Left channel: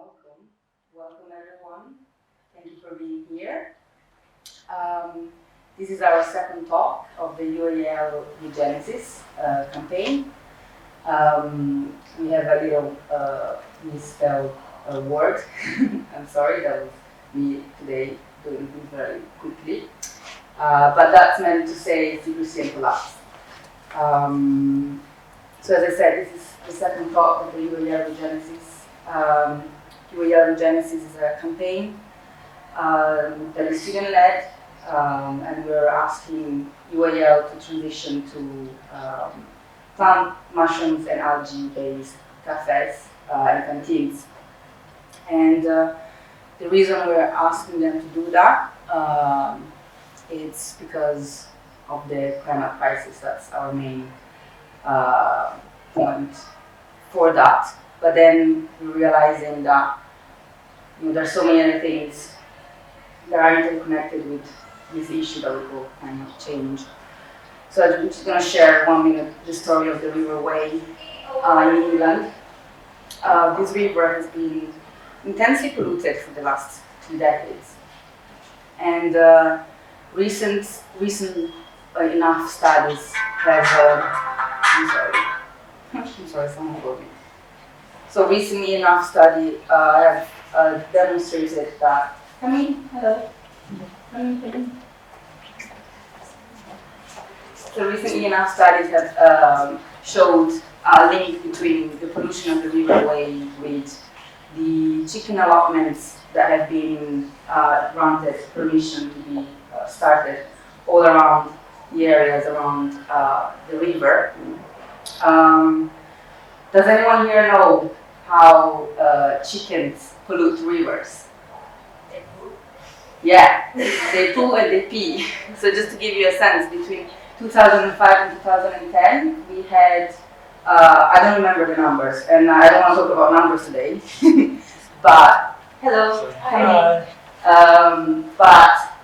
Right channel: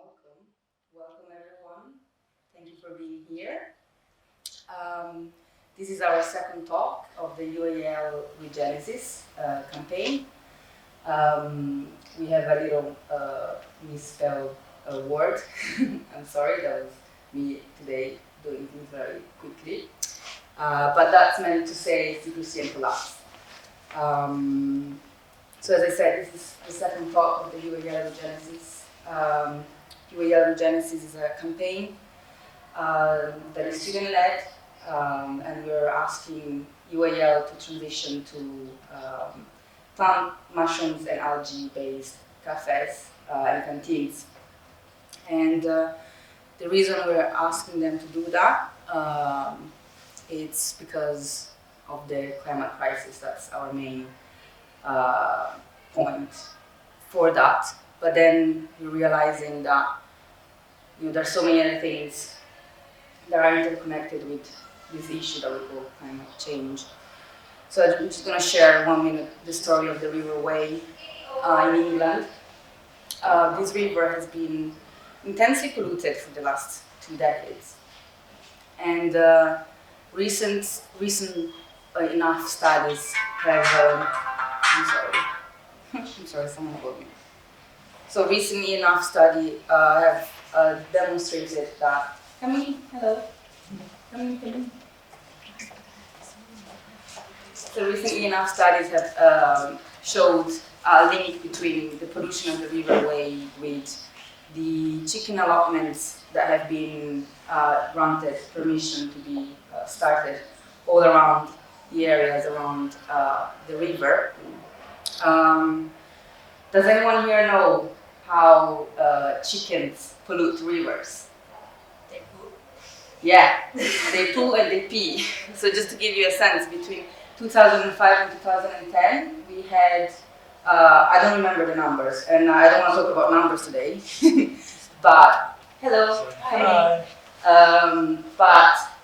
Welcome. Welcome, everyone. Thank you for being here. This is our second talk of the UAL Regenesis campaign. We have a little misspelled word. I'm sorry, that was me today doing things very quickly. But that's meant to say secrecy and collapse. So as I said, this is the second talk of the UAL Regenesis. UAL Regenesis is a campaign that is student-led, and we're asking UAL to transition to plant, mushrooms, and algae-based cafes and canteens. And the reason we're asking them to do that it's because of the climate crisis. That's our main point for that. But then we're realizing that there's so many other things that are interconnected with this issue that we call climate change. So I'm just going to share 1 minute the story of the River Wey in England. This river has been intensely polluted for the last 2 decades. And recent enough studies have, I'm sorry, someone called me. So recently enough study have demonstrated that, hello. So recently enough studies have showed a link between the pollution of the River Wey with the chicken allotments that have been granted permission to be started all around the areas around the river. Does anyone here know how chickens pollute rivers? They poo? Yeah, they poo and they pee. So just to give you a sense, between 2005 and 2010, we had, I don't remember the numbers, and I don't want to talk about numbers today, but, hello, Hi.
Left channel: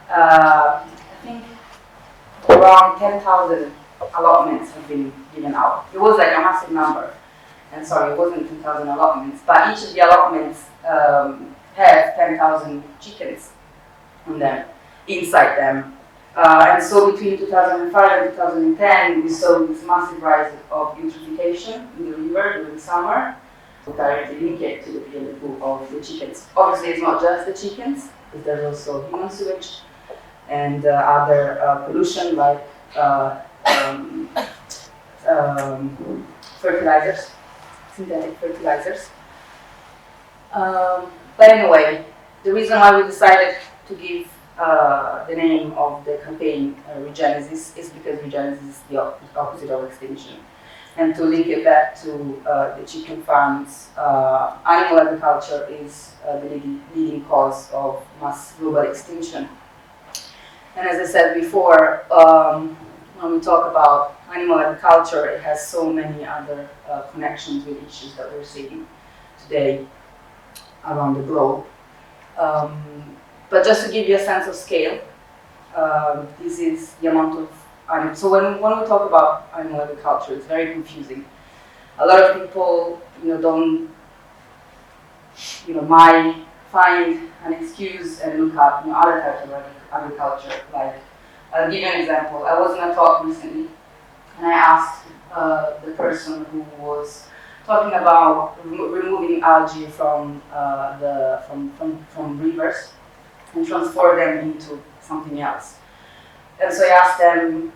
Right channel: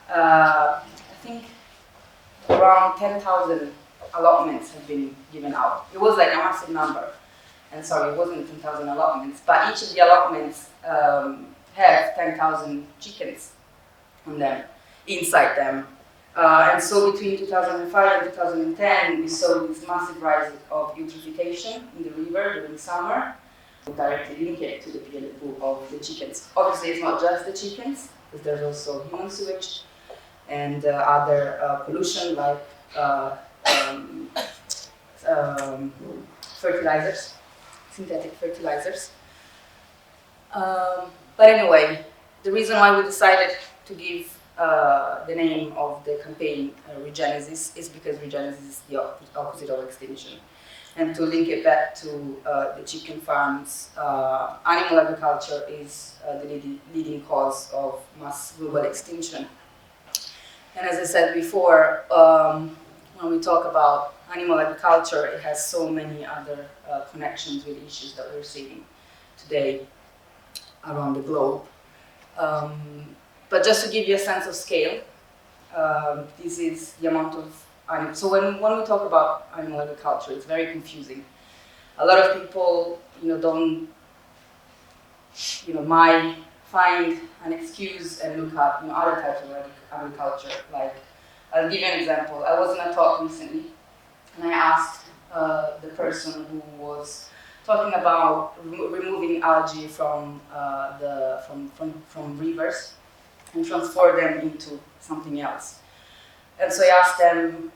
I think around 10,000 allotments have been given out. It was like a massive number. And sorry, it wasn't 10,000 allotments, but each of the allotments have 10,000 chickens on them, inside them. And so between 2005 and 2010, we saw this massive rise of eutrophication in the river during the summer. We directly link it to the pee and the poo of the chickens. Obviously, it's not just the chickens, because there's also human sewage and other pollution like fertilizers. Synthetic fertilizers. But anyway, the reason why we decided to give the name of the campaign Regenesis is because Regenesis is the opposite of extinction. And to link it back to the chicken farms, animal agriculture is the leading cause of mass global extinction. And as I said before, when we talk about animal agriculture, it has so many other connections with issues that we're seeing today around the globe. But just to give you a sense of scale, this is the amount of animals. So when we talk about animal agriculture, it's very confusing. A lot of people, don't, might find an excuse and look up other types of agriculture. Like, I'll give you an example. I was in a talk recently, and I asked the person who was talking about removing algae from rivers and transform them into something else. And so I asked them,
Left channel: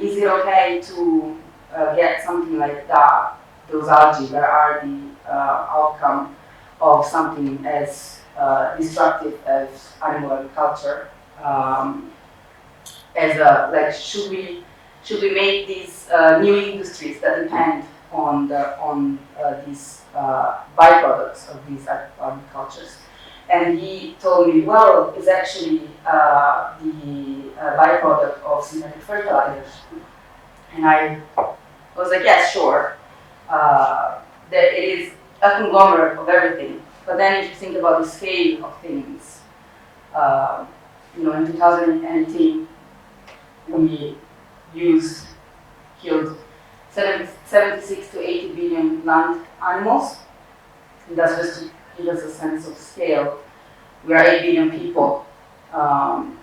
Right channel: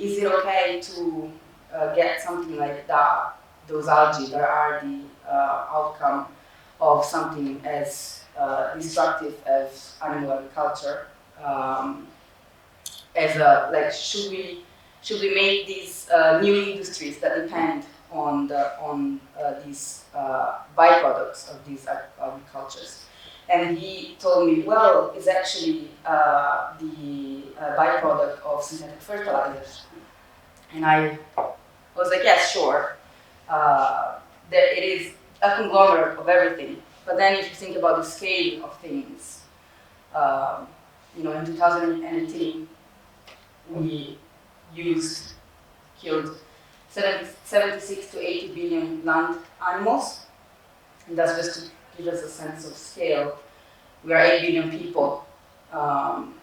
is it okay to get something like that, those algae that are the outcome of something as destructive as animal agriculture? Should we make these new industries that depend on these byproducts of these agricultures? And he told me, well, it's actually the byproduct of synthetic fertilizers. And I was like, yes, sure. That it is a conglomerate of everything. But then if you think about the scale of things, in 2018, we killed 76 to 80 billion land animals. And that's just to give us a sense of scale. We are 8 billion people,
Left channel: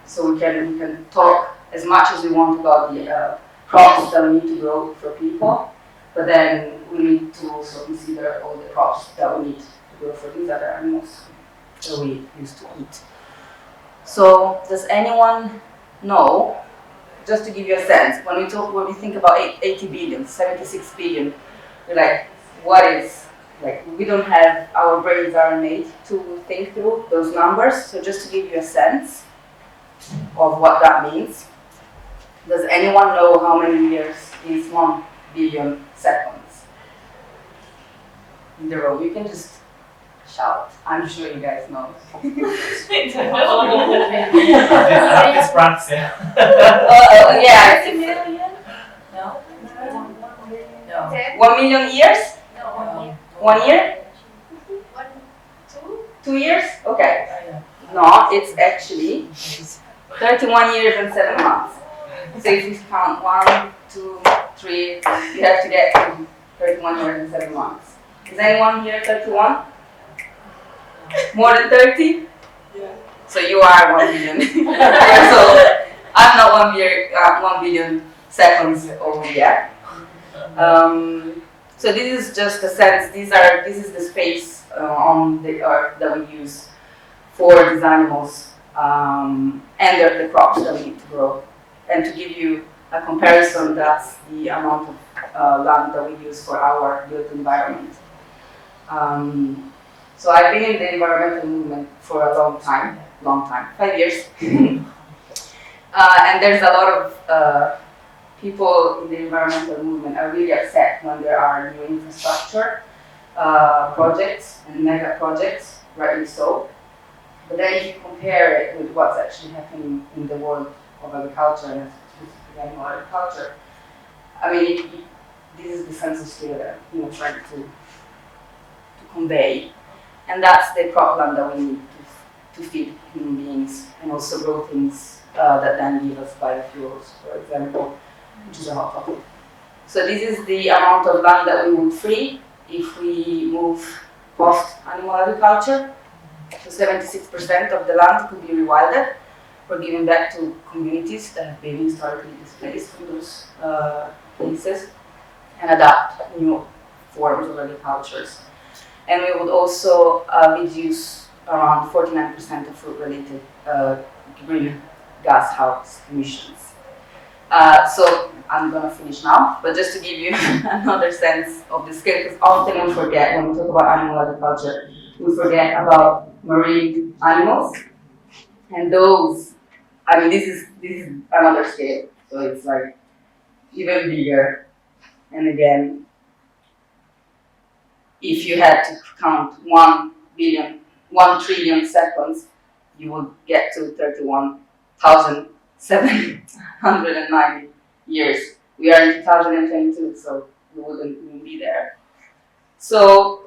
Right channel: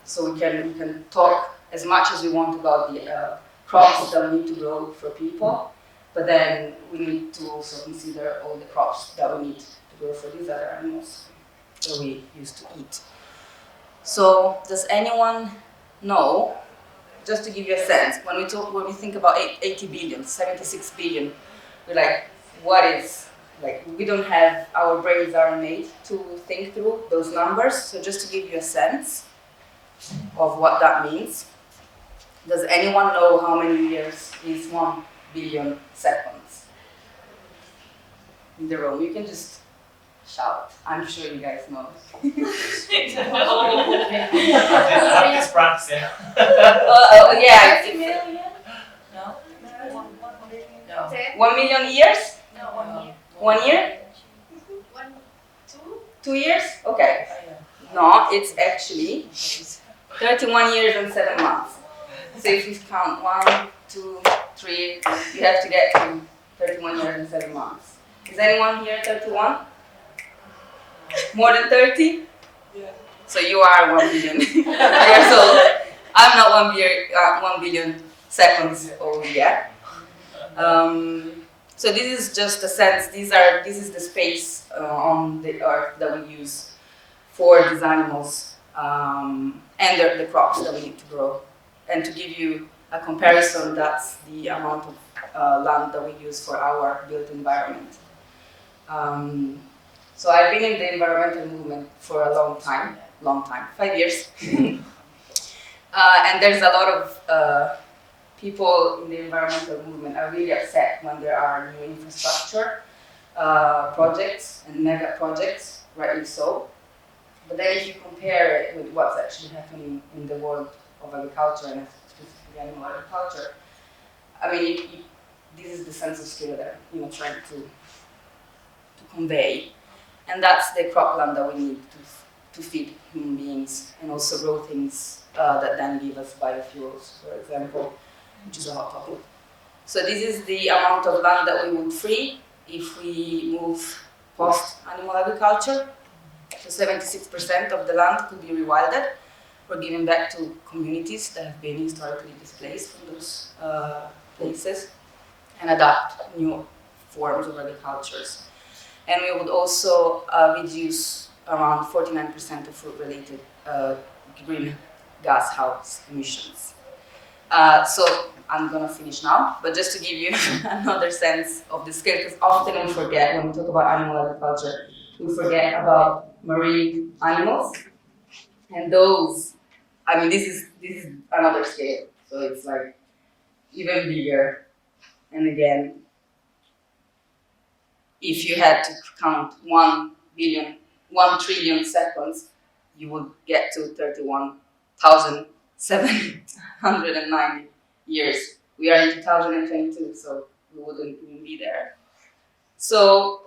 so we can talk as much as we want about the crops that we need to grow for people, but then we need to also consider all the crops that we need to grow for these other animals that we used to eat. So, does anyone know, just to give you a sense, when we think about 80 billion, 76 billion, we're like, what is, like, we don't have, our brains aren't made to think through those numbers, so just to give you a sense of what that means, does anyone know how many years is 1 billion seconds? In the room, you can just shout. I'm sure you guys know. Practice, practice. Yeah. 50 million? No. 1 million years? No, 1 year. 1 year? 1, 2? 2 years? Okay. No, it's actually 31 years and 7 months. So if you count 1, 2, 3, you have to get to 31 years and 7 months. Is anyone here 31? More than 30? Yeah. So you are 1 billion years old. I'm not 1 billion seconds old yet. So this is just a sense. This is the space on the earth that we use for these animals and the crops that we need to grow. And to give you a comparison, that's the amount of land that we use for our built environment. So I've been in the environmental movement for a long time, 5 years. And there's a lot of people in the environmental movement are really upset when there are new infrastructure projects and mega projects, rightly so. But then if you compare it with what's actually happening in the world of agriculture and specifically animal agriculture, I mean, this is the sense of scale that I'm trying to convey. And that's the crop land that we need to feed human beings and also grow things that then give us biofuels, for example, which is a hot topic. So this is the amount of land that we would free if we move post-animal agriculture. So 76% of the land could be rewilded or given back to communities that have been historically displaced from those places and adapt new forms of agricultures. And we would also reduce around 49% of food-related greenhouse gas emissions. So I'm going to finish now, but just to give you another sense of the scale, because often we forget when we talk about animal agriculture, we forget about marine animals, and those, I mean, this is another scale, so it's like even bigger. And again, if you had to count 1 trillion seconds, you would get to 31,790 years. We are in 2022, so we wouldn't even be there. So,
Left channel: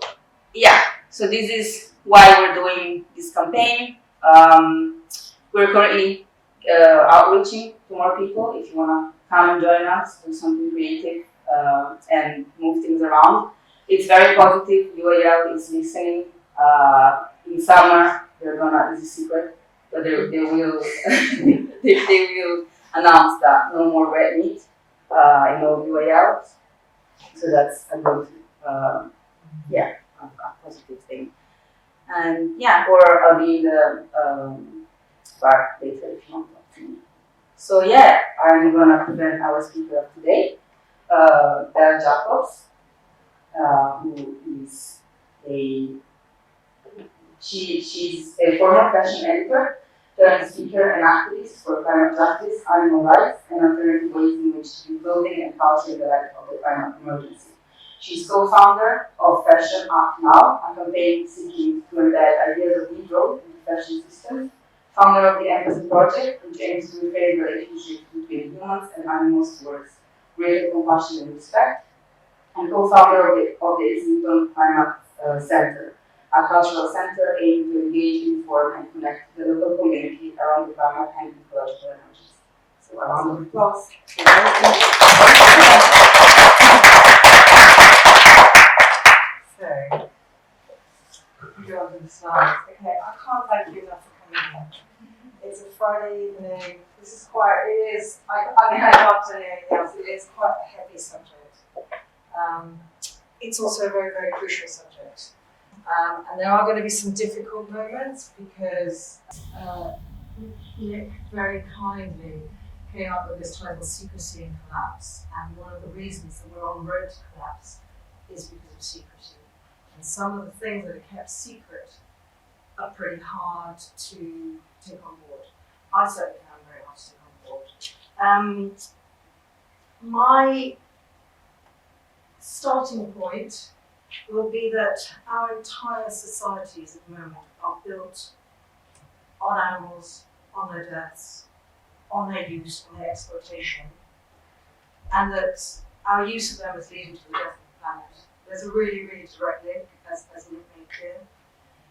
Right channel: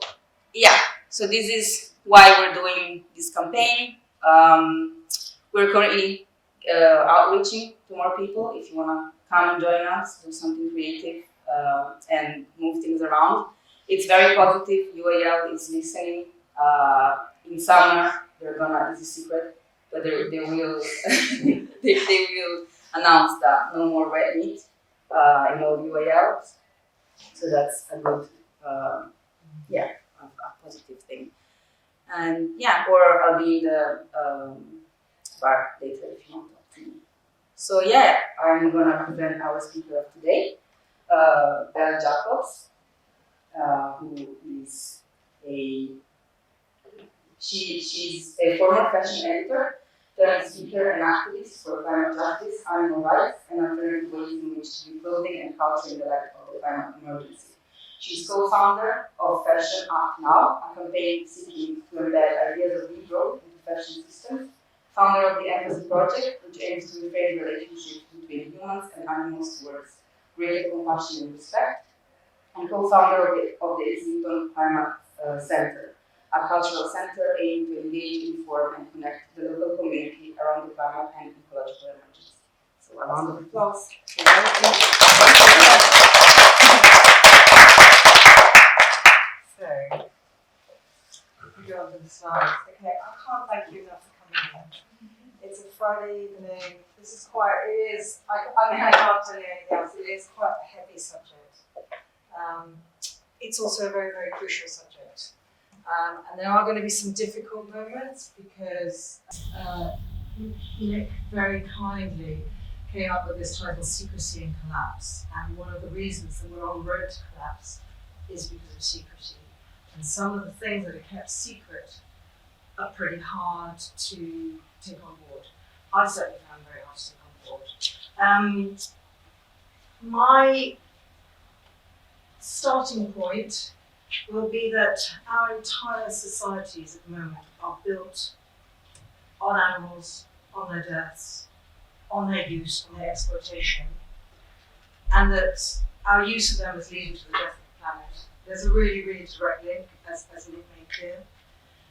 yeah, so this is why we're doing this campaign. We're currently outreaching to more people. If you want to come and join us, do something creative and move things around. It's very positive. UAL is listening. In summer, they're gonna, this is secret, but they will they will announce that no more red meat in all UAL. So that's a good, a positive thing. And yeah, or I'll be in the bar later if you want to talk to me. So yeah, I'm gonna present our speaker of today, Belle Jacobs, who is she's a former fashion editor, turned speaker and activist for climate justice, animal rights, and alternative ways in which to be clothing and culture in the light of the climate emergency. She's co-founder of Fashion Up Now, a campaign seeking to embed ideas of degrowth in the fashion system, founder of the Empathy Project, which aims to repair the relationship between humans and animals towards greater compassion and respect, and co-founder of the Islington Climate Center, a cultural center aiming to engage, inform, and connect the local community around the climate and ecological emergency. So a round of applause. the slides. Okay, I can't thank you enough for coming here. It's a Friday evening. This is quite, it is, I can't tell you anything else. It is quite a heavy subject. It's also a very, very crucial subject. And there are going to be some difficult moments because Nick very kindly came up with this title, Secrecy and Collapse. And one of the reasons that we're on the road to collapse is because of secrecy. And some of the things that are kept secret are pretty hard to take on board. I certainly found it very hard to take on board. My starting point will be that our entire societies at the moment are built on animals, on their deaths, on their use, on their exploitation, and that our use of them is leading to the death of the planet. There's a really, really direct link, as Nick made clear.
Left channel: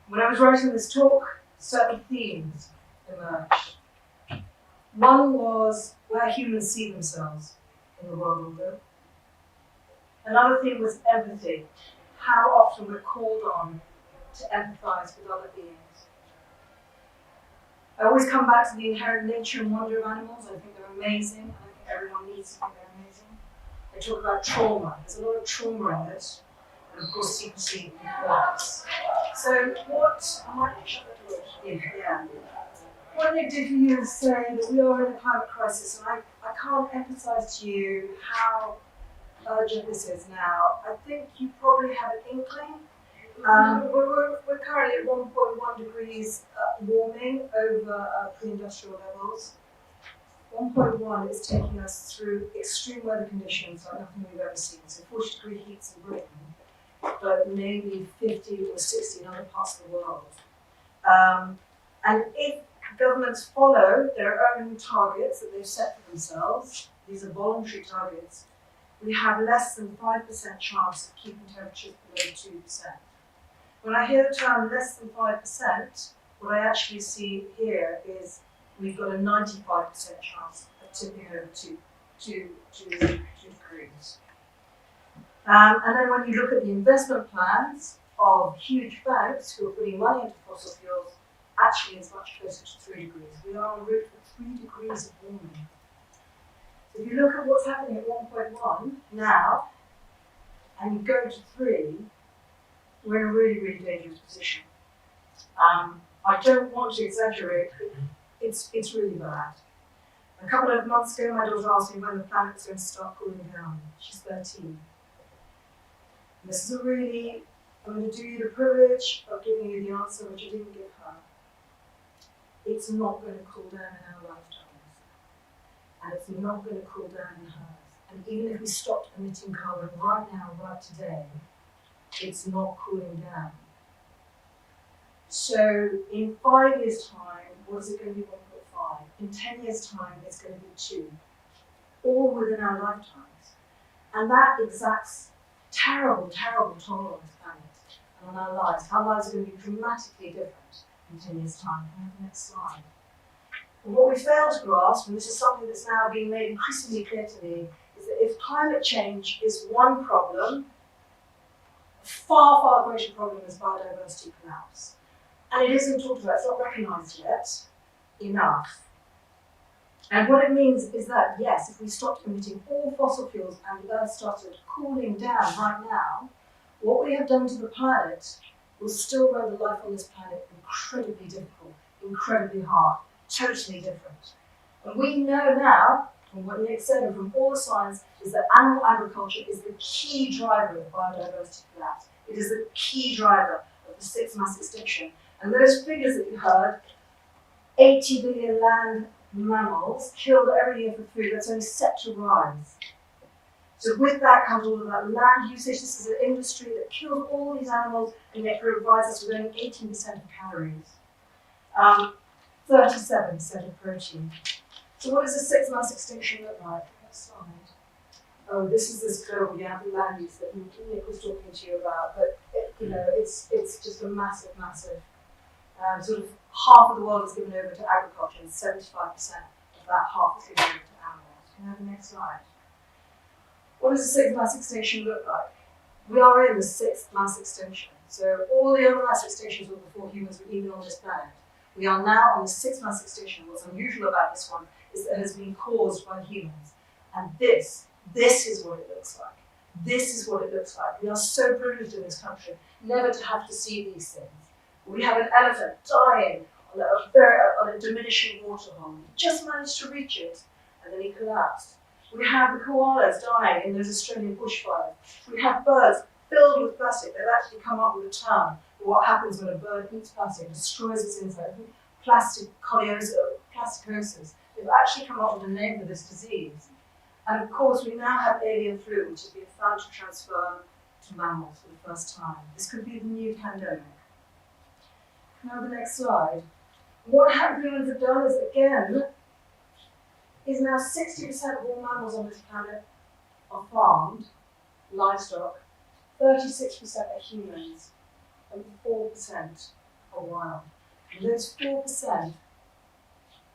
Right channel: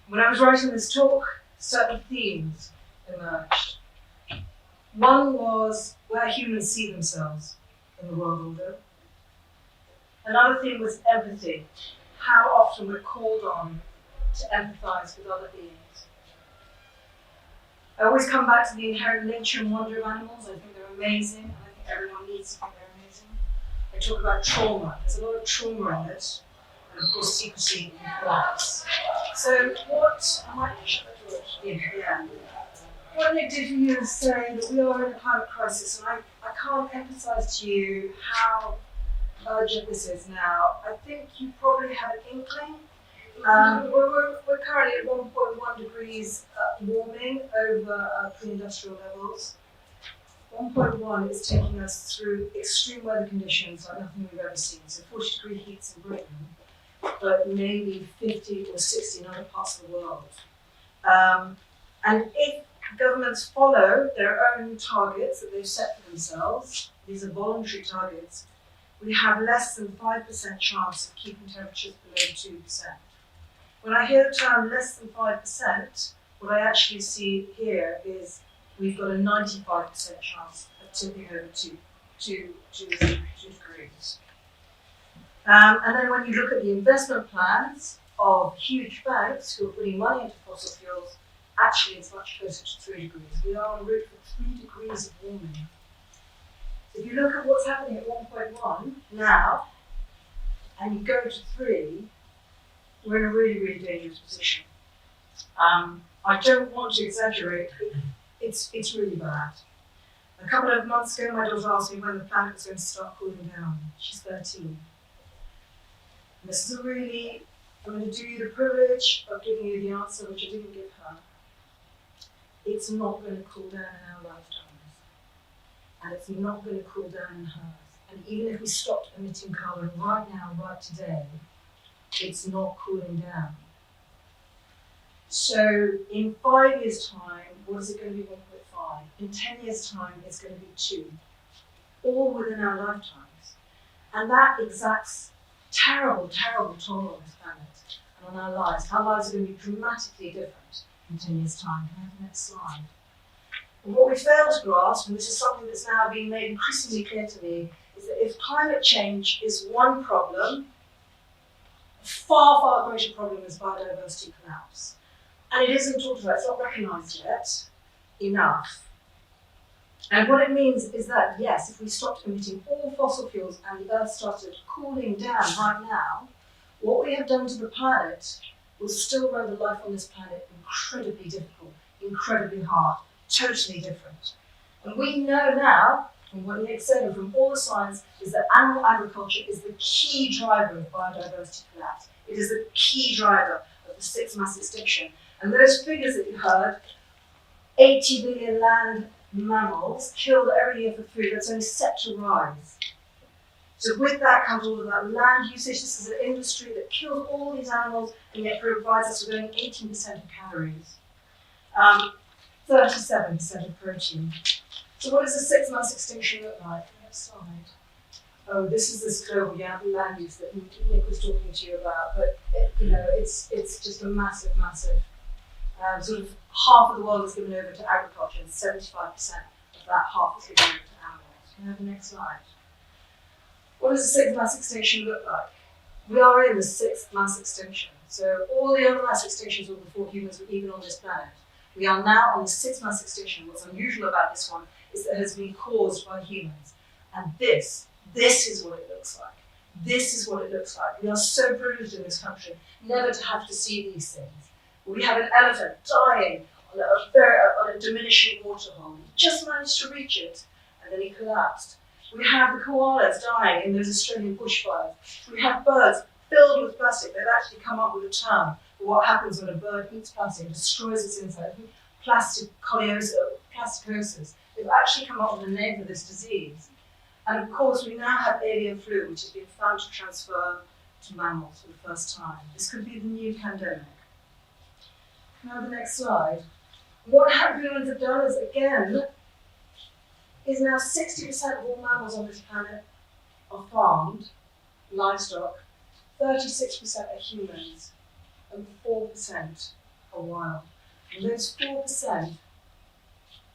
When I was writing this talk, certain themes emerged. One was where humans see themselves in the world order. Another theme was empathy, how often we're called on to empathise with other beings. I always come back to the inherent nature and wonder of animals. I think they're amazing. I think everyone needs to think they're amazing. I talk about trauma. There's a lot of trauma in it. And of course, secrecy and collapse. So what, I might shut the door. Yeah. What Nick did for you is say that we are in a climate crisis, and I can't emphasise to you how urgent this is now. I think you probably have an inkling. We're currently at 1.1 degrees warming over pre-industrial levels. 1.1 is taking us through extreme weather conditions like nothing we've ever seen. So 40-degree heats in Britain, but maybe 50 or 60 in other parts of the world. And if governments follow their own targets that they've set for themselves, these are voluntary targets, we have less than 5% chance of keeping temperatures below 2%. When I hear the term less than 5%, what I actually see here is we've got a 95% chance of tipping over 2 degrees. And then when you look at the investment plans of huge banks who are putting money into fossil fuels, actually it's much closer to 3 degrees. We are en route for 3 degrees of warming. If you look at what's happening at 1.1 now, and you go to 3, we're in a really, really dangerous position. I don't want to exaggerate, it's really bad. A couple of months ago, my daughter asked me when the planet was going to start cooling down. She's 13. This is a really, I'm going to do you the privilege of giving you the answer which I didn't give her. It's not going to cool down in our lifetimes. And it's not going to cool down in hers. And even if we stopped emitting carbon right now, right today, it's not cooling down. So in 5 years' time, what is it going to be 1.5? In 10 years' time, it's going to be 2. All within our lifetimes. And that exacts terrible, terrible toll on this planet and on our lives. Our lives are going to be dramatically different in 10 years' time. We have the next slide. But what we fail to grasp, and this is something that's now being made increasingly clear to me, is that if climate change is one problem, a far, far greater problem is biodiversity collapse. And it isn't talked about, it's not recognised yet enough. And what it means is that, yes, if we stopped emitting all fossil fuels and the Earth started cooling down right now, what we have done to the planet will still render life on this planet incredibly difficult, incredibly hard, totally different. And we know now, from what Nick said and from all the science, is that animal agriculture is the key driver of biodiversity collapse. It is the key driver of the 6th mass extinction. And those figures that you heard, 80 billion land mammals killed every year for food, that's only set to rise. So with that comes all of that land usage. This is an industry that kills all these animals and yet provides us with only 18% of calories, 37% of protein. So what does the 6th mass extinction look like? Next slide. Oh, this is this global land use that Nick was talking to you about, but it's just a massive, massive. Sort of half of the world is given over to agriculture, and 75% of that half is given over to animals. Can I have the next slide? What does the 6th mass extinction look like? We are in the 6th mass extinction. So all the other mass extinctions were before humans were even on this planet. We are now on the sixth mass extinction. What's unusual about this one is that it has been caused by humans. And this is what it looks like. This is what it looks like. We are so privileged in this country never to have to see these things. We have an elephant dying on a diminishing waterhole. He just managed to reach it, and then he collapsed. We have the koalas dying in those Australian bushfires. We have birds filled with plastic. They've actually come up with a term for what happens when a bird eats plastic and destroys its inside. Plasticosis. They've actually come up with a name for this disease. And of course, we now have avian flu, which has been found to transfer to mammals for the first time. This could be the new pandemic. Now the next slide. What humans have done is, again, is now 60% of all mammals on this planet are farmed, livestock, 36% are humans, and 4% are wild. And those 4%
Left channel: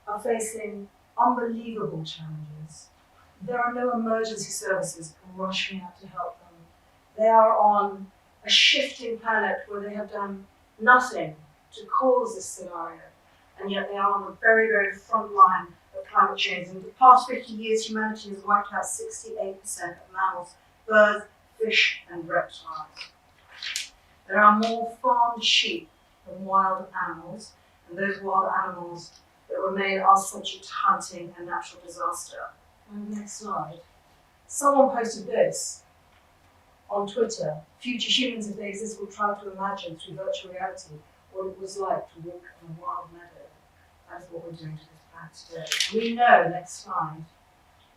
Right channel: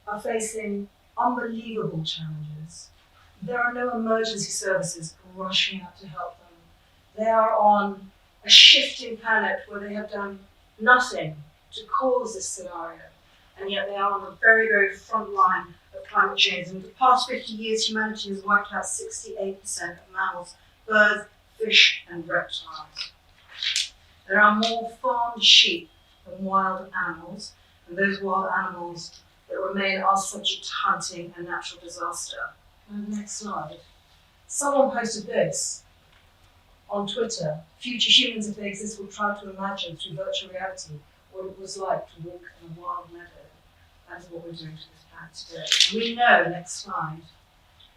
are facing unbelievable challenges. There are no emergency services rushing out to help them. They are on a shifting planet where they have done nothing to cause this scenario, and yet they are on the very, very front line of climate change. In the past 50 years, humanity has wiped out 68% of mammals, birds, fish, and reptiles. There are more farmed sheep than wild animals, and those wild animals that remain are subject to hunting and natural disaster. Next slide. Someone posted this on Twitter. Future humans, if they exist, will try to imagine through virtual reality what it was like to walk on a wild meadow. That is what we're doing to this planet today. And we know, next slide,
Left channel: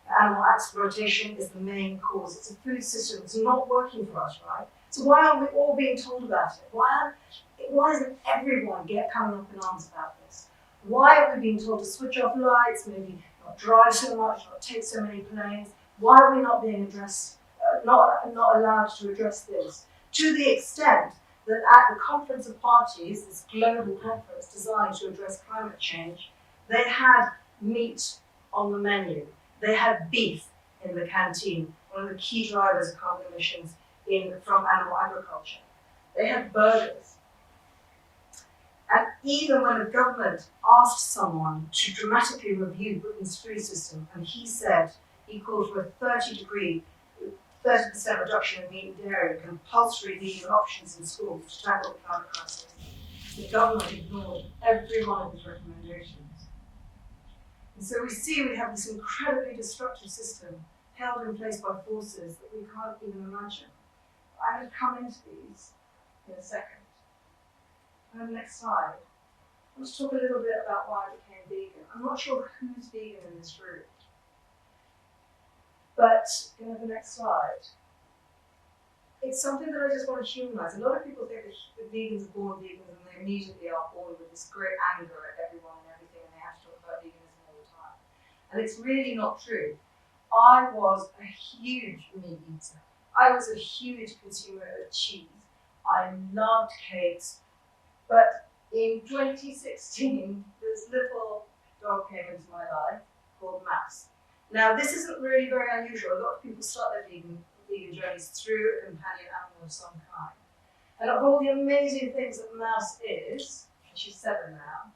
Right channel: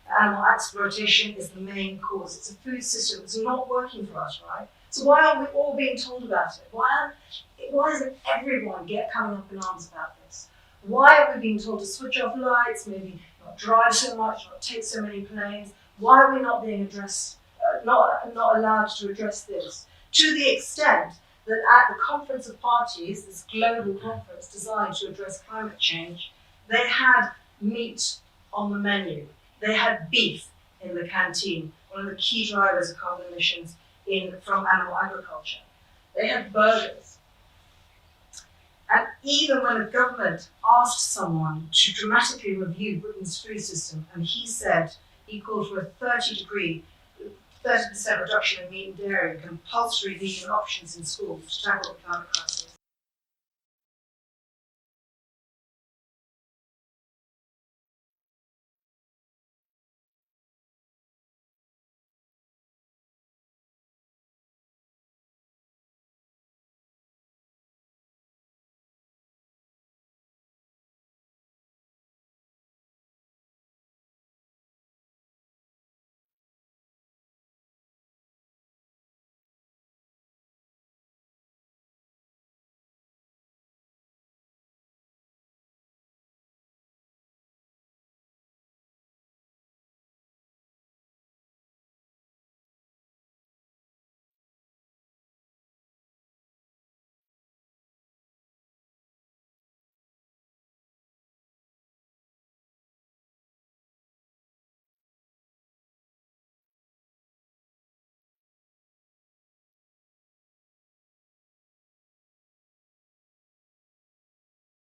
that animal exploitation is the main cause. It's a food system that's not working for us, right? So why aren't we all being told about it? Why isn't everyone coming up in arms about this? Why are we being told to switch off lights, maybe not drive so much, not take so many planes? Why are we not being addressed, not allowed to address this? To the extent that at the Conference of Parties, this global conference designed to address climate change, they had meat on the menu. They had beef in the canteen, one of the key drivers of carbon emissions from animal agriculture. They had burgers. And even when the government asked someone to dramatically review Britain's food system, and he called for a 30% reduction in meat and dairy and compulsory vegan options in schools to tackle the climate crisis, the government ignored every one of his recommendations. And so we have this incredibly destructive system held in place by forces that we can't even imagine. I'm going to come into these in a second. And next slide. Let's talk a little bit about why I became vegan. I'm not sure who's vegan in this room. But, the next slide. It's something that I just want to humanize. A lot of people think that vegans are born vegans and they immediately are born with this great anger at everyone and everything and they have to talk about veganism all the time. And it's really not true. I was a huge meat eater. I was a huge consumer of cheese. I loved cakes. But in 2016, this little dog came into my life called Max. Now, this isn't really very unusual. A lot of people start their vegan journeys through a companion animal of some kind. And of all the amazing things that Mouse is, and she's 7 now,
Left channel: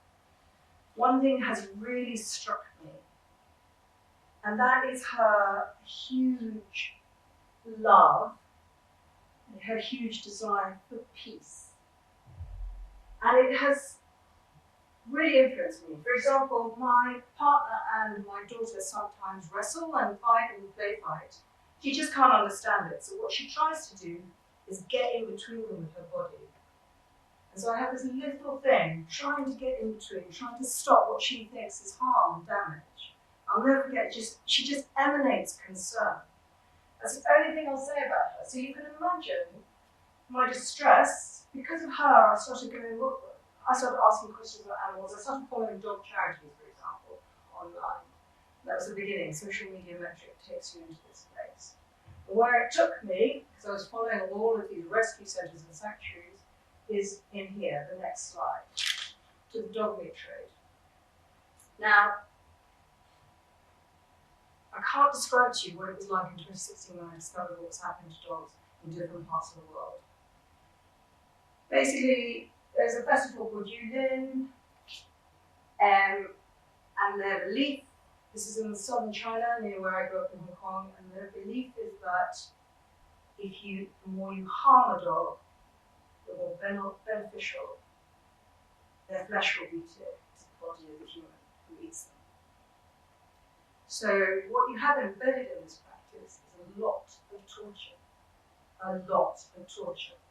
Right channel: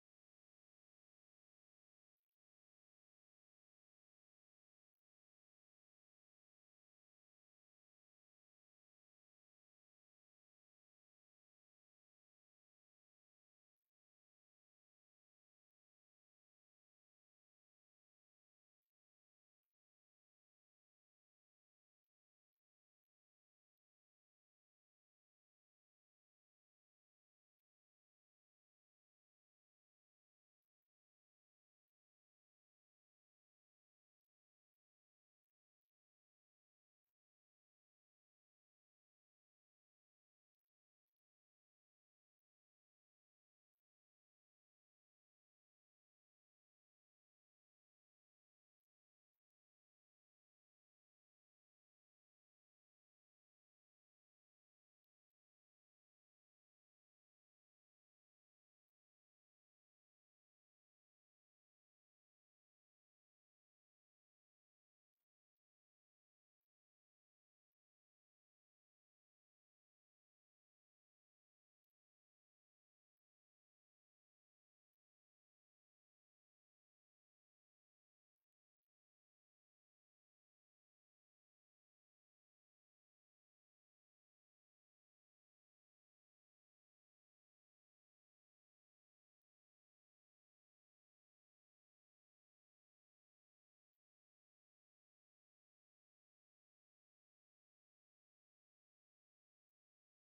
one thing has really struck me, and that is her huge love and her huge desire for peace. And it has really influenced me. For example, my partner and my daughter sometimes wrestle and fight and play fight. She just can't understand it. So what she tries to do is get in between them with her body. And so I have this little thing trying to get in between, trying to stop what she thinks is harm and damage. I'll never forget, she just emanates concern. That's the only thing I'll say about her. So you can imagine my distress. Because of her, I started asking questions about animals. I started following dog charities, for example, online. That was the beginning. Social media metric takes you into this place. But where it took me, because I was following all of these rescue centres and sanctuaries, is in here, the next slide, to the dog meat trade. Now, I can't describe to you what it was like in 2016 when I discovered what was happening to dogs in different parts of the world. basically, there's a festival called Yulin, and their belief, this is in southern China, near where I grew up in Hong Kong, and their belief is that the more you harm a dog, the more beneficial their flesh will be to the body of the human who eats them. So what you have embedded in this practice is a lot of torture. A lot of torture.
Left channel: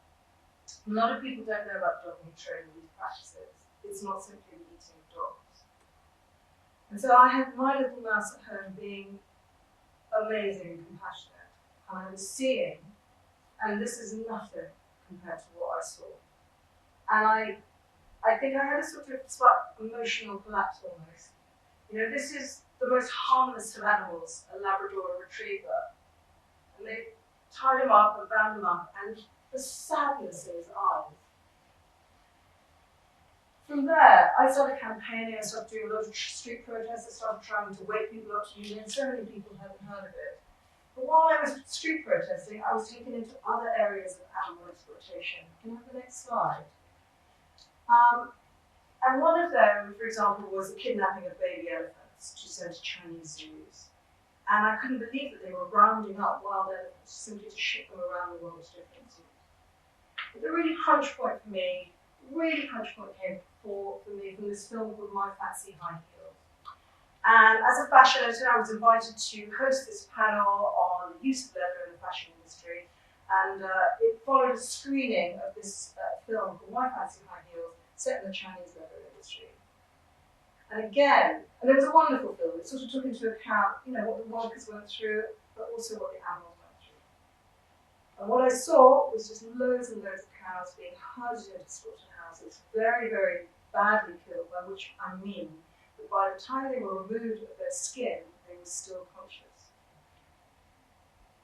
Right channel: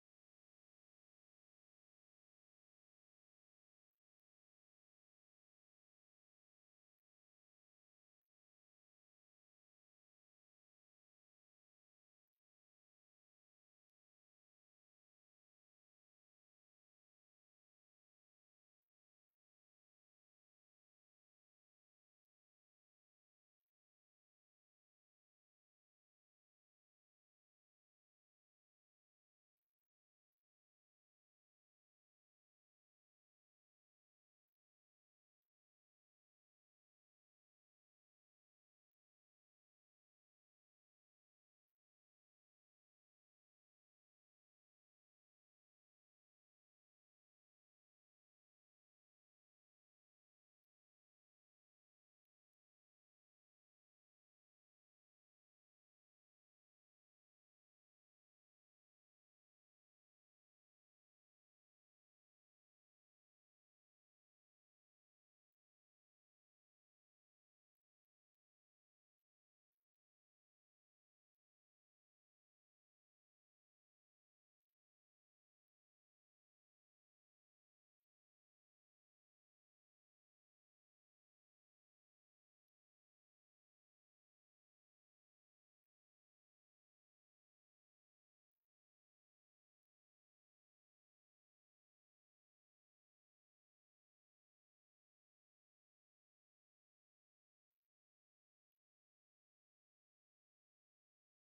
A lot of people don't know about dog hatred and these practices. It's not simply the eating of dogs. And so I had my little mouse at home being amazing and compassionate. And I was seeing, and this is nothing compared to what I saw. And I think I had a sort of emotional collapse almost. You know, this is the most harmless of animals, a Labrador retriever. And they tied him up and bound him up, and the sadness in his eyes. From there, I started campaigning, I started doing a lot of street protests, I started trying to wake people up to union. So many people hadn't heard of it. But while I was street protesting, I was taken into other areas of animal exploitation. Can I have the next slide? And one of them, for example, was the kidnapping of baby elephants to send to Chinese zoos. And I couldn't believe that they were rounding up wild elephants simply to ship them around the world to different zoos. But the really crunch point for me, came for me from this film called My Fancy High Heels. And as a fashion editor, I was invited to host this panel on the use of leather in the fashion industry. And it followed a screening of this film called My Fancy High Heels, set in the Chinese leather industry. And again, and it was a wonderful film. It sort of took into account, you know, what the workers went through, but also what the animals went through. And what I saw was just loads and loads of cows being herded into slaughterhouses, very, very badly killed, by which I mean that by the time they were removed of their skin, they were still conscious.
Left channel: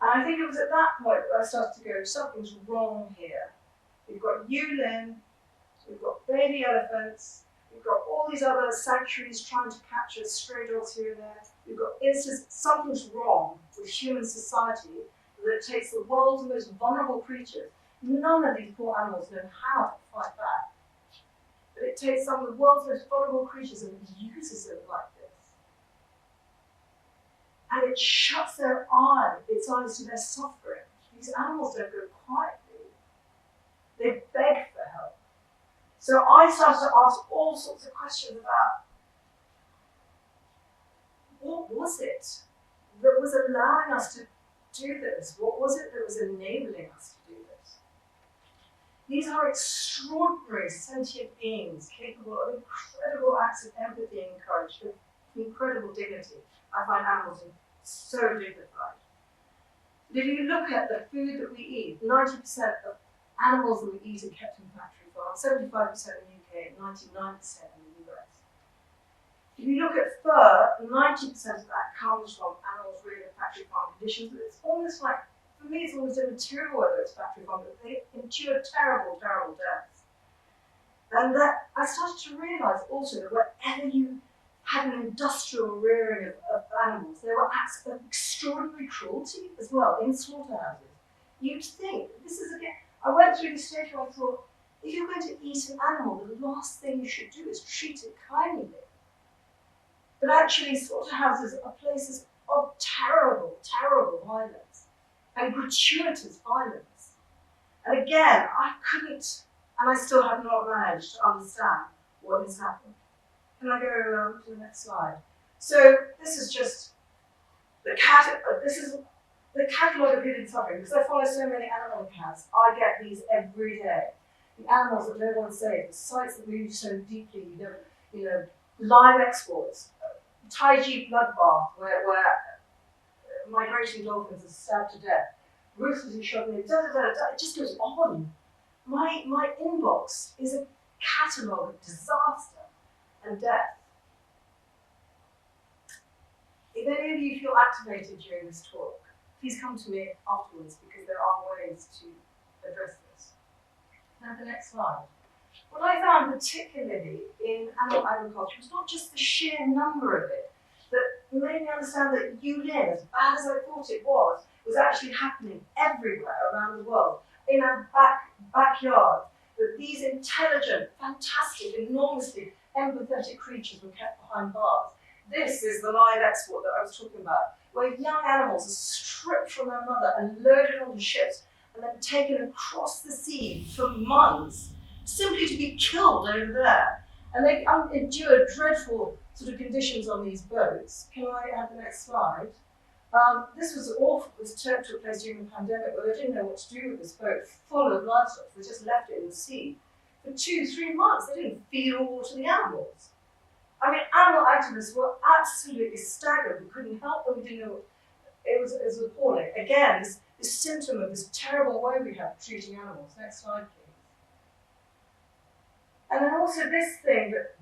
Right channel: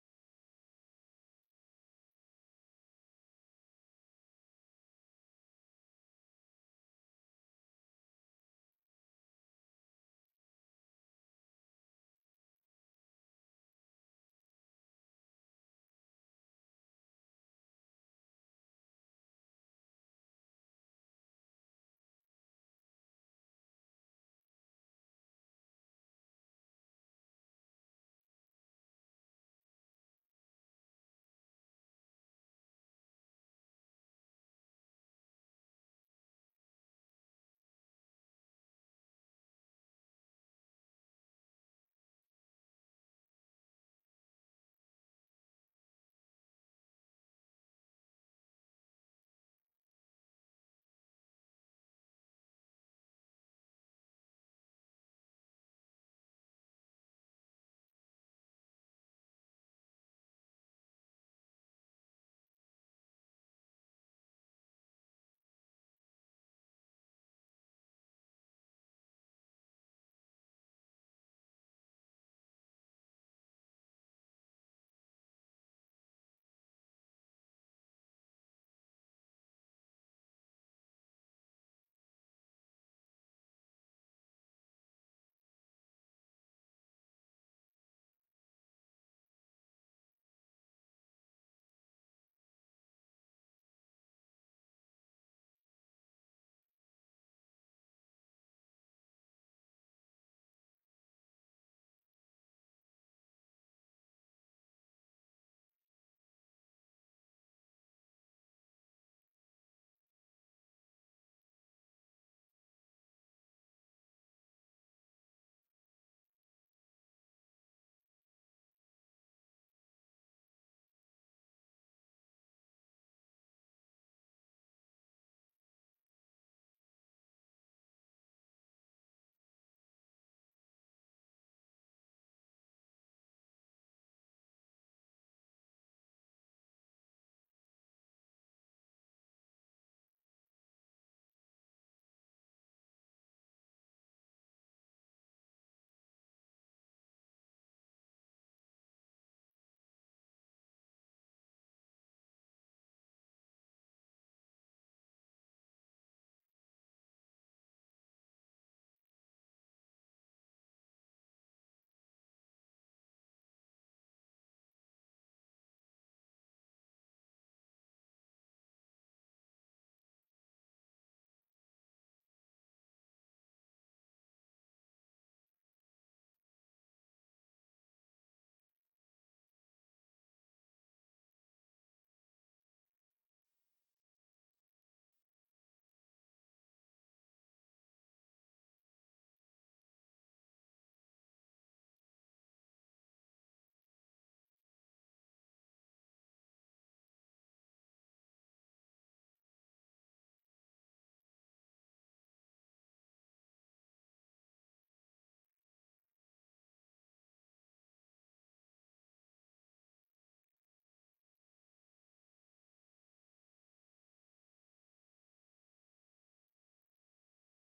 And I think it was at that point that I started to go, something's wrong here. We've got Yulin, we've got baby elephants, we've got all these other sanctuaries trying to capture stray dogs here and there. We've got something's wrong with human society that takes the world's most vulnerable creatures. None of these poor animals know how to fight back. But it takes some of the world's most vulnerable creatures and uses them like this. And it shuts its eyes to their suffering. These animals don't go quietly. They beg for help. So I started to ask all sorts of questions about what was it that was allowing us to do this? What was it that was enabling us to do this? These are extraordinary sentient beings capable of incredible acts of empathy and courage, of incredible dignity. I find animals so dignified. But if you look at the food that we eat, 90% of animals that we eat are kept in factory farms, 75% in the UK, 99% in the US. If you look at fur, 90% of that comes from animals reared in factory farm conditions. But it's almost like, for me, it's almost immaterial whether it's factory farm, but they endure terrible, terrible deaths. And that I started to realise also that wherever you had an industrial rearing of animals, there were acts of extraordinary cruelty as well in slaughterhouses. You'd think, this is again, I went through the stage where I thought, if you're going to eat an animal, the last thing you should do is treat it kindly. But actually, slaughterhouses are places of terrible, terrible violence and gratuitous violence. And again, I couldn't, and I still have not managed to understand what has happened. Can I go to the next slide? So this is just the catalogue of hidden suffering. Because I follow so many animal accounts, I get these every day. The animals that no one saved, the sites that move so deeply, you know, live exports, Taiji bloodbath, where migrating dolphins are stabbed to death, ruthlessly shot in, it just goes on. My inbox is a catalogue of disaster and death. If any of you feel activated during this talk, please come to me afterwards because there are ways to address this. Now the next slide. What I found particularly in animal agriculture was not just the sheer number of it, that made me understand that Yulin, as bad as I thought it was actually happening everywhere around the world. In our backyard, that these intelligent, fantastic, enormously empathetic creatures were kept behind bars. This is the live export that I was talking about, where young animals are stripped from their mother and loaded onto ships and then taken across the sea for months, simply to be killed over there. And they endure dreadful sort of conditions on these boats. Can I have the next slide? This was awful. This took place during the pandemic where they didn't know what to do with this boat full of livestock. They just left it in the sea. For 2-3 months, they didn't feed or water the animals. I mean, animal activists were absolutely staggered. We couldn't help them. We didn't know. It was appalling. Again, this symptom of this terrible way we have of treating animals. Next slide, please. And then also this thing that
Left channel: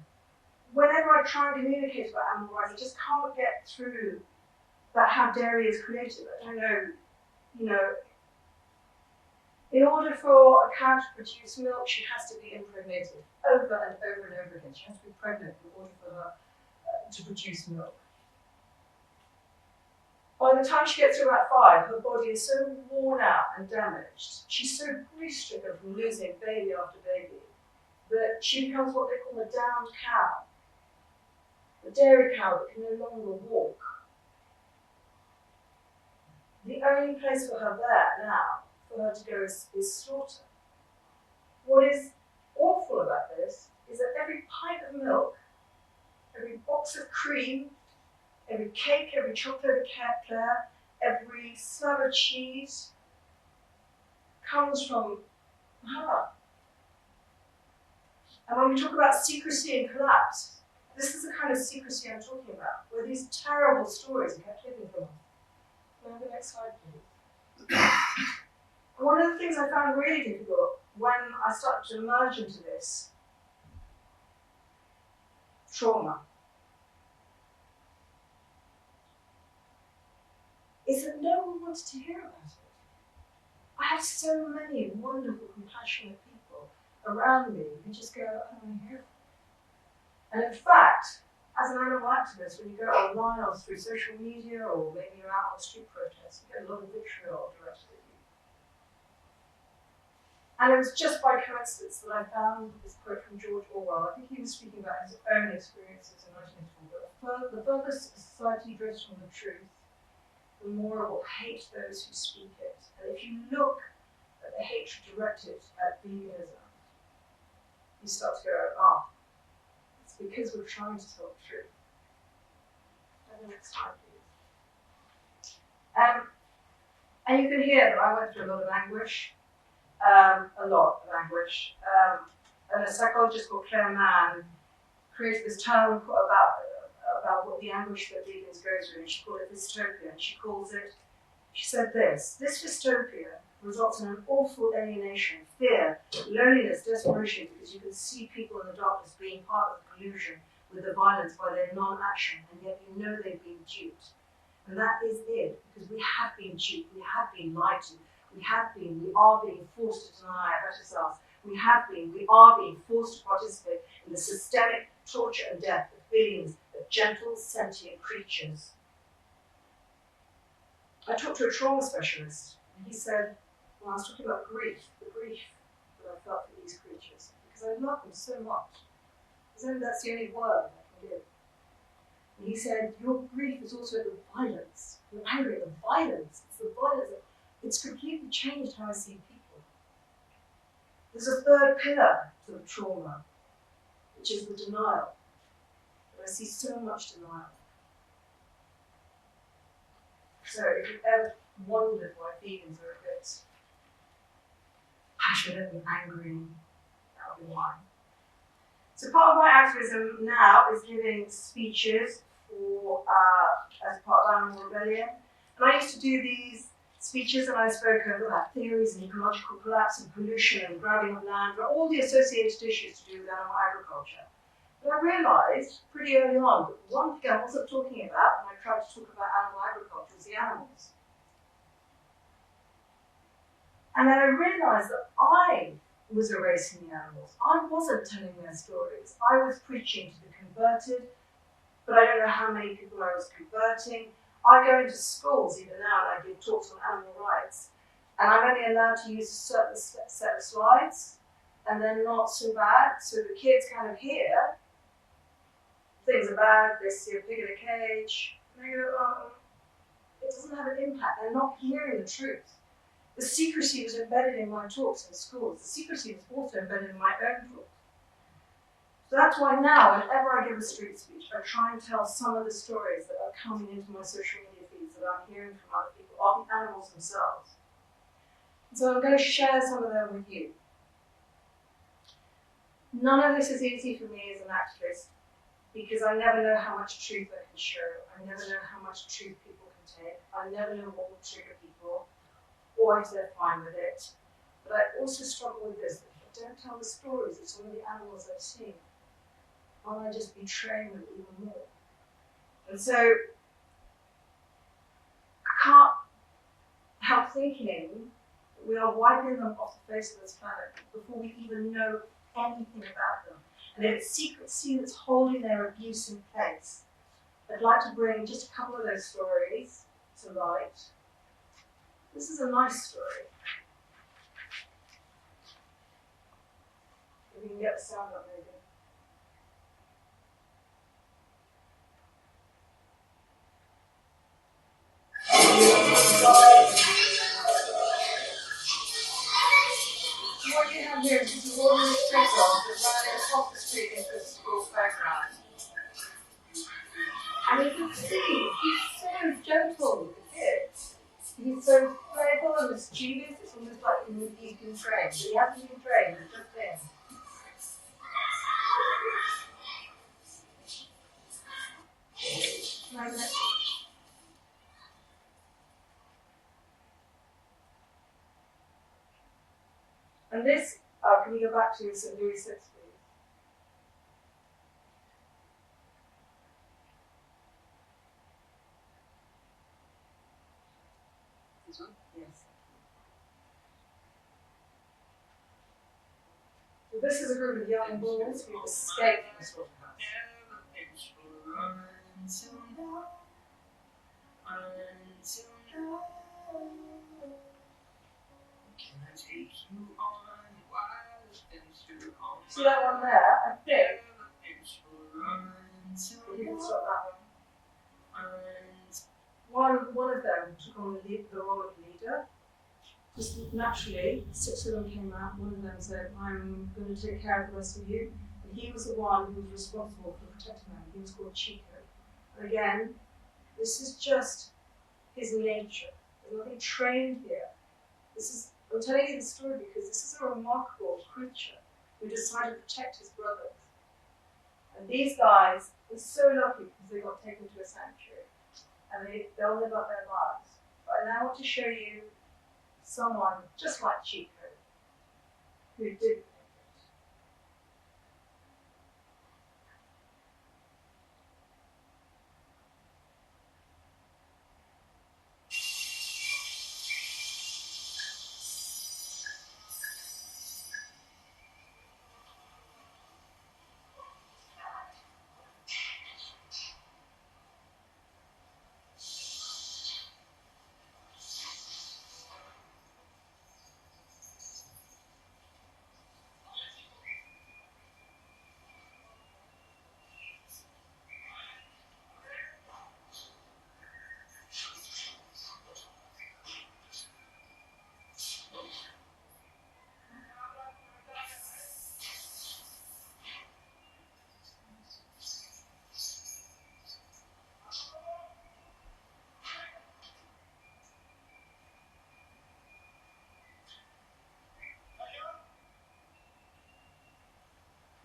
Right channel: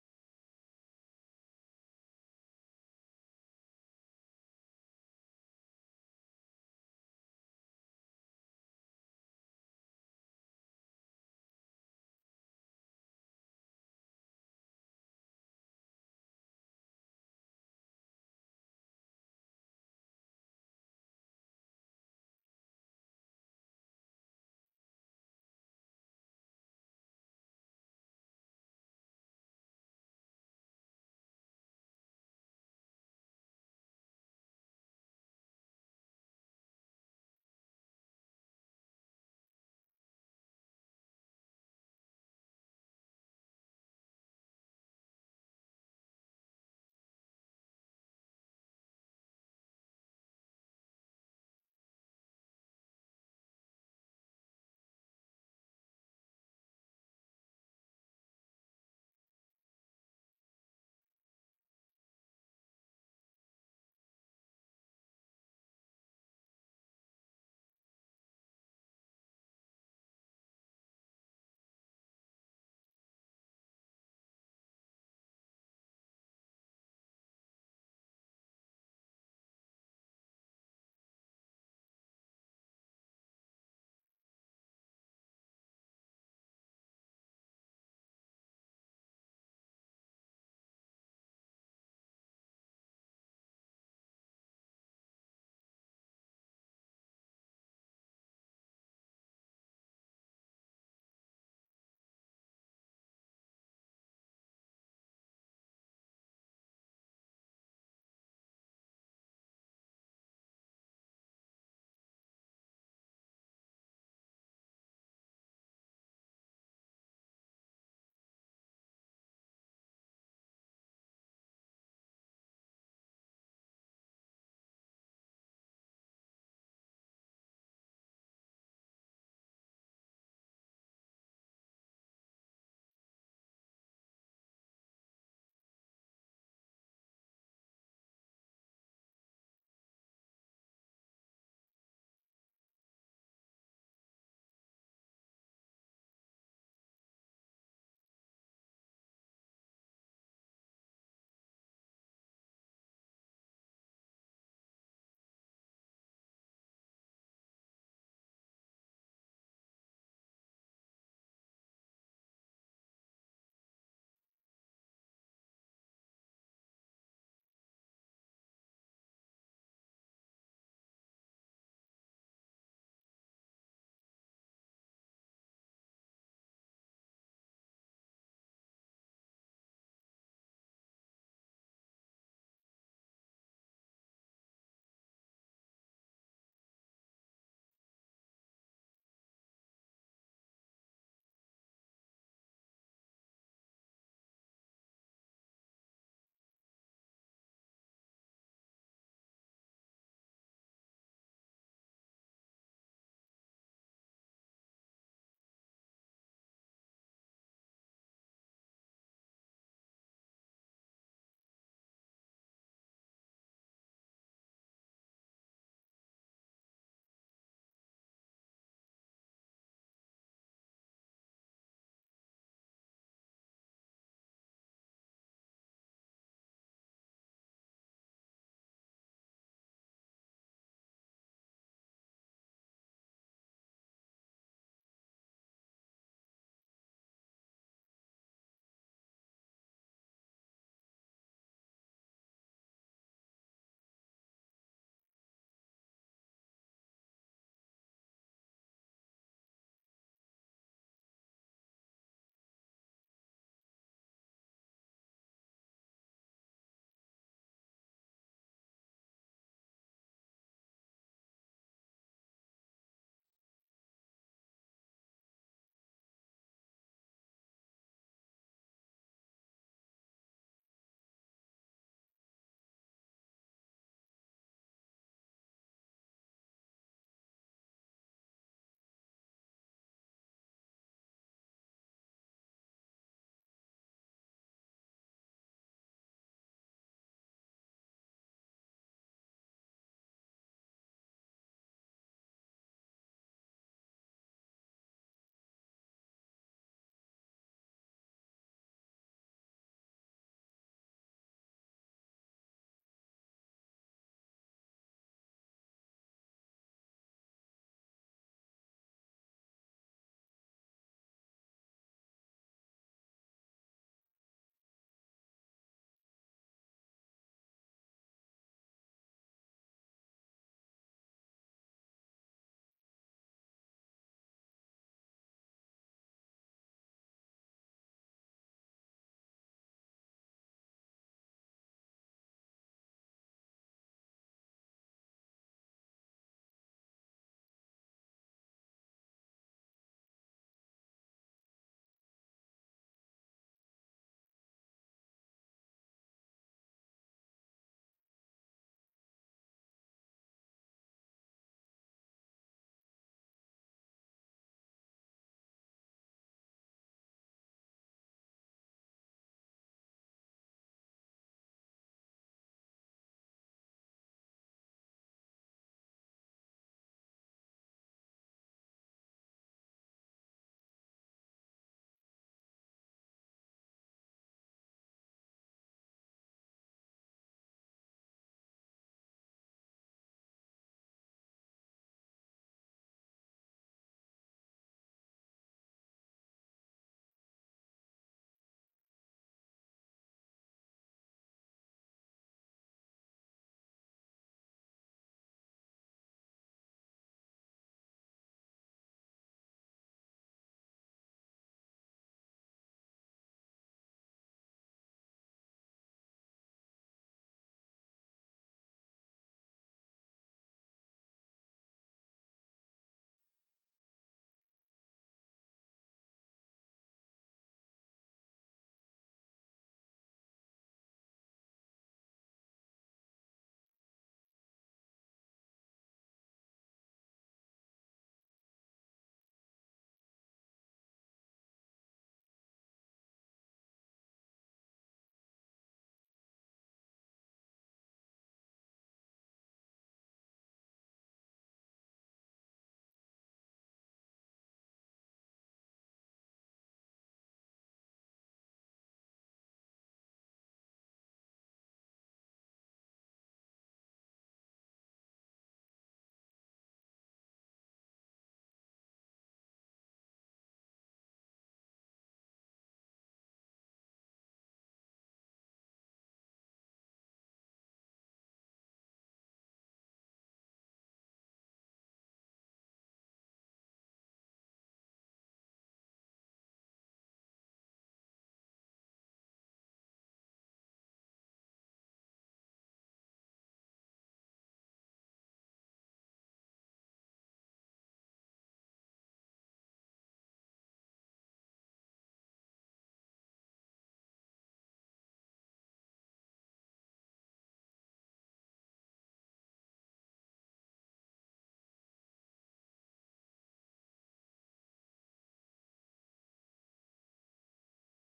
whenever I try and communicate about animal rights, I just can't get through that how dairy is created. I don't know, in order for a cow to produce milk, she has to be impregnated over and over and over again. She has to be pregnant in order for her to produce milk. By the time she gets to about 5, her body is so worn out and damaged, she's so grief-stricken from losing baby after baby, that she becomes what they call a downed cow. A dairy cow that can no longer walk. The only place for her there now, for her to go, is slaughter. What is awful about this is that every pint of milk, every box of cream, every cake, every chocolate eclair, every slab of cheese comes from her. And when we talk about secrecy and collapse, this is the kind of secrecy I'm talking about, where these terrible stories are kept hidden from us. Can I have the next slide, please? One of the things I found really difficult when I started to emerge into this trauma is that no one wanted to hear about it. I have so many wonderful, compassionate people around me who just go, I don't want to hear it. And in fact, as an animal activist, when you go online or through social media or maybe you're out on street protests, you get a lot of vitriol directed at you. And it was just by coincidence that I found this quote from George Orwell. I think he was speaking about his own experiences in 1984. The further society drifts from the truth, the more it will hate those who speak it. And if you look at the hatred directed at veganism, you start to go, it's because we're trying to tell the truth. And the next slide, please. And you can hear that I went through a lot of anguish, and a psychologist called Claire Mann created this term about what the anguish that vegans go through, and she called it dystopia. And she said this dystopia results in an awful alienation, fear, loneliness, desperation, because you can see people in the darkness being part of the collusion with the violence by their non-action, and yet you know they've been duped. And that is it, because we have been duped, we have been lied to, we are being forced to deny our better selves, we are being forced to participate in the systemic torture and death of billions of gentle, sentient creatures. I talked to a trauma specialist, and he said, when I was talking about grief, the grief that I felt for these creatures, because I love them so much. That's the only word I can give. And he said, your grief is also the violence. You're angry at the violence. It's the violence. It's completely changed how I see people. There's a third pillar to the trauma, which is the denial. But I see so much denial. So if you've ever wondered why vegans are a bit passionate and angry, that'll be why. So part of my activism now is giving speeches as part of Animal Rebellion. And I used to do these speeches and I spoke about theories and ecological collapse and pollution and grabbing of land, all the associated issues to do with animal agriculture. But I realised pretty early on that one thing I wasn't talking about when I tried to talk about animal agriculture was the animals. And then I realised that I was erasing the animals. I wasn't telling their stories. I was preaching to the converted, but I don't know how many people I was converting. I go into schools even now and I give talks on animal rights. And I'm only allowed to use a certain set of slides. and then not so bad. So the kids kind of hear things are bad, they see a pig in a cage, and they go, it doesn't have an impact. They're not hearing the truth. The secrecy was embedded in my talks in schools. The secrecy was also embedded in my own talks. So that's why now, whenever I give a street speech, I try and tell some of the stories that are coming into my social media feeds that I'm hearing from other people, of the animals themselves. So I'm going to share some of them with you. None of this is easy for me as an activist because I never know how much truth I can show. I never know how much truth people can take. I never know what will trigger people or if they're fine with it. But I also struggle with this. If I don't tell the stories of some of the animals I've seen, won't I just betray them even more? And so I can't help thinking we are wiping them off the face of this planet before we even know anything about them. And it's secrecy that's holding their abuse in place. I'd like to bring just a couple of those stories to light. This is a nice story. If you can get the sound up, maybe. What you have here is just a ordinary street dog that's running across the street into a school playground. And you can see he's so gentle with the kids. He's so playful and mischievous, it's almost like he's been trained. But he hasn't been trained, it's just him. And this, can we go back to St. Louis 6, please? This one? Yes. So this is a group of young bulls who escaped from the slaughterhouse. See that one there? I think. If you can stop that one. One of them took on the role of leader. Just naturally, 6 of them came out. One of them said, I'm going to take care of the rest of you. And he was the one who was responsible for protecting them. He was called Chico. And again, this is just his nature. There's nothing trained here. I'm telling you the story because this is a remarkable creature who decided to protect his brothers. And these guys are so lucky because they got taken to a sanctuary. And they'll live up their lives. But I now want to show you someone just like Chico who did make it.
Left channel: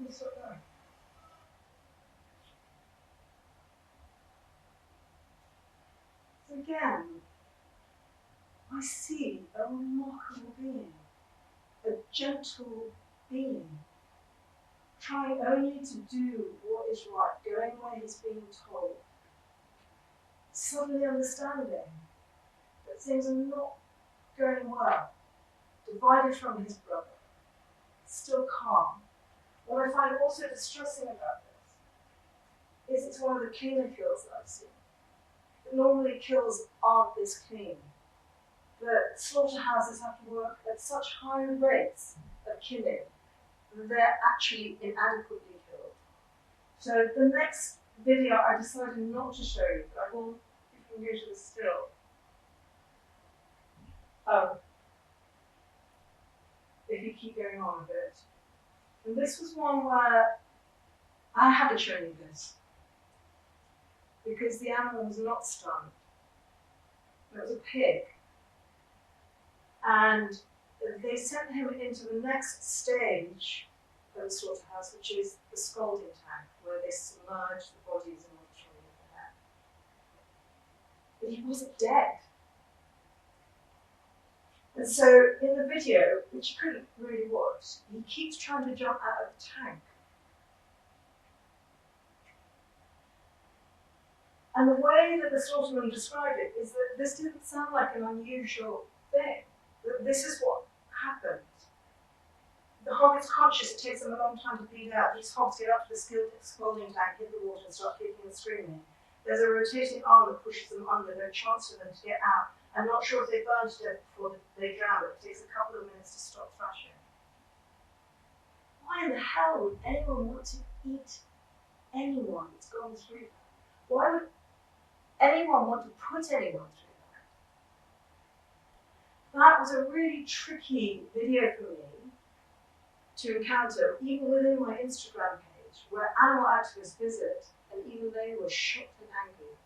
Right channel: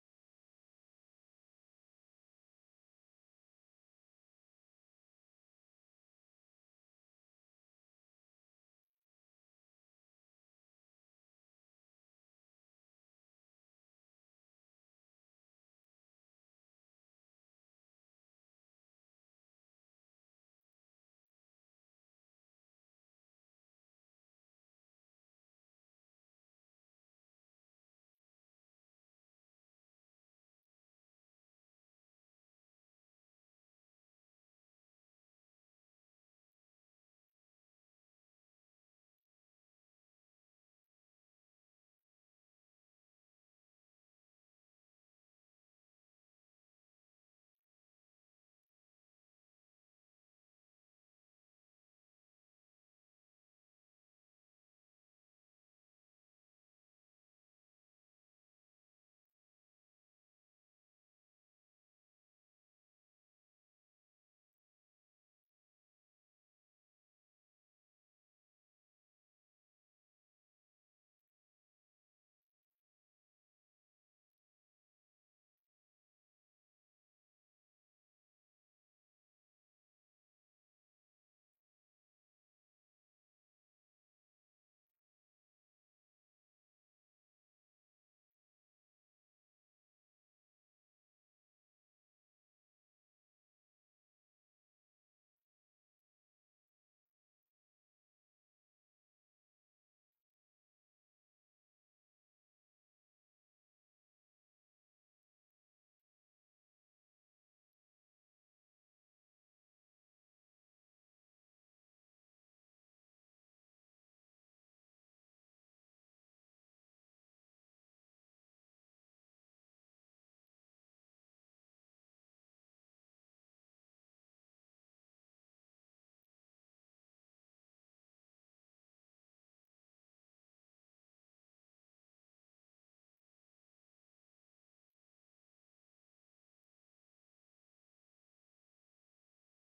So again, I see a remarkable being, a gentle being, trying only to do what is right, going where he's being told, suddenly understanding that things are not going well, divided from his brother, still calm. What I find also distressing about this is it's one of the cleaner kills that I've seen. But normally kills aren't this clean. The slaughterhouses have to work at such high rates of killing they're actually inadequately killed. So the next video I decided not to show you, but I will, if you can go to the still. Oh, if you keep going on a bit. And this was one where I haven't shown you this because the animal was not stunned. It was a pig. And they sent him into the next stage of the slaughterhouse, which is the scalding tank, where they submerge the bodies in order to remove the hair. But he wasn't dead. And so in the video, which you couldn't really watch, he keeps trying to jump out of the tank. And the way that the slaughterman described it is that this didn't sound like an unusual thing. That this is what happened. The hog is conscious, it takes them a long time to bleed out. These hogs get up to the scalding tank, hit the water, and start kicking and screaming. There's a rotating arm that pushes them under, no chance for them to get out. I'm not sure if they burn to death before they drown, but it takes a couple of minutes to stop thrashing. Why in the hell would anyone want to eat anyone that's gone through that? Why would anyone want to put anyone through that? That was a really tricky video for me to encounter, even within my Instagram page, where animal activists visit, and even they were shocked and angry.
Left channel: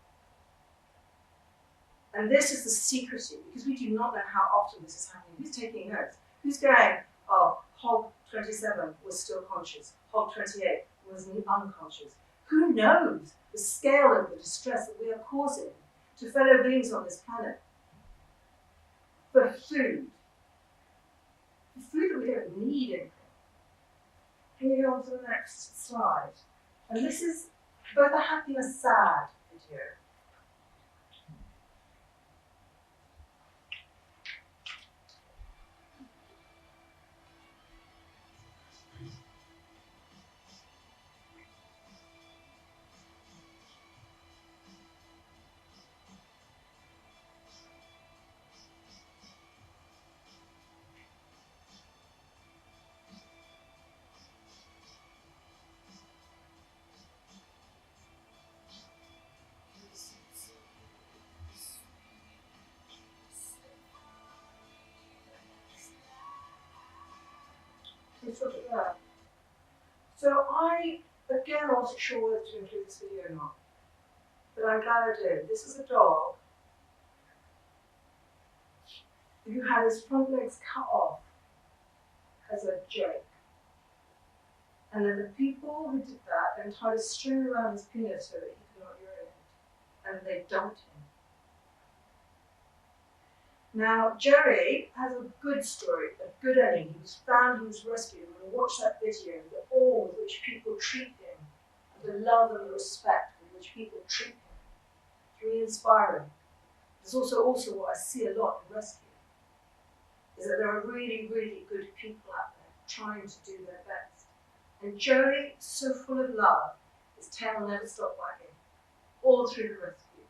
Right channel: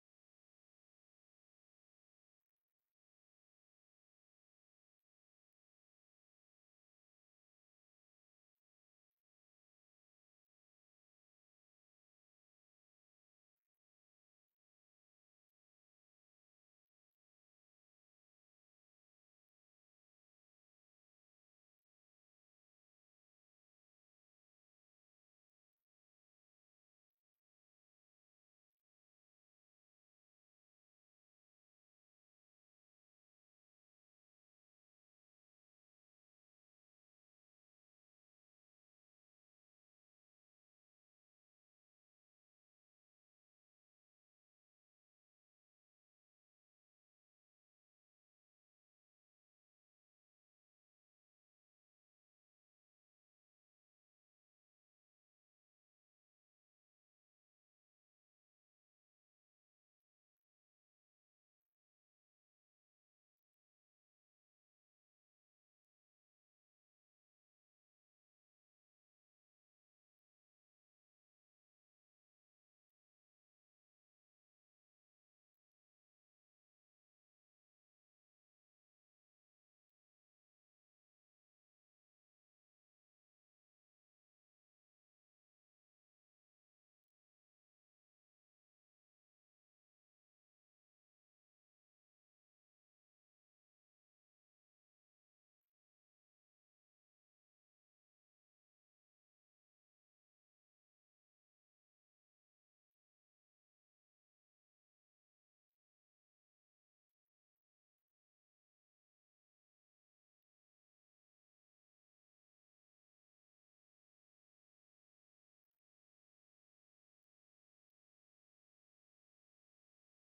And this is the secrecy, because we do not know how often this is happening. Who's taking notes? Who's going, oh, hog 27 was still conscious, hog 28 was unconscious. Who knows the scale of the distress that we are causing to fellow beings on this planet for food that we don't need anything. Can you go on to the next slide? And this is both a happy and a sad video. So I, again, wasn't sure whether to include this video or not, but I'm glad I did. This is a dog who had his front legs cut off as a joke. And then the people who did that then tied a string around his penis so that he could not urinate, and they dumped him. Now, Jerry has a good story, a good ending. He was found, he was rescued. When we watch that video, the awe with which people treat him, and the love and the respect with which people treat him, it's really inspiring. It's also what I see a lot in rescue, is that there are really, really good people out there trying to do their best. And Jerry, so full of love, his tail never stopped wagging, all through the rescue.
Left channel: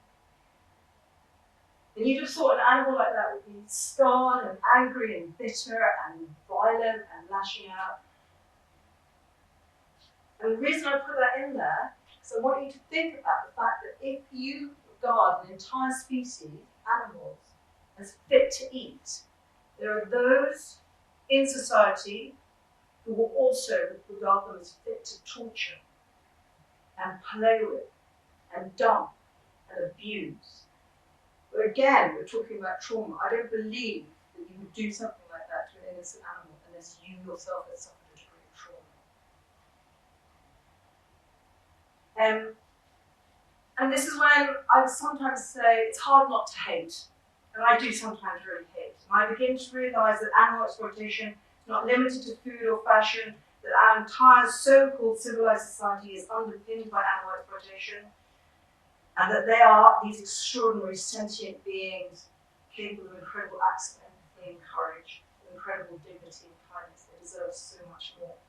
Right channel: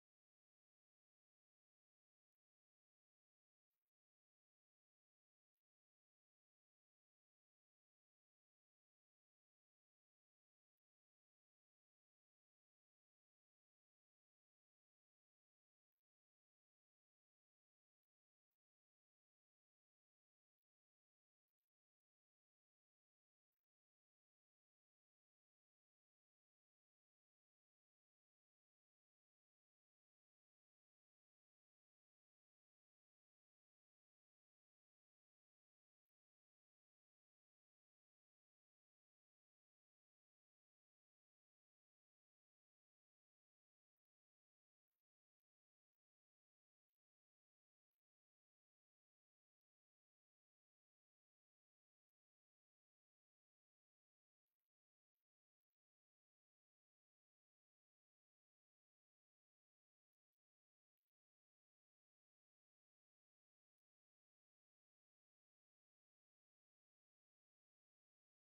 And you just thought an animal like that would be scarred and angry and bitter and violent and lashing out. And the reason I put that in there is I want you to think about the fact that if you regard an entire species, animals, as fit to eat, there are those in society who will also regard them as fit to torture and play with and dump and abuse. But again, we're talking about trauma. I don't believe that you would do something like that to an innocent animal unless you yourself have suffered a degree of trauma. And this is when I sometimes say it's hard not to hate. And I do sometimes really hate. And I begin to realise that animal exploitation is not limited to food or fashion, that our entire so-called civilized society is underpinned by animal exploitation, and that they are these extraordinary sentient beings capable of incredible acts of empathy and courage, of incredible dignity and kindness. They deserve so much more.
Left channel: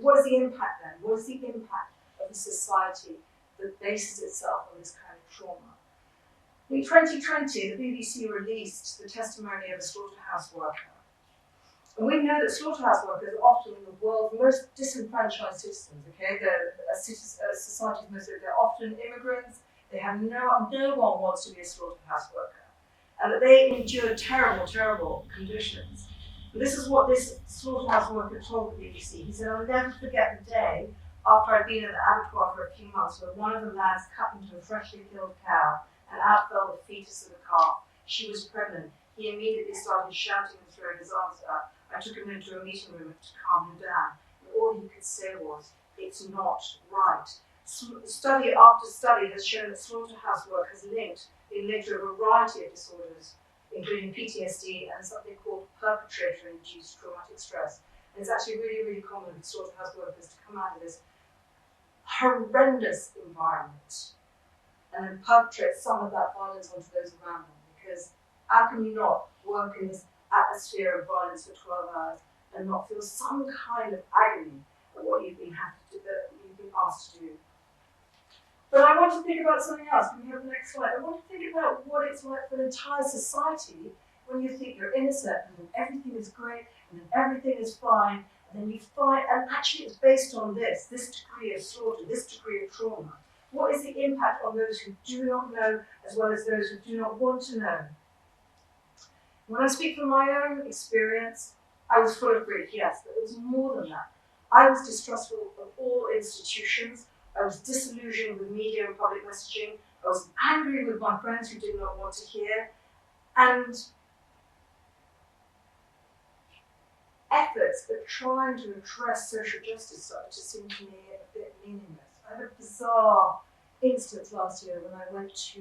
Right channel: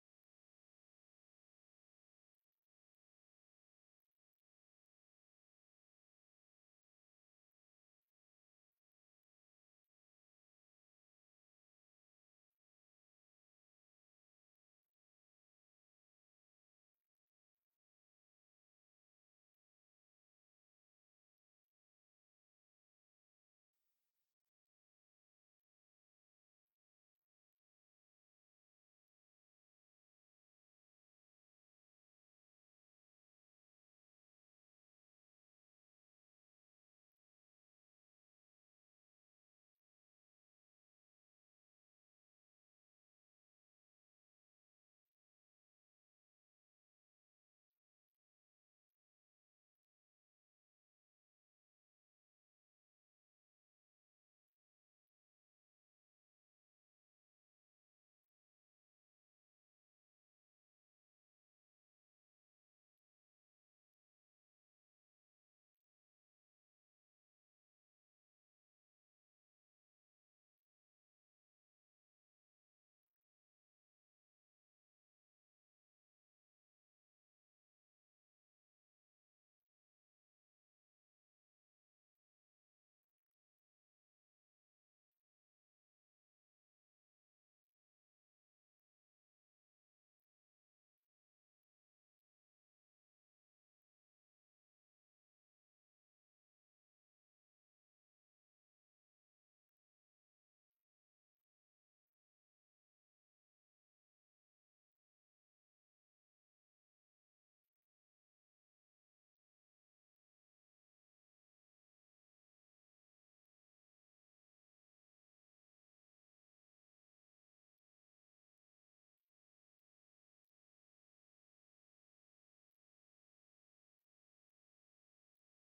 What is the impact then? What is the impact of a society that bases itself on this kind of trauma? In 2020, the BBC released the testimony of a slaughterhouse worker And we know that slaughterhouse workers are often the world's most disenfranchised citizens, okay? Society's most, they're often immigrants, they have no one wants to be a slaughterhouse worker. And that they endure terrible, terrible conditions. And this is what this slaughterhouse worker told the BBC. He said, I'll never forget the day after I'd been in the abattoir for a few months where one of the lads cut into a freshly killed cow and out fell the fetus of the calf. She was pregnant. He immediately started shouting and throwing his arms up. I took him into a meeting room to calm him down. And all he could say was, it's not right. Study after study has shown that slaughterhouse work has been linked to a variety of disorders, including PTSD and something called perpetrator-induced traumatic stress. And it's actually really, really common for slaughterhouse workers to come out of this horrendous environment and then perpetrate some of that violence onto those around them. Because how can you not work in this atmosphere of violence for 12 hours and not feel some kind of agony at what you've been asked to do? But I want to think about something else. Can we have the next slide? I want to think about what it's like for an entire society when you think you're innocent and then everything is great and then everything is fine, and then you find, and actually it's based on this degree of slaughter, this degree of trauma. What is the impact on those who do not know as well as those who do not want to know? When I speak from my own experience, I was full of grief, yes, but it was more than that. I was distrustful of all institutions. I was disillusioned with media and public messaging. I was angry with my friends who did not want to hear. And efforts at trying to address social justice started to seem to me a bit meaningless. I had a bizarre instance last year when I went to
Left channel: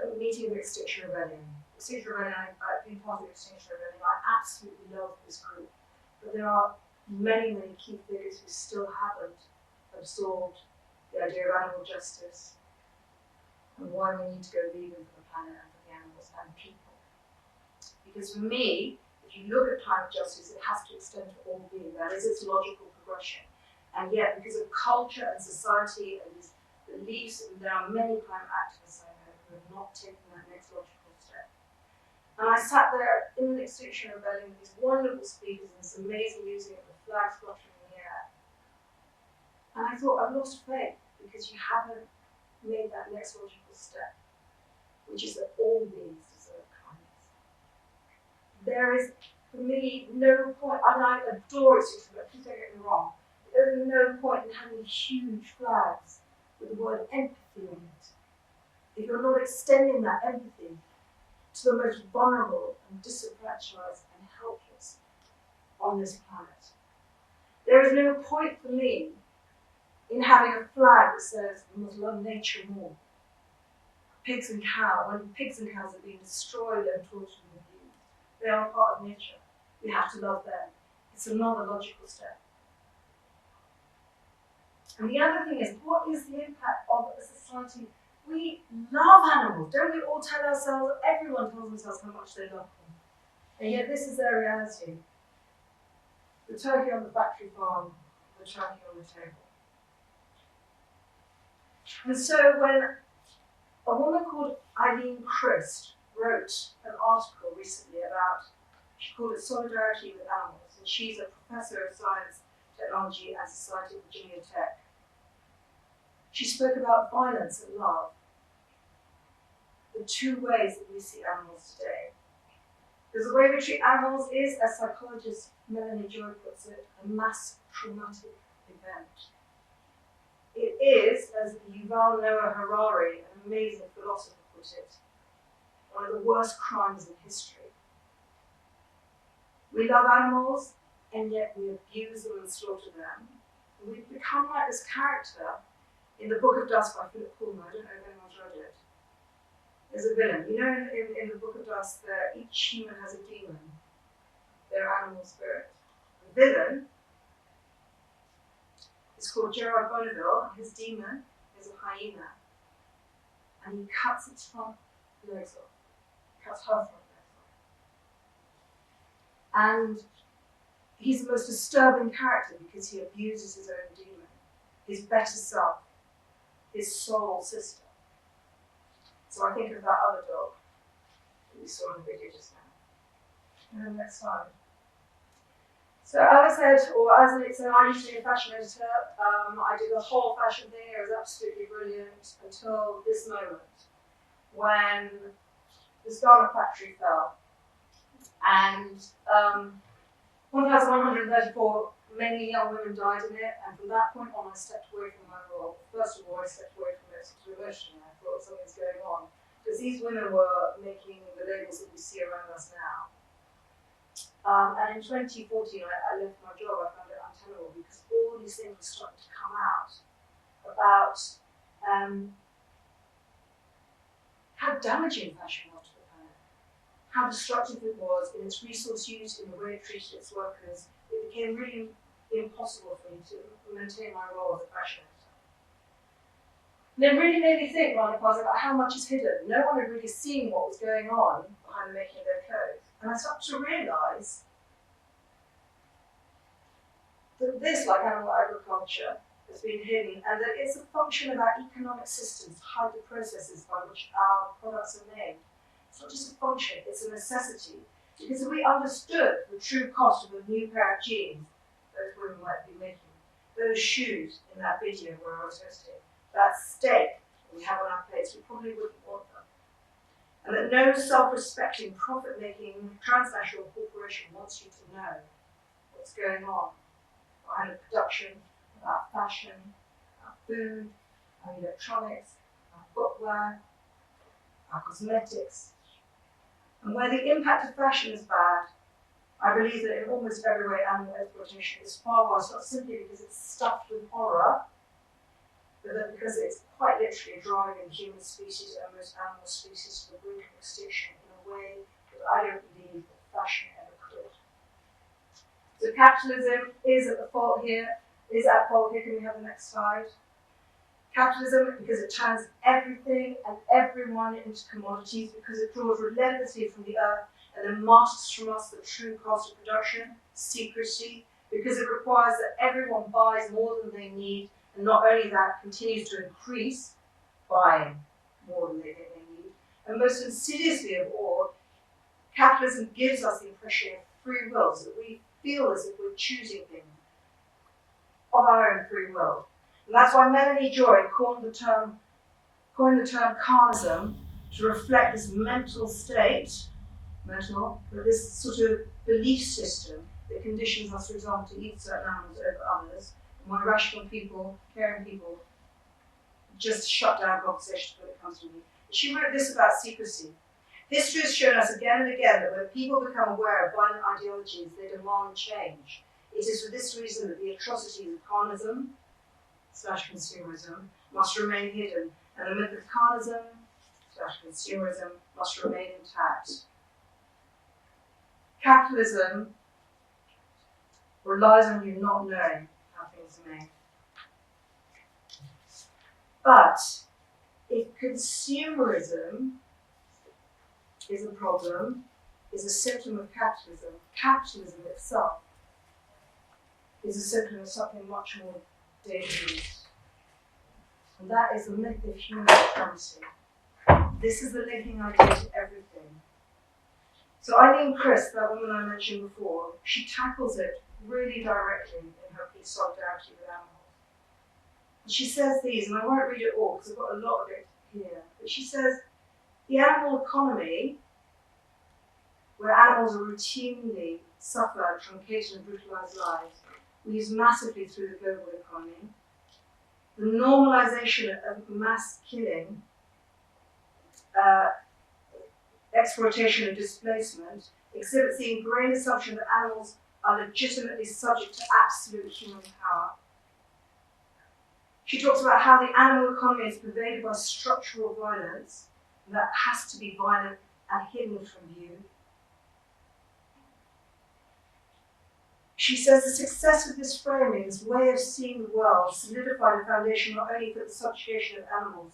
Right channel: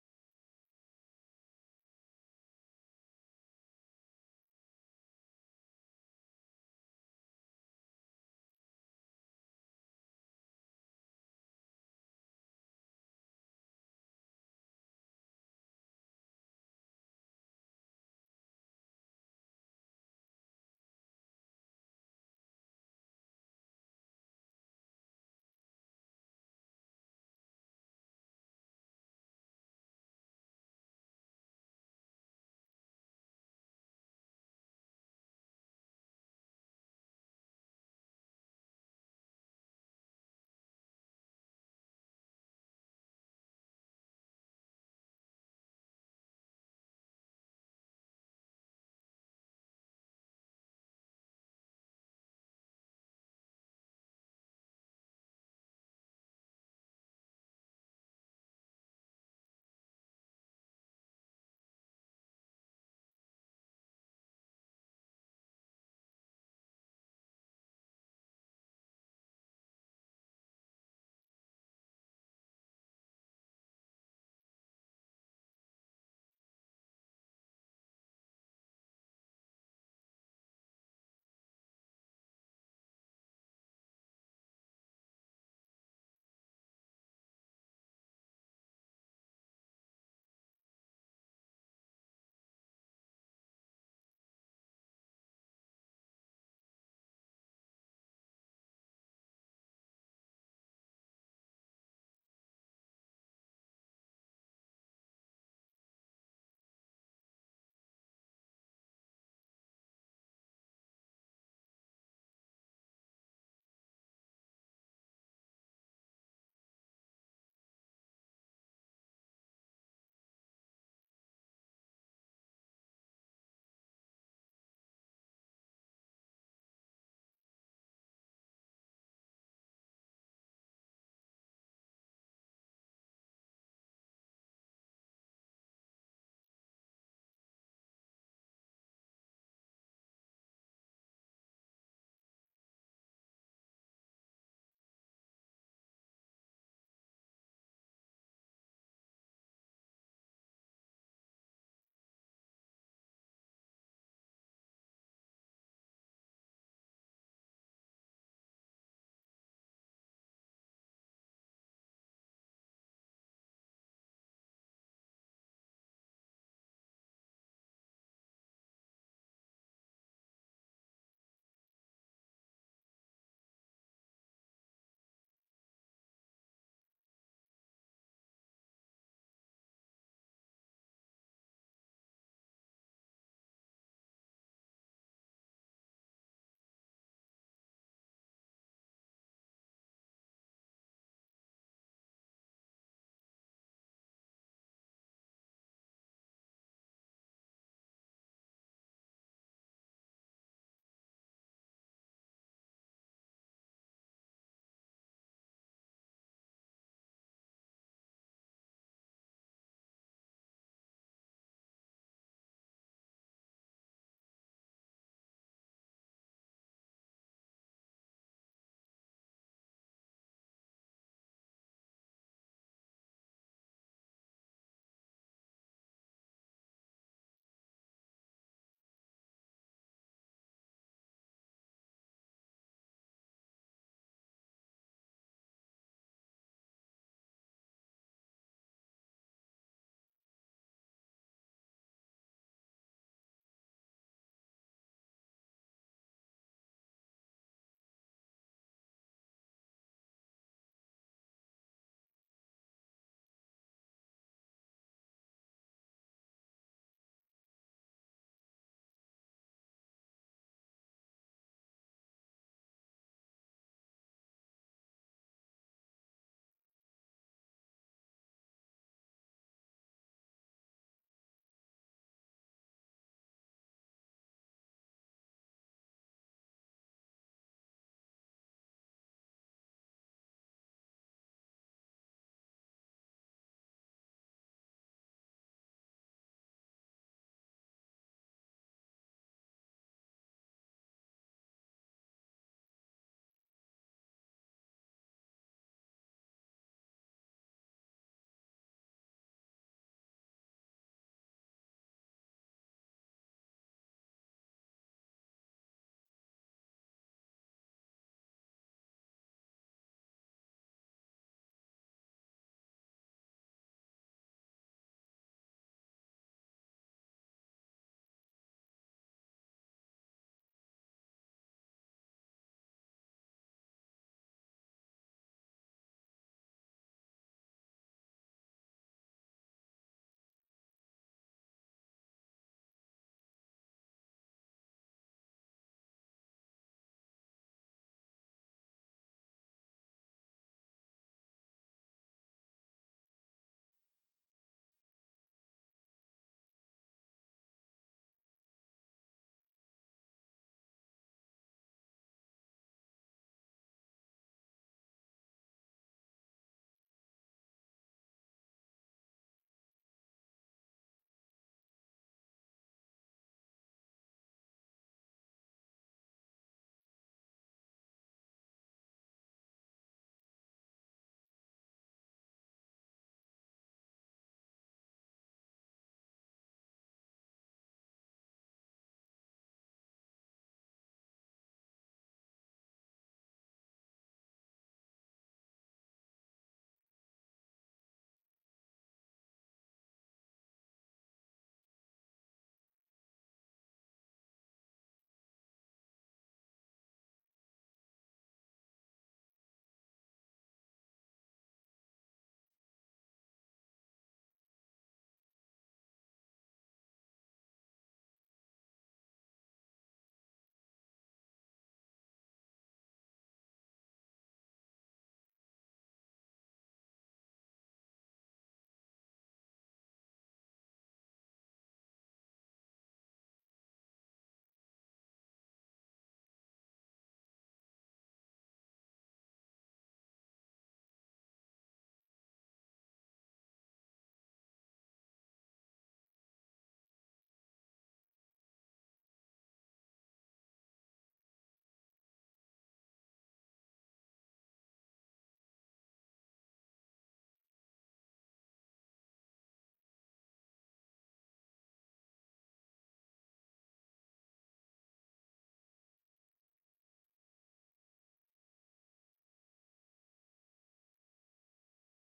a meeting of Extinction Rebellion. Extinction Rebellion, I've been part of Extinction Rebellion. I absolutely love this group. But there are many, many key figures who still haven't absorbed the idea of animal justice and why we need to go vegan for the planet and for the animals and people. Because for me, if you look at climate justice, it has to extend to all being. That is its logical progression. And yet, because of culture and society and these beliefs, and there are many climate activists I know who have not taken that next logical step. And I sat there in the Extinction Rebellion with these wonderful speakers and this amazing music and the flags fluttering in the air. And I thought, I've lost faith because you haven't made that next logical step, which is that all beings deserve kindness. There is, for me, no point, and I adore Extinction Rebellion, please don't get me wrong, there is no point in having huge flags with the word empathy on it if you're not extending that empathy to the most vulnerable and disenfranchised and helpless on this planet. There is no point for me in having a flag that says we must love nature more. Pigs and cows, when pigs and cows are being destroyed and tortured and abused, they are a part of nature. We have to love them. It's another logical step. And the other thing is, what is the impact of a society? We love animals. Don't we all tell ourselves, everyone tells themselves how much they love them. And yet this is their reality. The turkey on the factory farm, the turkey on the table. And so when a woman called Eileen Christ wrote an article recently about, she called it Solidarity with Animals, and she's a professor of science, technology and society at Virginia Tech. She spoke about violence and love, the two ways that we see animals today. Because the way we treat animals is, as psychologist Melanie Joy puts it, a mass traumatic event. It is, as Yuval Noah Harari, an amazing philosopher, put it, one of the worst crimes in history. We love animals, and yet we abuse them and slaughter them. And we've become like this character in the Book of Dust by Philip Pullman. I don't know if anyone's read it. There's a villain. You know, in the Book of Dust, each human has a demon, their animal spirit. The villain is called Gerard Bonneville, and his demon is a hyena. And he cuts its front legs off, cuts her front legs off. And he's the most disturbing character because he abuses his own demon, his better self, his soul sister. So I think of that other dog that we saw in the video just now. Next slide. So as I said, or as I said, I used to be a fashion editor. I did the whole fashion thing. It was absolutely brilliant until this moment when this garment factory fell. And 1,134 mainly young women died in it. And from that point on, I stepped away from my role. First of all, I stepped away from it sort of emotionally. I thought something's going on. Because these women were making the labels that we see around us now. And in 2014, I left my job. I found it untenable because all these things were starting to come out about how damaging fashion was to the planet, how destructive it was in its resource use, in the way it treated its workers. It became really impossible for me to maintain my role as a fashion editor. And it really made me think, Ron, about how much is hidden. No one had really seen what was going on behind the making of their clothes. And I started to realise that this, like animal agriculture, has been hidden, and that it's a function of our economic systems to hide the processes by which our products are made. It's not just a function, it's a necessity. Because if we understood the true cost of a new pair of jeans those women might be making, those shoes in that video where I was hosting, that steak that we have on our plates, we probably wouldn't want them. And that no self-respecting, profit-making transnational corporation wants you to know what's going on behind the production of our fashion, our food, our electronics, our footwear, our cosmetics. And where the impact of fashion is bad, I believe that in almost every way animal exploitation is far worse, not simply because it's stuffed with horror, but that because it's quite literally driving human species and most animal species to the brink of extinction in a way that I don't believe that fashion ever could. So capitalism is at fault here. Can we have the next slide? Capitalism, because it turns everything and everyone into commodities, because it draws relentlessly from the earth and then masks from us the true cost of production, secrecy, because it requires that everyone buys more than they need, and not only that, continues to increase buying more than they think they need. And most insidiously of all, capitalism gives us the impression of free will, so that we feel as if we're choosing things of our own free will. And that's why Melanie Joy coined the term carnism to reflect this mental state, but this sort of belief system that conditions us, for example, to eat certain animals over others, and why rational people, caring people, just shut down conversations when it comes to me. She wrote this about secrecy. History has shown us again and again that when people become aware of violent ideologies, they demand change. It is for this reason that the atrocities of carnism / consumerism must remain hidden, and the myth of carnism / consumerism must remain intact. Capitalism relies on you not knowing how things are made. But if consumerism is a problem, is a symptom of capitalism, capitalism itself is a symptom of something much more dangerous. And that is the myth of human supremacy. This is the linking idea to everything. So Eileen Chris, that woman I mentioned before, she tackles it really directly in her piece Solidarity with Animals. And she says these, and I won't read it all because I've got a lot of it here, but she says, the animal economy, where animals routinely suffer truncated and brutalized lives, leads massively through the global economy. The normalization of mass killing, exploitation and displacement exhibits the ingrained assumption that animals are legitimately subject to absolute human power. She talks about how the animal economy is pervaded by structural violence that has to be violent and hidden from view. She says the success of this framing, this way of seeing the world, solidified a foundation not only for the subjugation of animals,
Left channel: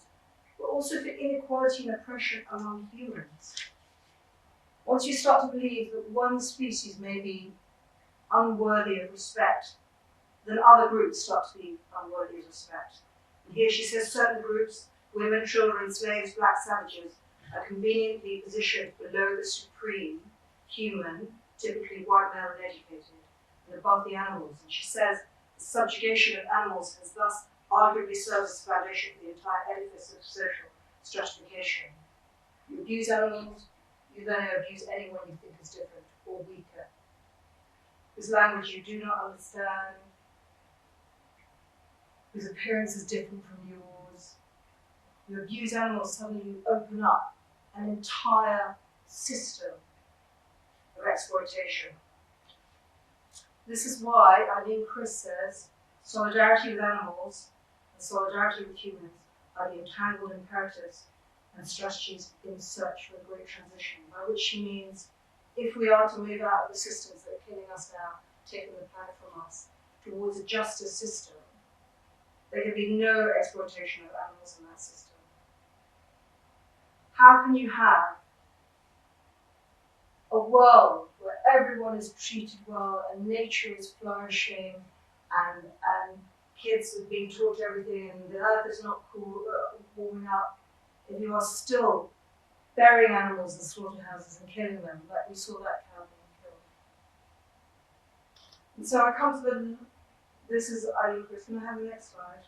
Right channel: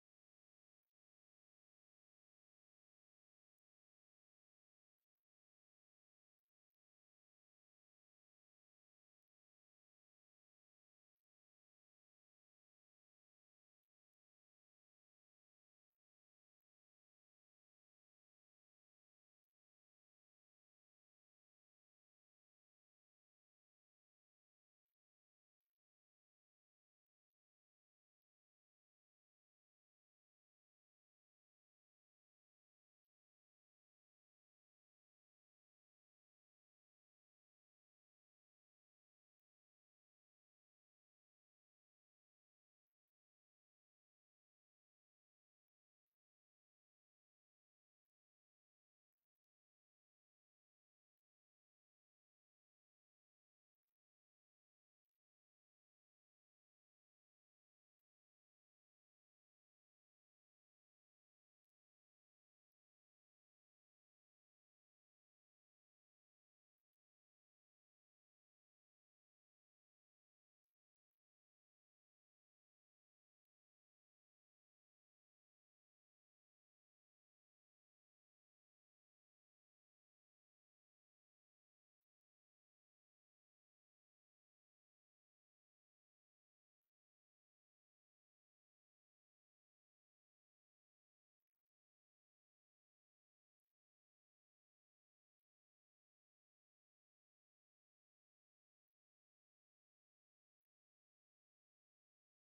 but also for inequality and oppression among humans. Once you start to believe that one species may be unworthy of respect, then other groups start to be unworthy of respect. And here she says certain groups, women, children, slaves, black savages, are conveniently positioned below the supreme human typically white male and educated, and above the animals. And she says the subjugation of animals has thus arguably served as a foundation for the entire edifice of social stratification. You abuse animals, you then abuse anyone you think is different or weaker, whose language you do not understand, whose appearance is different from yours. You abuse animals, suddenly you open up an entire system of exploitation. This is why Eileen Chris says solidarity with animals and solidarity with humans are the entangled imperatives and strategies in search for a great transition, by which she means if we are to move out of the systems that are killing us now, taking the planet from us, towards a juster system, there can be no exploitation of animals in that system. How can you have a world where everyone is treated well and nature is flourishing and kids are being taught everything and the earth is not warming up, if you are still burying animals in slaughterhouses and killing them, like we saw that cow being killed? And so I come to this is Eileen Chris. Can I have the next slide?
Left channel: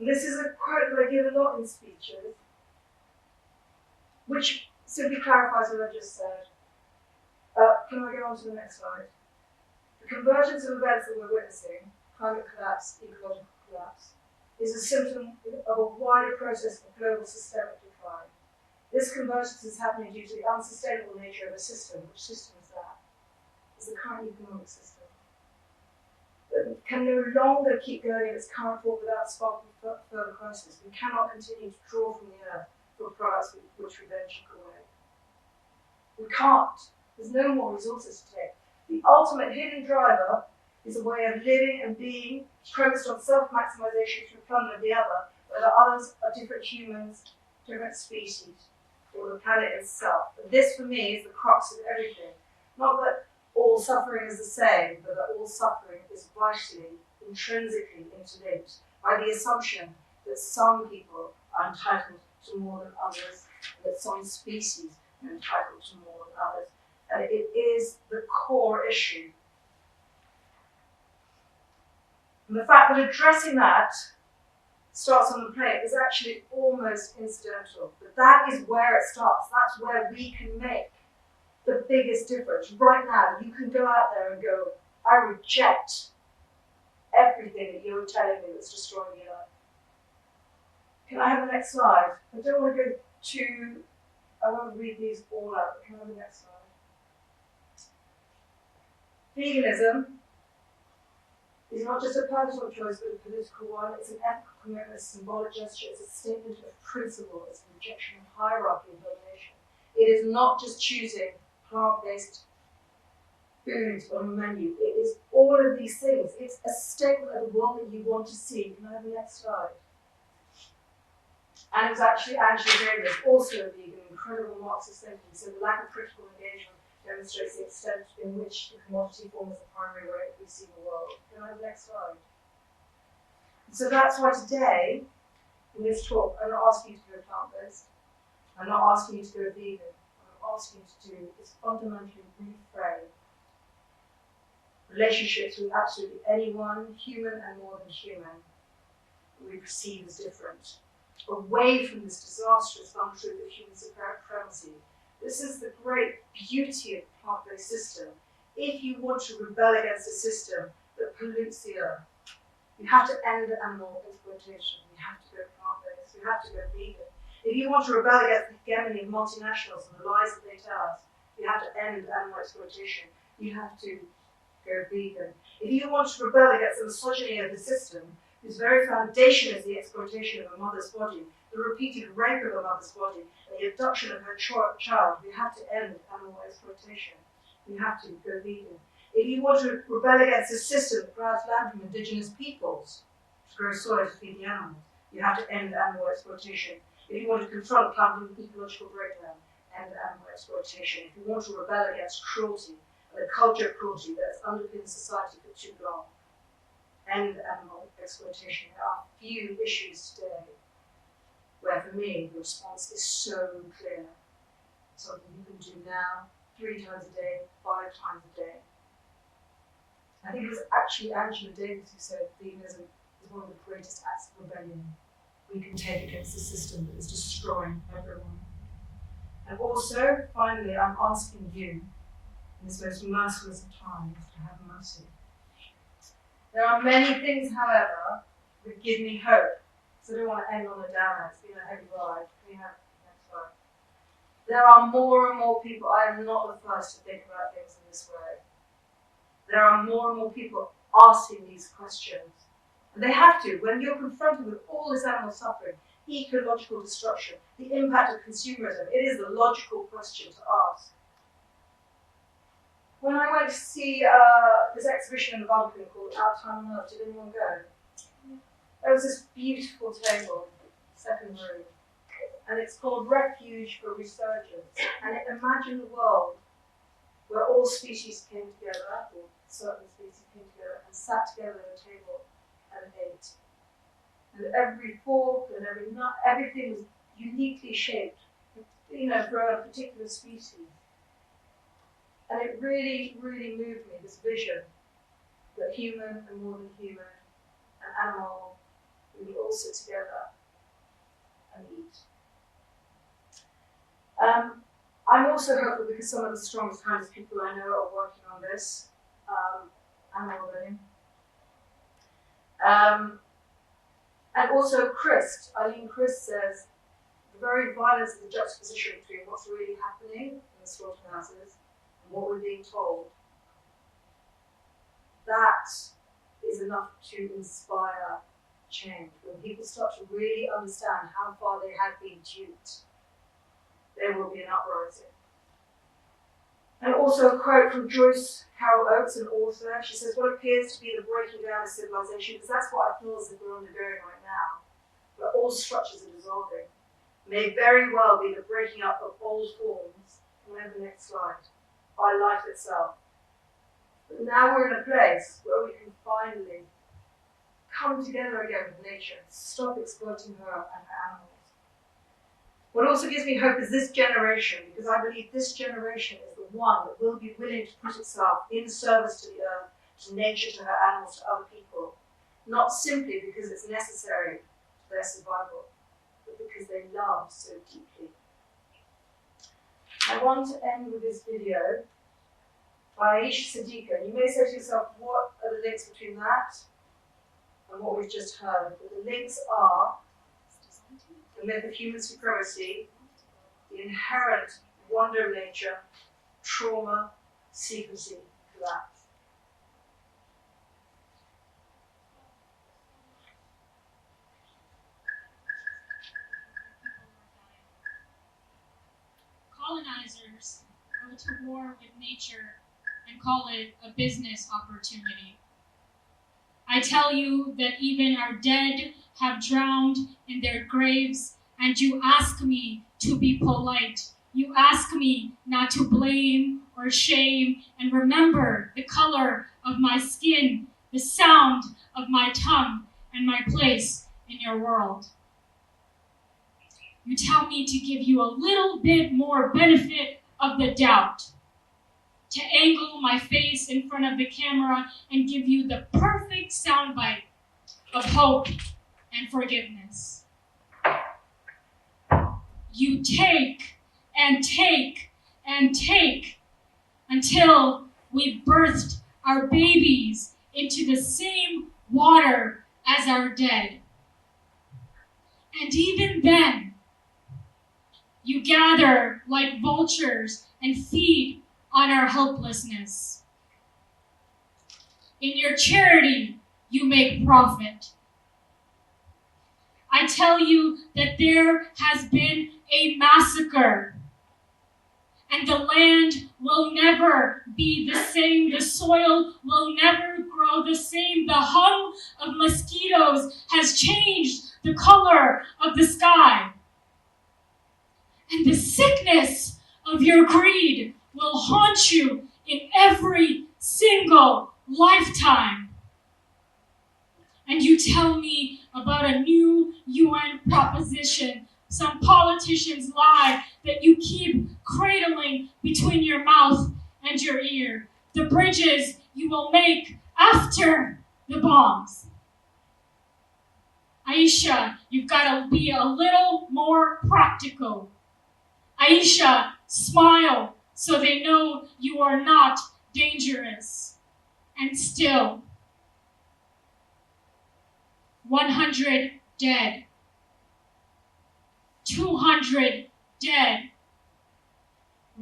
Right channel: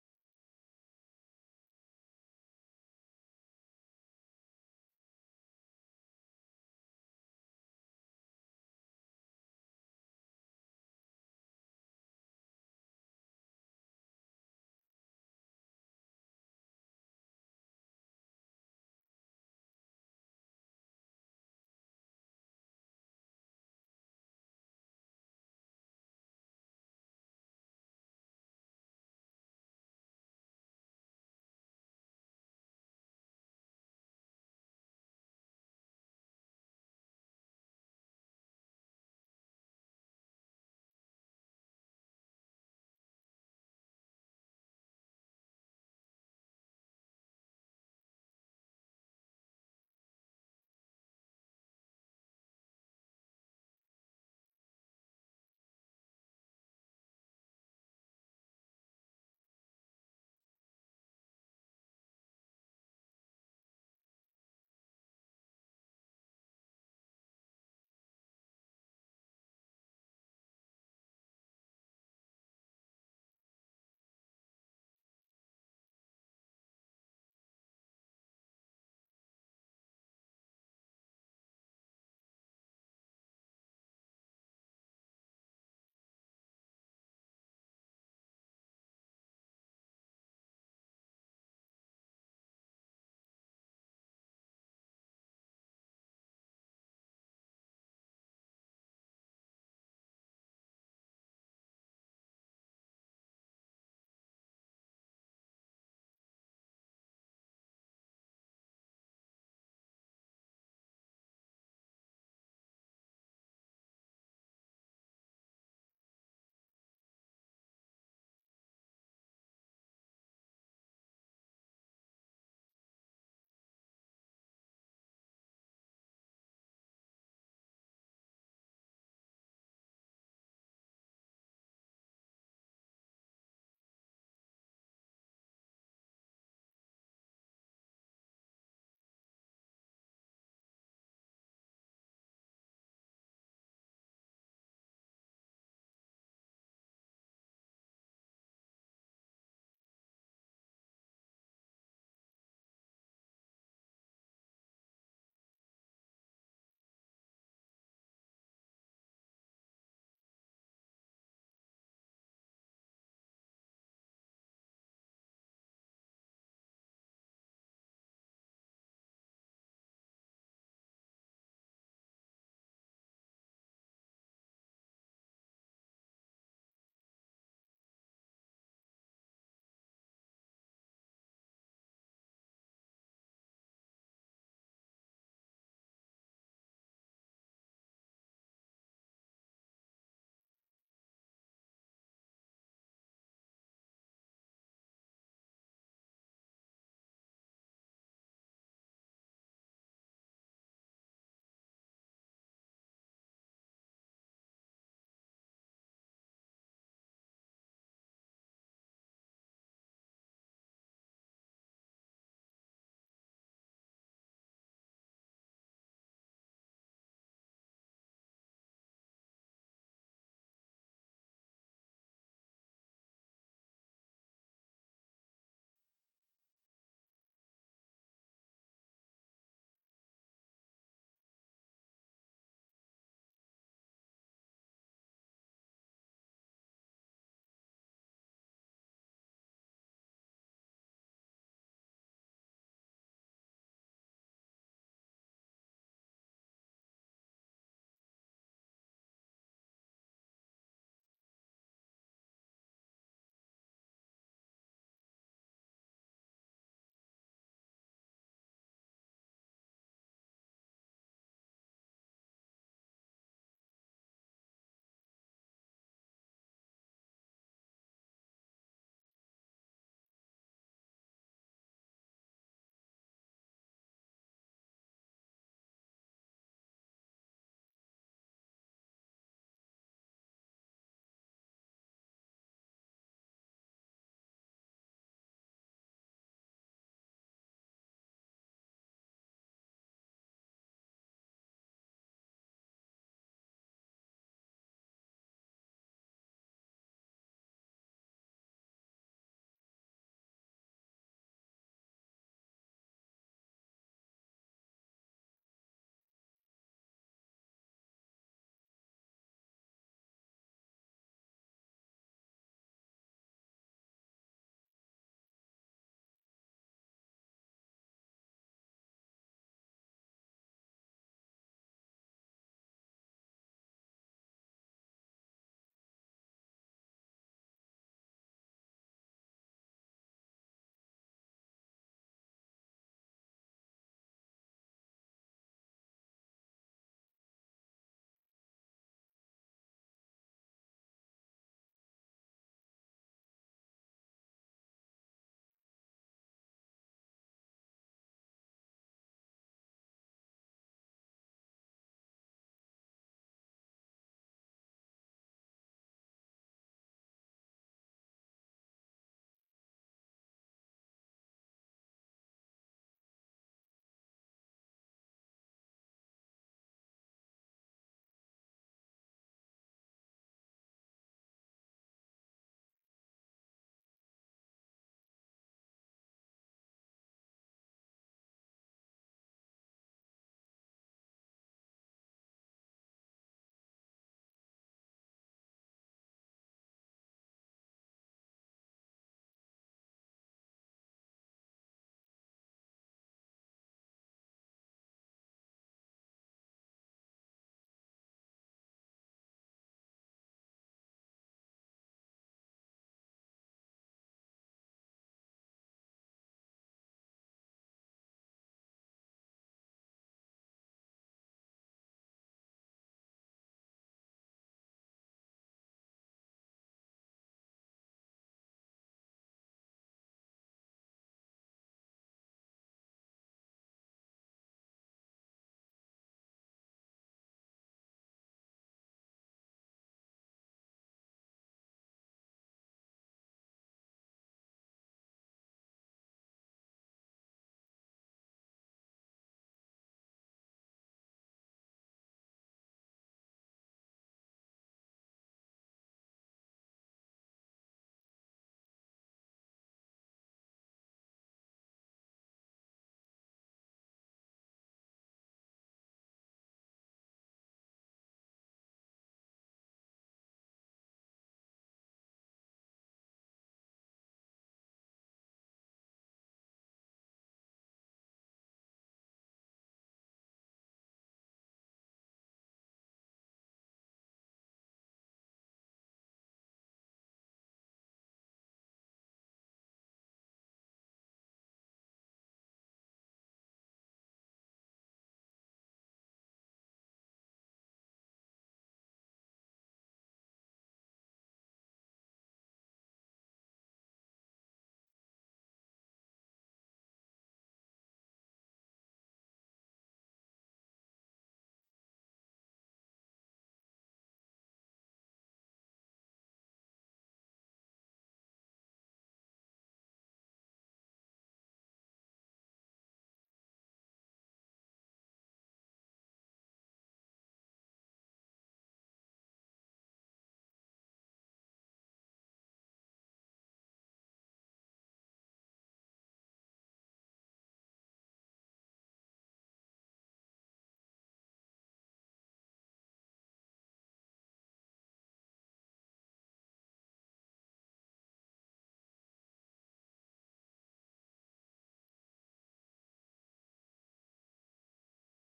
And this is a quote that I give a lot in speeches, which simply clarifies what I just said. Can I go on to the next slide? The convergence of events that we're witnessing, climate collapse, ecological collapse, is a symptom of a wider process of global systemic decline. This convergence is happening due to the unsustainable nature of a system. Which system is that? It's the current economic system. That can no longer keep going in its current form without sparking further crisis. We cannot continue to draw from the earth for products which we then chip away. We can't. There's no more resources to take. The ultimate hidden driver is a way of living and being premised on self-maximization through plunder of the other, whether others are different humans, different species, or the planet itself. And this, for me, is the crux of everything. Not that all suffering is the same, but that all suffering is vitally, intrinsically interlinked by the assumption that some people are entitled to more than others, and that some species are entitled to more than others. And it is the core issue. And the fact that addressing that starts on the plate is actually almost incidental. But that is where it starts. That's where we can make the biggest difference. Right now, you can go out there and go, I reject everything that you're telling me that's destroying the earth. Can I have the next slide? I don't want to go too, I won't read these all out, but can I have the next slide? Veganism is not just a personal choice, but a political one. It's an ethical commitment, a symbolic gesture, it's a statement of principle, it's a rejection of hierarchy and domination. It is not just choosing plant-based foods on a menu. It is all of these things. It's a statement of the world that you want to see. Can I have the next slide? And it was actually Angela Davis, also a vegan, incredible Marxist thinking, so the lack of critical engagement demonstrates the extent in which the commodity forms the primary way we see the world. Can I have the next slide? So that's why today, in this talk, I'm not asking you to go plant-based. I'm not asking you to go vegan. What I'm asking you to do is fundamentally reframe relationships with absolutely anyone, human and more than human, we perceive as different. Away from this disastrous untruth of human supremacy. This is the great beauty of the plant-based system. If you want to rebel against a system that pollutes the earth, you have to end animal exploitation. You have to go plant-based. You have to go vegan. If you want to rebel against the hegemony of multinationals and the lies that they tell us, you have to end animal exploitation. You have to go vegan. If you want to rebel against the misogyny of the system, whose very foundation is the exploitation of a mother's body, the repeated rape of a mother's body, and the abduction of her child, you have to end animal exploitation. You have to go vegan. If you want to rebel against a system that grabs land from indigenous peoples to grow soil to feed the animals, you have to end animal exploitation. If you want to confront climate ecological breakdown, end animal exploitation. If you want to rebel against cruelty and the culture of cruelty that has underpinned society for too long, end animal exploitation. There are few issues today where, for me, the response is so clear. Something you can do now 3 times a day, 5 times a day. I think it was actually Angela Davis who said veganism is one of the greatest acts of rebellion we can take against the system that is destroying everyone. And also, finally, I'm asking you, in this most merciless of times, to have mercy. There are many things, however, that give me hope. So I don't want to end on a downer. It's been a heavy ride. Can we have next slide? There are more and more people. I am not the first to think about things in this way. There are more and more people asking these questions. And they have to. When you're confronted with all this animal suffering, ecological destruction, the impact of consumerism, it is the logical question to ask. When I went to see this exhibition in the Vatican called Our Time on Earth, did anyone go? There was this beautiful table, second room, and it's called Refuge for Resurgence. And it imagined a world where all species came together, or certain species came together, and sat together at a table and ate. And every fork and every nut, everything was uniquely shaped, for a particular species. And it really, really moved me, this vision that human and more than human and animal, we all sit together and eat. I'm also hopeful because some of the strongest kinds of people I know are working on this, animal living. And also Eileen Christ says, the very violence of the juxtaposition between what's really happening in the slaughterhouses and what we're being told, that is enough to inspire change. When people start to really understand how far they have been duped, there will be an uprising. And also a quote from Joyce Carol Oates, an author. She says, what appears to be the breaking down of civilization, because that's what I feel as if we're undergoing right now, where all structures are dissolving, may very well be the breaking up of old forms, and over the next slide, by life itself. But now we're in a place where we can finally come together again with nature, stop exploiting her and her animals. What also gives me hope is this generation, because I believe this generation is the one that will be willing to put itself in service to the earth, to nature, to her animals, to other people, not simply because it's necessary to their survival, but because they love so deeply. I want to end with this video by Aisha Siddiqa. You may say to yourself, what are the links between that and what we've just heard? But the links are the myth of human supremacy, the inherent wonder of nature, trauma, secrecy, collapse. Colonizers go to war with nature and call it a business opportunity. I tell you that even our dead have drowned in their graves, and you ask me to be polite. You ask me not to blame or shame, and remember the color of my skin, the sound of my tongue, and my place in your world. You tell me to give you a little bit more benefit of the doubt, to angle my face in front of the camera and give you the perfect soundbite of hope and forgiveness. You take and take and take until we've birthed our babies into the same water as our dead. And even then, you gather like vultures and feed on our helplessness. In your charity, you make profit. I tell you that there has been a massacre, and the land will never be the same. The soil will never grow the same. The hum of mosquitoes has changed the color of the sky. And the sickness of your greed will haunt you in every single lifetime. And you tell me about a new UN proposition. Some politicians lie that you keep cradling between your mouth and your ear, the bridges you will make after the bombs. Aisha, you've got to be a little more practical. Aisha, smile so they know you are not dangerous. And still, 100 dead, 200 dead,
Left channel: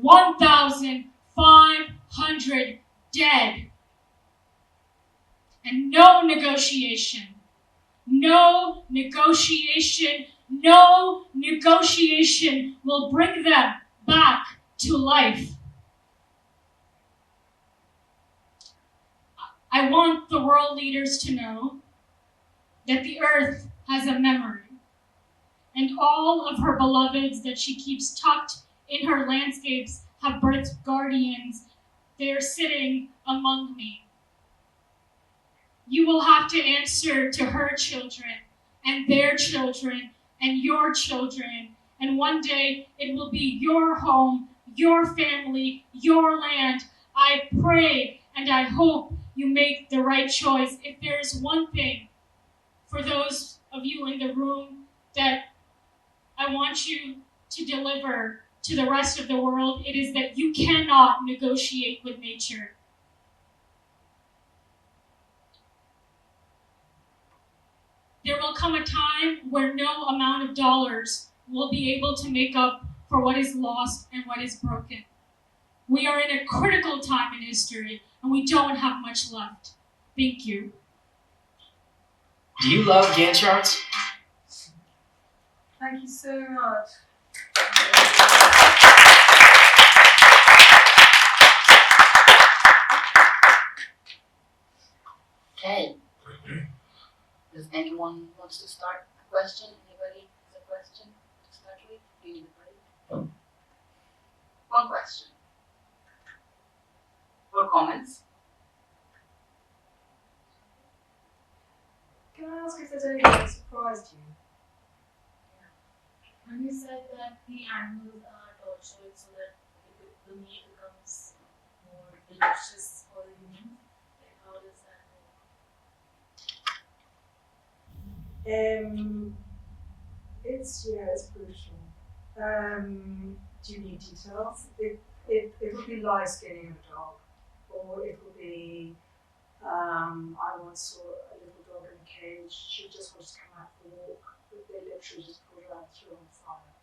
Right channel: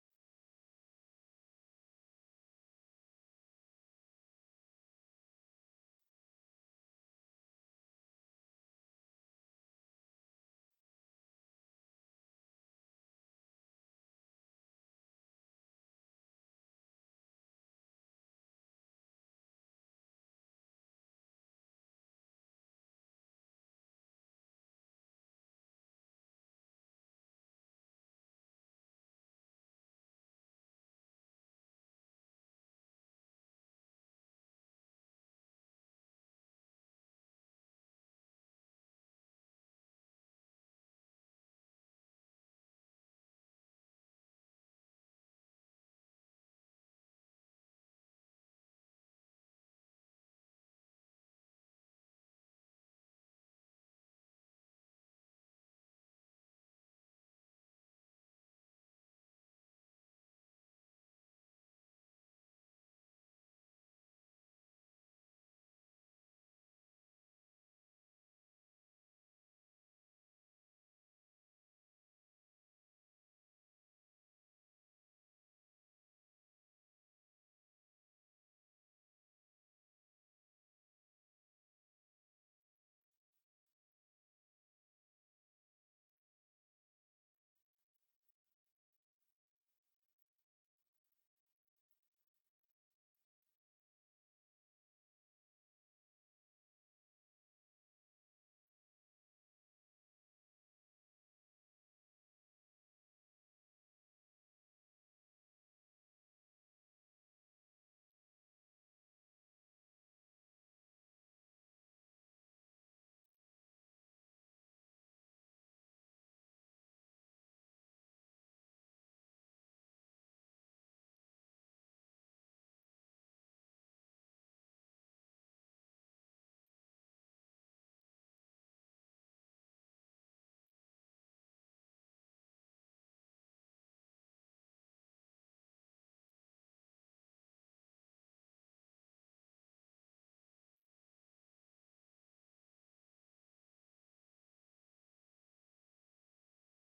1,500 dead, and no negotiation, no negotiation, no negotiation will bring them back to life. I want the world leaders to know that the earth has a memory, and all of her beloveds that she keeps tucked in her landscapes have birthed guardians. They are sitting among me. You will have to answer to her children and their children and your children, and one day it will be your home, your family, your land. I pray and I hope you make the right choice. If there's one thing for those of you in the room that I want you to deliver to the rest of the world, it is that you cannot negotiate with nature. There will come a time where no amount of dollars will be able to make up for what is lost and what is broken. We are in a critical time in history, and we don't have much left. Thank you. Do you love Gantt charts? Thank you so much. Okay. Does anyone wants to start a question? Anybody has a question to start with? Do you need a break? One question. Or comments? Can I ask if there's anything that surprised you? And you said that the animals are tortured so that the meat becomes more delicious for the humans. Like, how does that work? It's brutal. Do you need details? It would be live skinning of a dog, or it would be. I once saw a little dog in a cage. She just wanted to come out for a walk, but they literally just pulled her out and threw her on fire.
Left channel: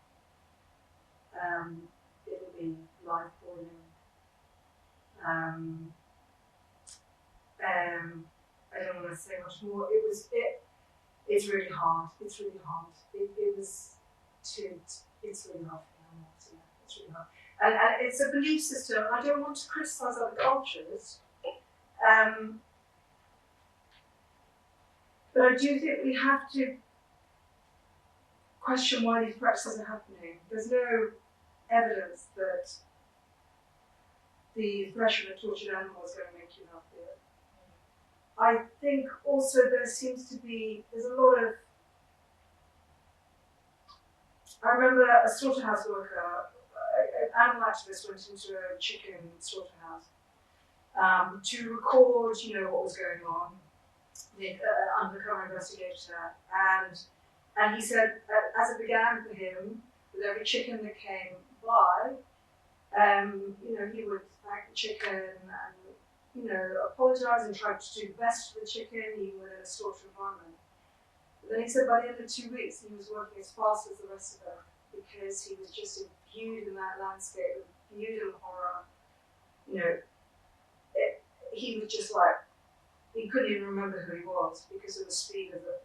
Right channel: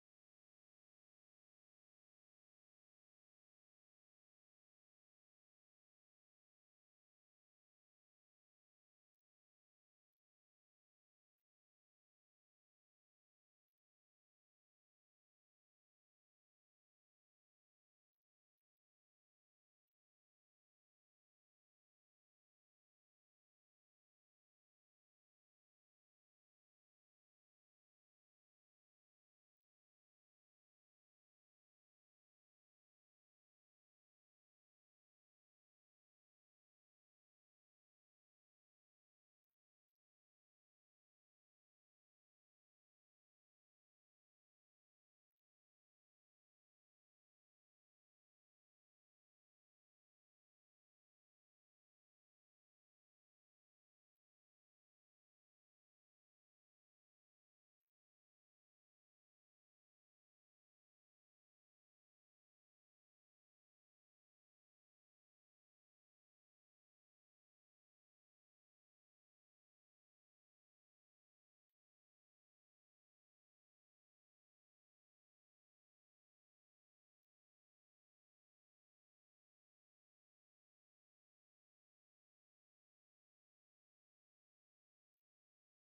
It would be live boiling. I don't want to say much more. It's really hard. It's really hard. It's really hard for animals. Yeah, it's really hard. And it's a belief system. I don't want to criticize other cultures. But I do think we have to question why these practices are happening. There's no evidence that the threshing of tortured animals is going to make you healthier. I think also there's a lot of. I remember a slaughterhouse worker, an animal activist went into a chicken slaughterhouse to record, what was going on. The undercover investigator, and he said as it began for him, with every chicken that came by, he would thank the chicken and apologise and try to do the best for the chicken, even within a slaughter environment. But then he said by the end of 2 weeks he was working as fast as the rest of them because he was just imbued in that landscape, imbued in horror. He was just like, he couldn't even remember who he was because of the speed of the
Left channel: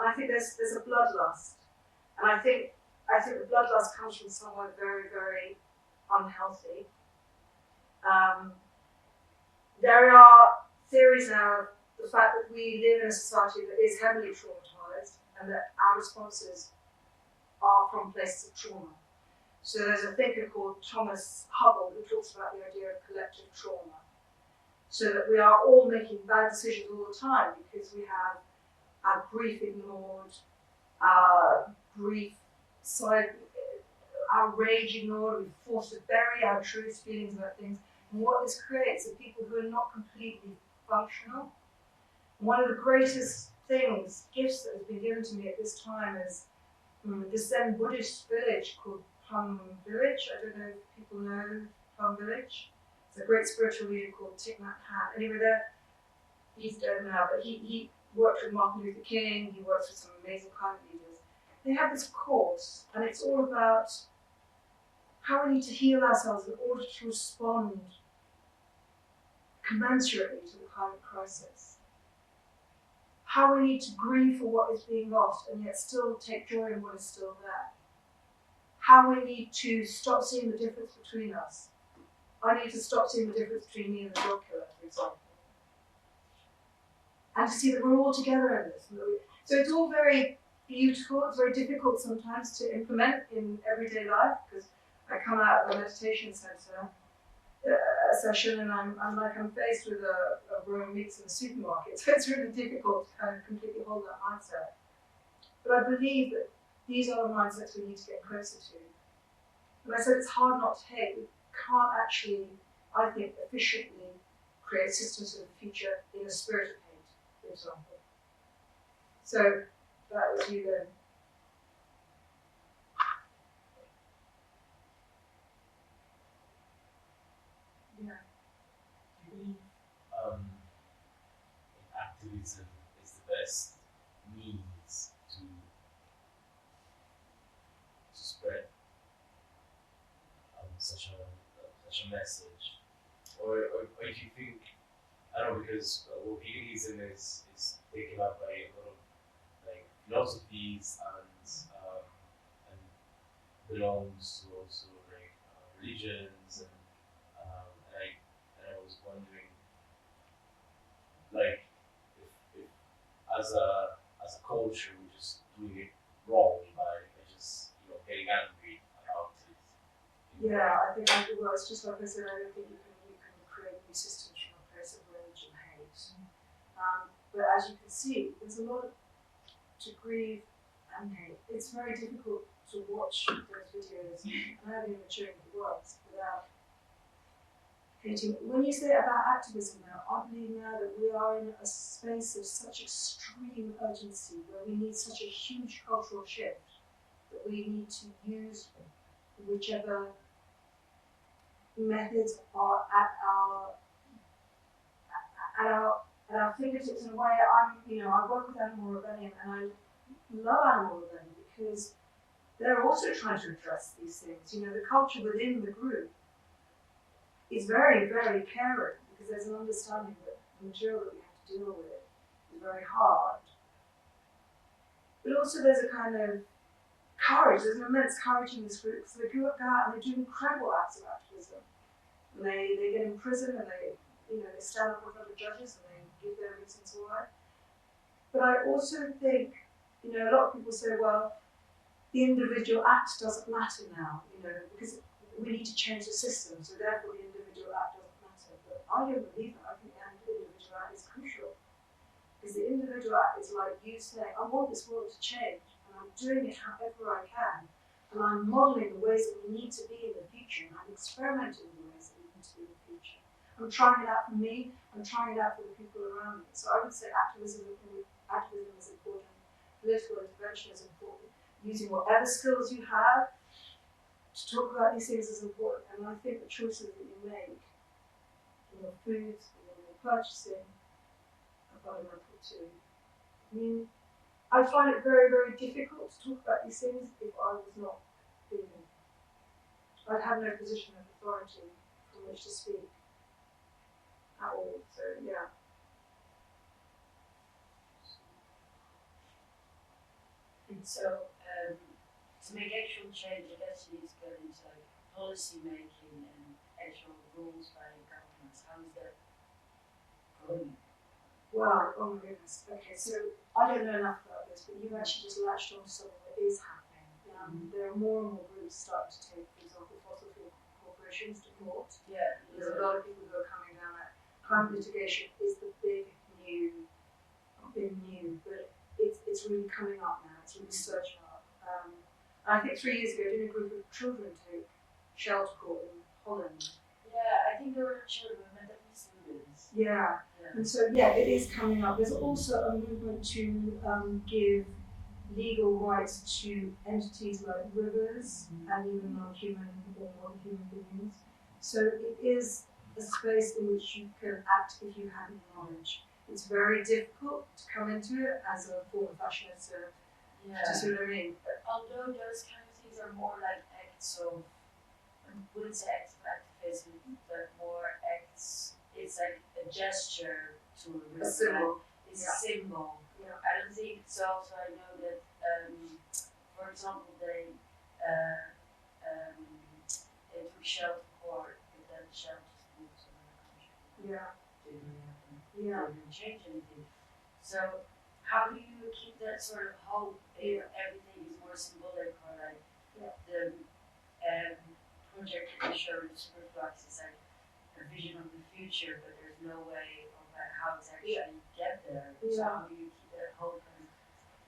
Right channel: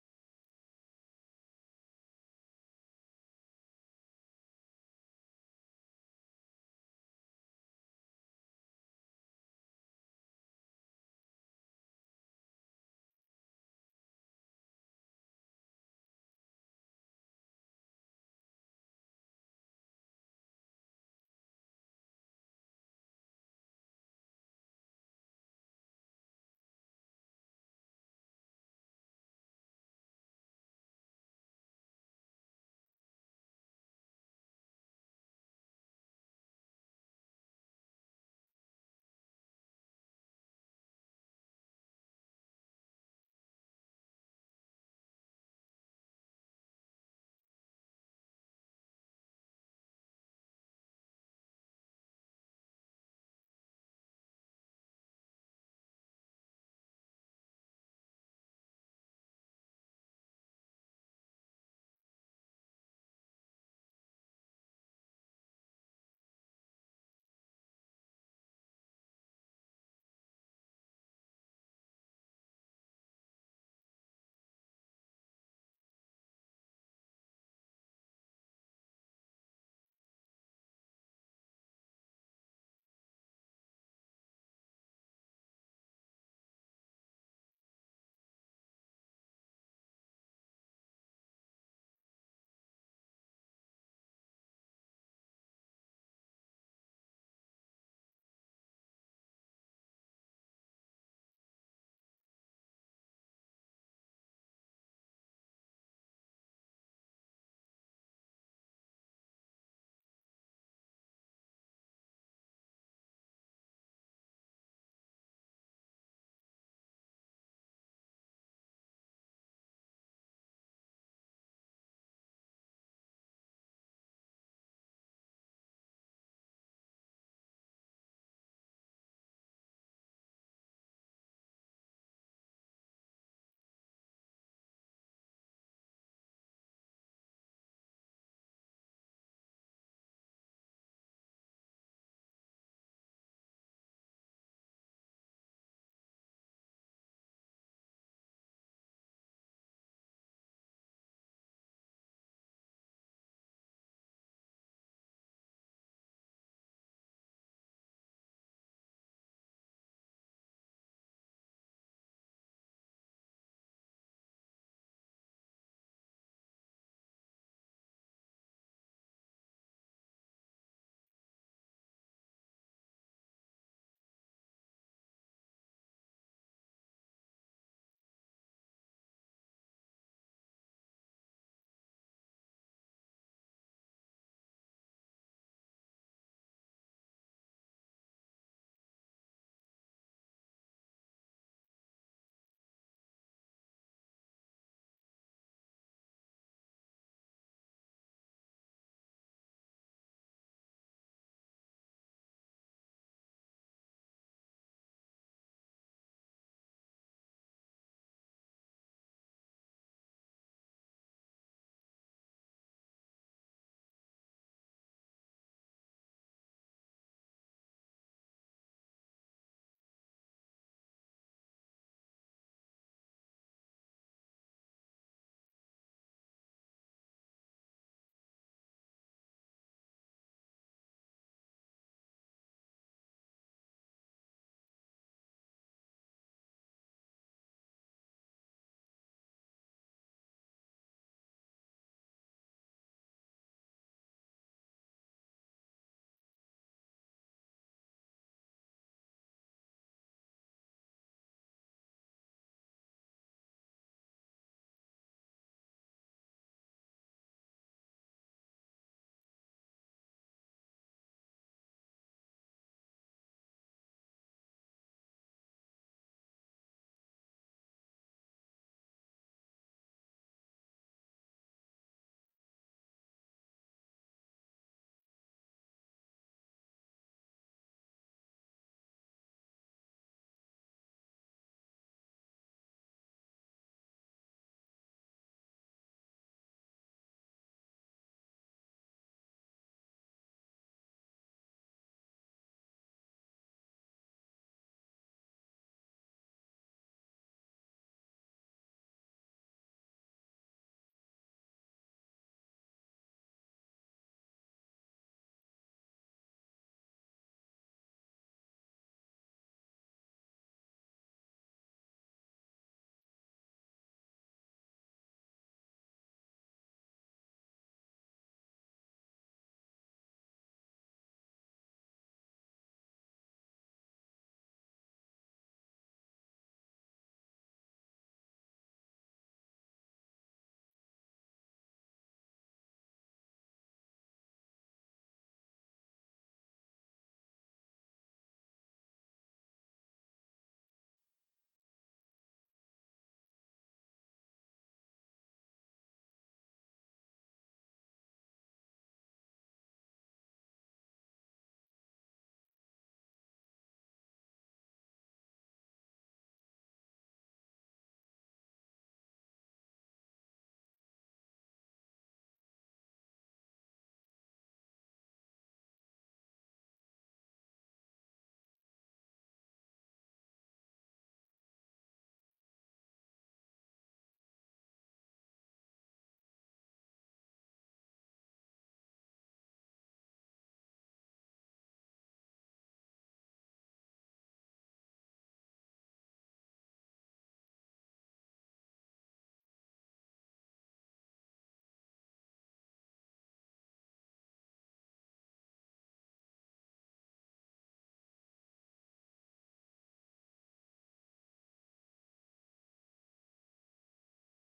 and I think there's a bloodlust, and I think the bloodlust comes from somewhere very, very unhealthy. There are theories now of the fact that we live in a society that is heavily traumatized and that our responses are from places of trauma. So there's a thinker called Thomas Hubble who talks about the idea of collective trauma. So that we are all making bad decisions all the time because we have our grief ignored, our our rage ignored, we're forced to bury our truths, feelings about things. And what this creates are people who are not completely functional. One of the greatest things, gifts that has been given to me at this time is this Zen Buddhist village called Plum Village. I don't know if people know Plum Village. It's a great spiritual leader called Thich Nhat Hanh. Anyway, he's dead now, but he worked with Martin Luther King. He works with some amazing climate leaders. They have this course, and it's all about how we need to heal ourselves in order to respond commensurately to the climate crisis. How we need to grieve for what is being lost and yet still take joy in what is still there. How we need to stop seeing the difference between us. I need to stop seeing the difference between me and the dog killer, for example. And to see that we're all together in this. So it's all very beautiful. It's very difficult sometimes to implement in everyday life because I come out of a meditation center session and I'm faced with a row of meats in the supermarket. So it's really difficult to kind of completely hold that mindset. But I believe that these are the mindsets we need to get closer to. And I said it's hard not to hate. We can't actually, I think, efficiently create systems for the future in a spirit of hate, for example. So that was you then. Yeah. Activism is the best means to spread such a message, or if you think, I don't know, because well, veganism is taken up by a lot of like philosophies and belongs to also like religions and I was wondering like if as a culture we're just doing it wrong by just getting angry about it. Yeah, I think well, it's just like I said. I don't think you can create new systems from a place of rage and hate. But as you can see, there's a lot to grieve and hate. It's very difficult to watch those videos, and I haven't even shown you the words without hating. When you say about activism now, I believe now that we are in a space of such extreme urgency where we need such a huge cultural shift that we need to use whichever methods are at our fingertips. In a way, I work with Animal Rebellion and I love Animal Rebellion because they're also trying to address these things. The culture within the group is very, very caring because there's an understanding that the material that we have to deal with is very hard. But also there's a kind of courage, there's an immense courage in this group because they go out and they do incredible acts of activism. And they get in prison and they stand up in front of judges and they give their reasons why. But I also think, a lot of people say, well, the individual act doesn't matter now, because we need to change the system, so therefore the individual act doesn't matter. But I don't believe that. I think the individual act is crucial. Because the individual act is like you saying, I want this world to change, and I'm doing it however I can. And I'm modelling the ways that we need to be in the future, and I'm experimenting with the ways that we need to be in the future. I'm trying it out for me, I'm trying it out for the people around me. So I would say activism is important, political intervention is important, using whatever skills you have to talk about these things is important. And I think the choices that you make in your foods, in your purchasing, are fundamental too. I find it very, very difficult to talk about these things if I was not vegan. I'd have no position of authority from which to speak at all. So yeah. And so, to make actual change, I guess you need to go into like policy making and actual rules by governments. How is that going? Wow, oh my goodness. Okay, so I don't know enough about this, but you've actually just latched on to something that is happening. There are more and more groups starting to take, for example, fossil fuel corporations to court. Yeah. There's a lot of people who are coming down that climate litigation is the big new, not big new, but it's really coming up now. It's really surging up. I think 3 years ago, did a group of children take shelter court in Holland? Yeah, I think there were children, but definitely students. Yeah. Yeah. And so, yeah, it is coming up. There's also a movement to give legal rights to entities like rivers and even non-human or non-human beings. So it is a space in which you can act if you have knowledge. It's very difficult to come into it as a form of fashionista. Yeah. Do you see what I mean? But although those kind of things are more like acts of, I wouldn't say acts of activism, but more acts, it's like a gesture to A symbol. It's a symbol. Yeah. I don't think it's also, I know that, for example, they took shelter court, but then shelters moved to another country. Yeah. Didn't really happen. Yeah. Didn't change anything. So how do you keep that sort of hope if everything is more symbolic, or like the project that you showed with Superflux is like a vision of the future, but there's no way of how to actually get there. So how do you keep that hope and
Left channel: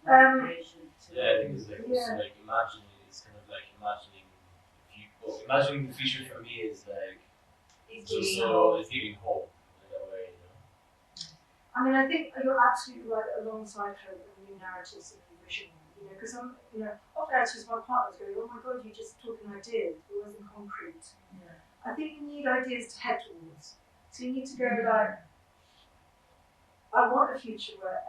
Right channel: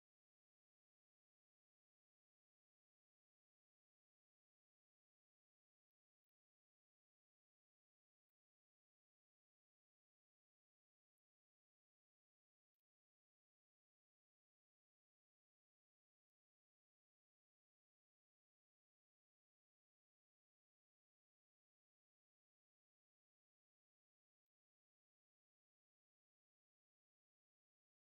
motivation to? Yeah, I think it's like also like imagining. It's kind of like imagining the future. Well, imagining the future for me is like It's giving hope in a way, you know. I mean, I think you're absolutely right. Alongside hope and new narratives and new vision, because I'm, often actually my partner's going, "Oh my God, you're just talking ideas. It wasn't concrete." Yeah. I think you need ideas to head towards. So you need to go like, I want a future where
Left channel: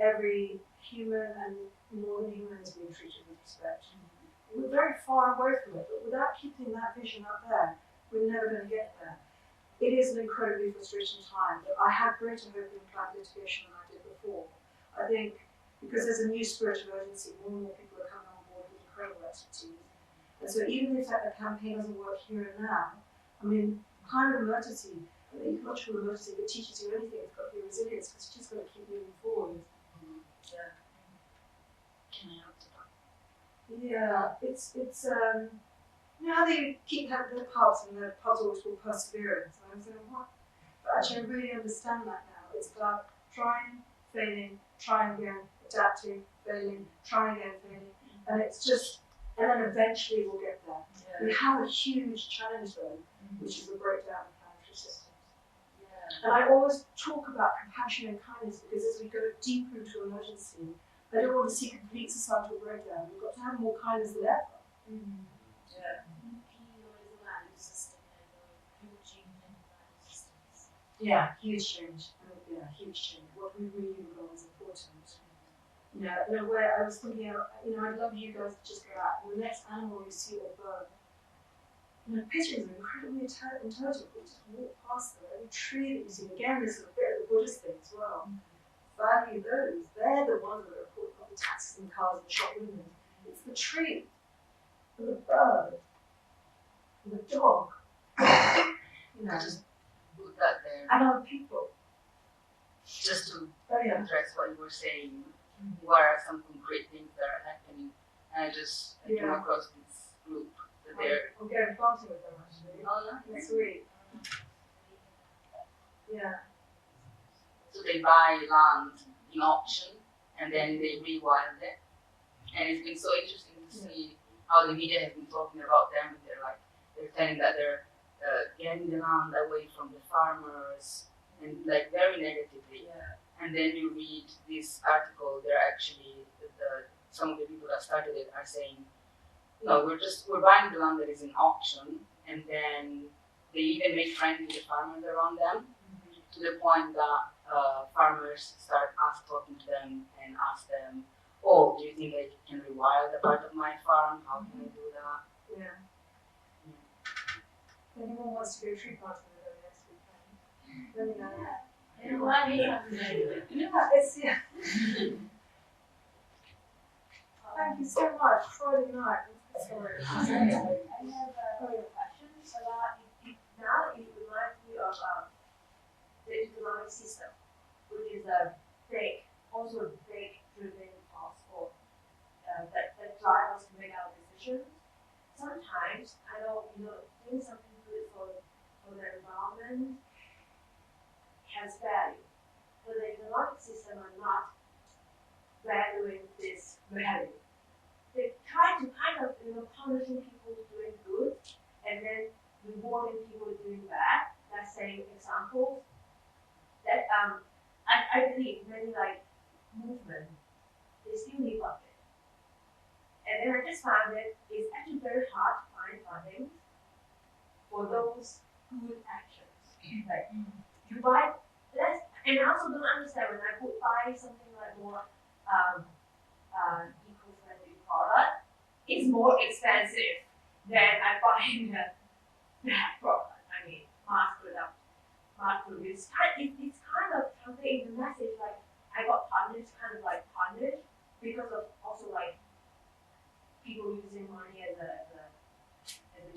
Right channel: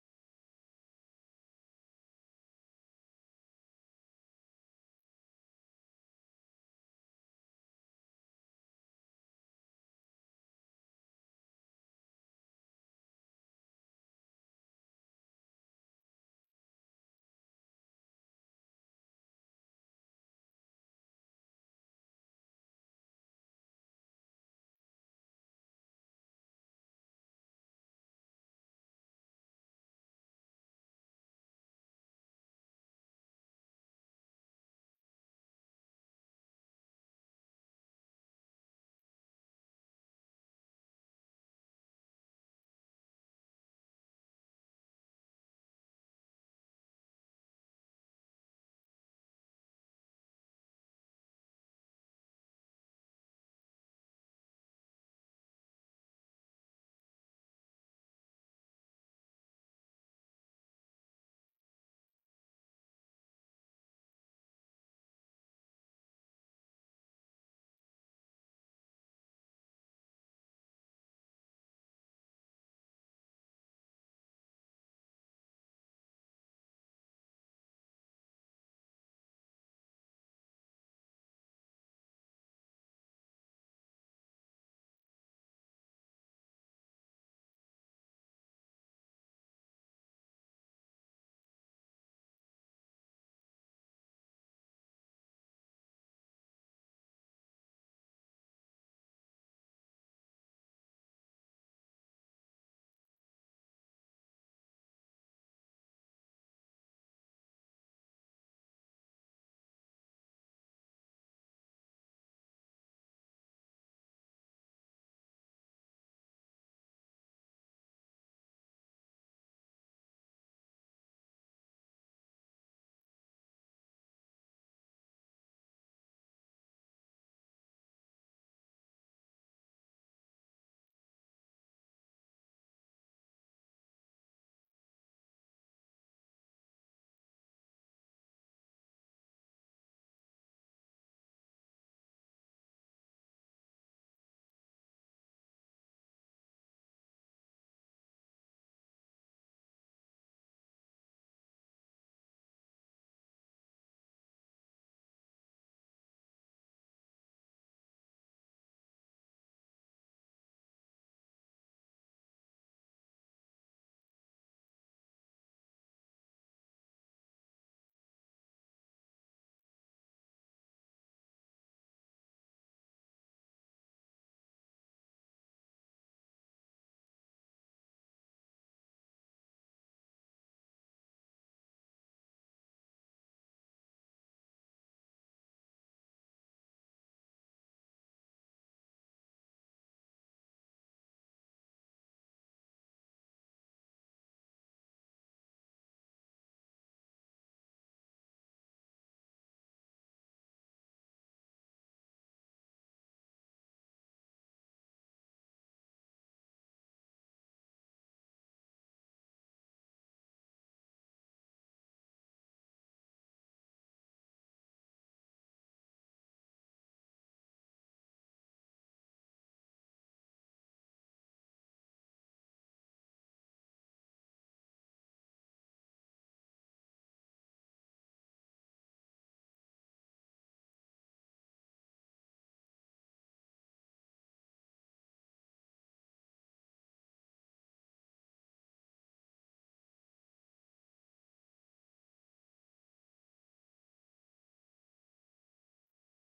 every human and more than human is being treated with respect. We're very far away from it, but without keeping that vision up there, we're never going to get there. It is an incredibly frustrating time, but I have greater hope in climate litigation than I did before. I think because there's a new spirit of urgency, more and more people are coming on board with incredible expertise. And so even if a campaign doesn't work here and now, I mean, climate emergency, an ecological emergency, if it teaches you anything, it's got to be resilience, because you just got to keep moving forward. Yeah. Can I answer that? Yeah, it's you know how they keep having the pubs and the pubs always called perseverance. And I was like, what? But actually, I really understand that now. It's about trying, failing, trying again, adapting, failing, trying again, failing, and it's just, and then eventually we'll get there. Yeah. We have a huge challenge though, which is the breakdown of planetary systems. Yeah. And I always talk about compassion and kindness because as we go deeper into emergency, I don't want to see complete societal breakdown. We've got to have more kindness than ever. Yeah. is a value system, like a huge change in value systems. Yeah, huge change. Yeah, huge change. What we really regard as important. In a way, I was thinking, I'd love you guys to just go out and the next animal you see or bird. Pigeons are incredibly intelligent. We just walk past them. Every tree that you see, again, this is a bit of the Buddhist thing as well. Value those. They're the ones that are putting up the taxis and cars and shop windows. It's the tree, and the bird, and the dog. Just put that there, And other people. just to Yeah. address what you were saying. What are some concrete things that are happening? And I came across this group that they're. I'm going planting with them actually. Oh, nice. Next week. Yeah. So they buy land in auction and then they rewild it. And it's been so interesting to see how the media has been talking about them. And they're telling that they're getting the land away from the farmers and like very negatively. Yeah. And then you read this article, they're actually, some of the people that started it are saying, no, we're buying the land that is in auction, and then they even make friends with the farmers around them, to the point that farmers start talking to them and ask them, oh, do you think I can rewild a part of my farm? How can I do that? Yeah. Anyone wants to go tree planting with them next weekend? Let me know. You know what? Yeah, Thank you so much. Friday night. Sorry. I have a question about now it reminds me of the economic system, which is also a big driven force for that drive us to make our decisions. Sometimes I know doing something good for the environment has value, but the economic system are not valuing this value. The punishing people doing good and then rewarding people doing bad. Let's say examples that I believe many like movement they still need budget. And then I just found that it's actually very hard to find funding for those good actions. Like you buy that's and I also don't understand when I would buy something like more eco-friendly product, it's more expensive than I buying that product. I mean, mass product. It's kind of conveying the message like I got punished, kind of like punished because of also like people using money as a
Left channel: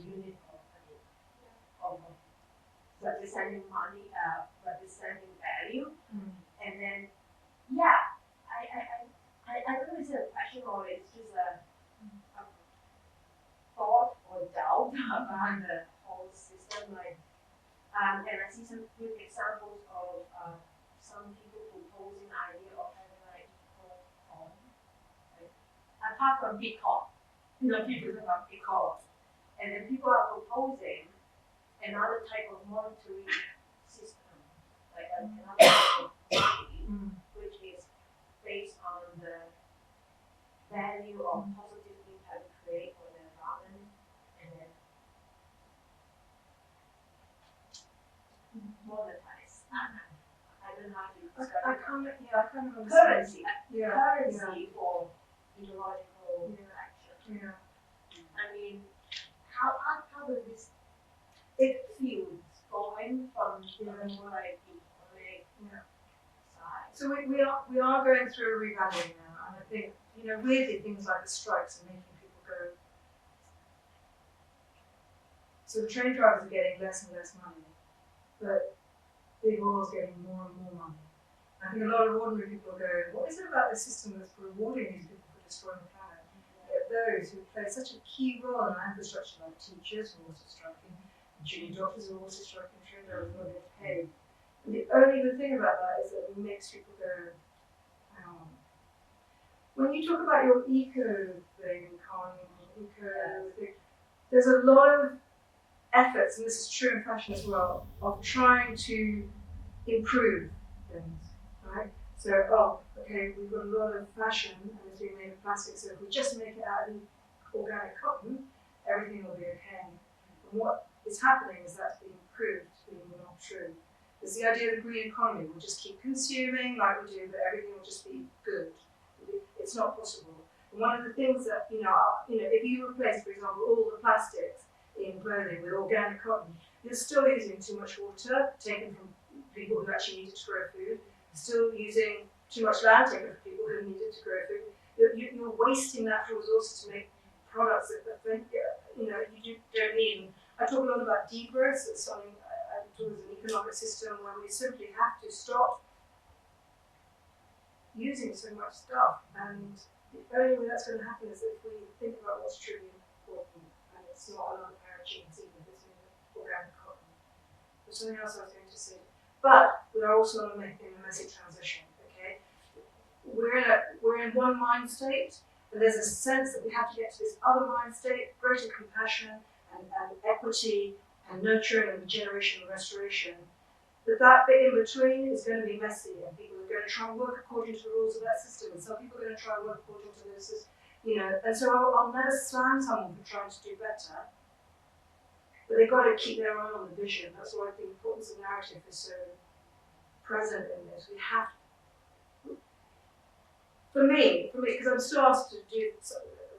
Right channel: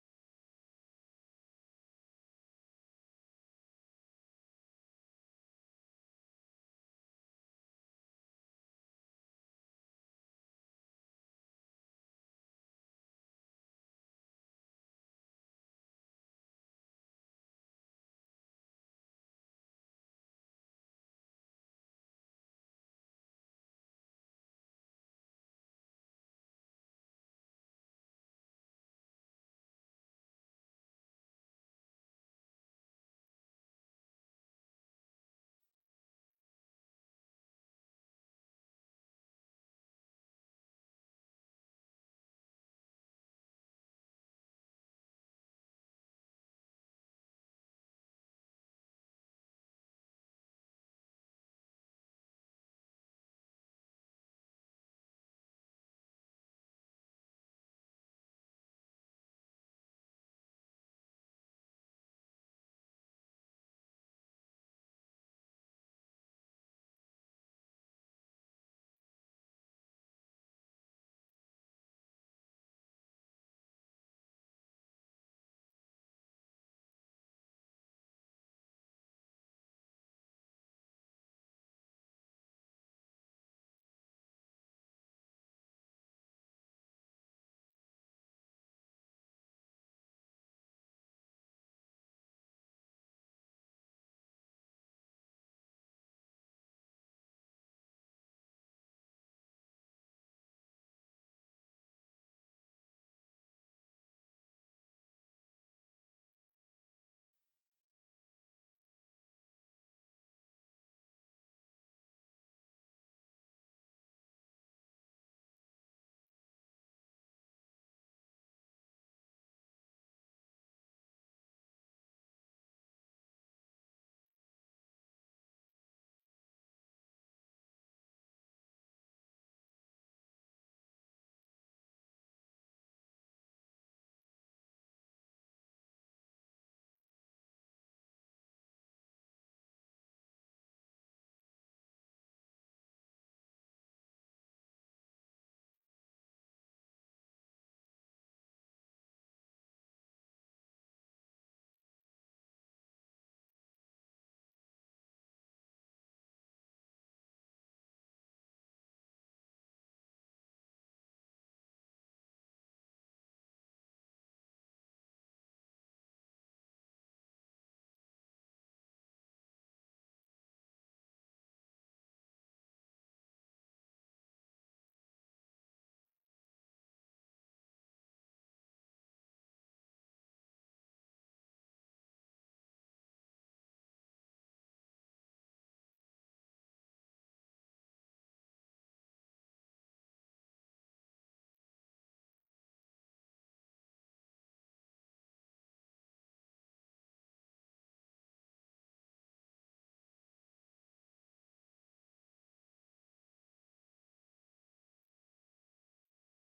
unit of representing money, representing value, and then I don't know if it's a question or it's just a thought or doubt about the whole system. Like, and I see some good examples of some people proposing the idea of having like equal coin. Right? Apart from Bitcoin, people talk about Bitcoin, and then people are proposing another type of monetary system, like another type of money, which is based on the value of positive impact we create for the environment, and then monetize. I don't know how to describe I it. can't understand. Currency for ecological action. Yeah. I mean, how does this field going from more like economic side? So we are going through a revaluing now, and I think weirdly things like the strikes are making people go. So the train drivers are getting less and less money, but big oil's getting more and more money. I think a lot of ordinary people are going, what is it about this system that's rewarding these people for destroying the planet? Yet those who play such a key role in our infrastructure, like teachers who are also striking, junior doctors who are also striking, train drivers who are getting paid. And the only good thing about that is that it makes people go, hang on. When you talk about your eco thing, there's a lot of efforts, and this is true in fashion as well, of trying to improve things, right? So, okay, we've got a lot of fashion and it's being made of plastic, so if we just make it out of organic cotton, everything will be okay. And what is happening is that's being proved to be not true. It's the idea of the green economy. We'll just keep consuming like we do, but everything will just be good. It's not possible. And one of the things that, if you replace, for example, all the plastics in clothing with organic cotton, you're still using too much water taken from people who actually need it to grow food, still using too much land taken from people who need it to grow food. You're wasting natural resources to make products that you don't need. I talk a lot about degrowth. It's something I talk as an economic system where we simply have to stop using so much stuff. And the only way that's going to happen is if we think about what's truly important, and it's not another pair of jeans, even if it's in organic cotton. There's something else I was going to say. But we are also in a messy transition, okay? We're in one mind state, and there's a sense that we have to get to this other mind state, greater compassion and equity and nurturing and regeneration and restoration. But that bit in between is going to be messy, and people are going to try and work according to the rules of that system, and some people are going to try and work according to this, and so I'll never slam someone for trying to do better. But they've got to keep their eye on the vision. That's why the importance of narrative is so present in this. We have, for me, because I'm still asked to do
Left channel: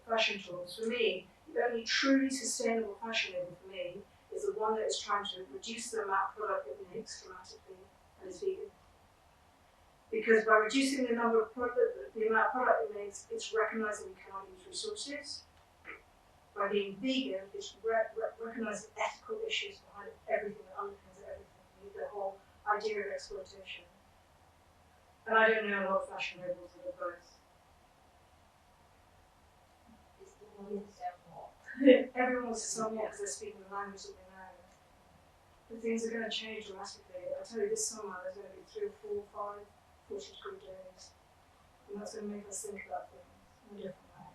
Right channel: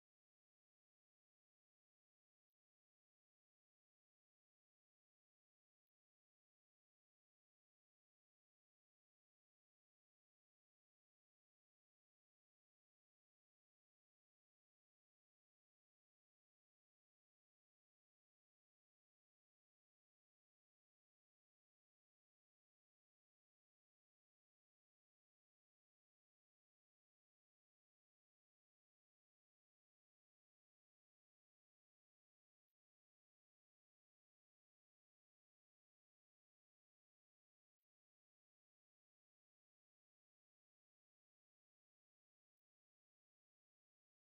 fashion talks, for me, the only truly sustainable fashion label for me is the one that is trying to reduce the amount of product it makes dramatically and is vegan. Because by reducing the amount of product it makes, it's recognizing we cannot use resources. By being vegan, it's recognizing ethical issues behind everything that underpins everything, the whole idea of exploitation. And I don't know a lot of fashion labels that are both. Everyone wants to sell more because they're speaking the language that they know. But things are going to change dramatically. I tell you, this summer there's going to be 3 or 4 or 5 40-degree days. And that's going to make us think about things in a different way.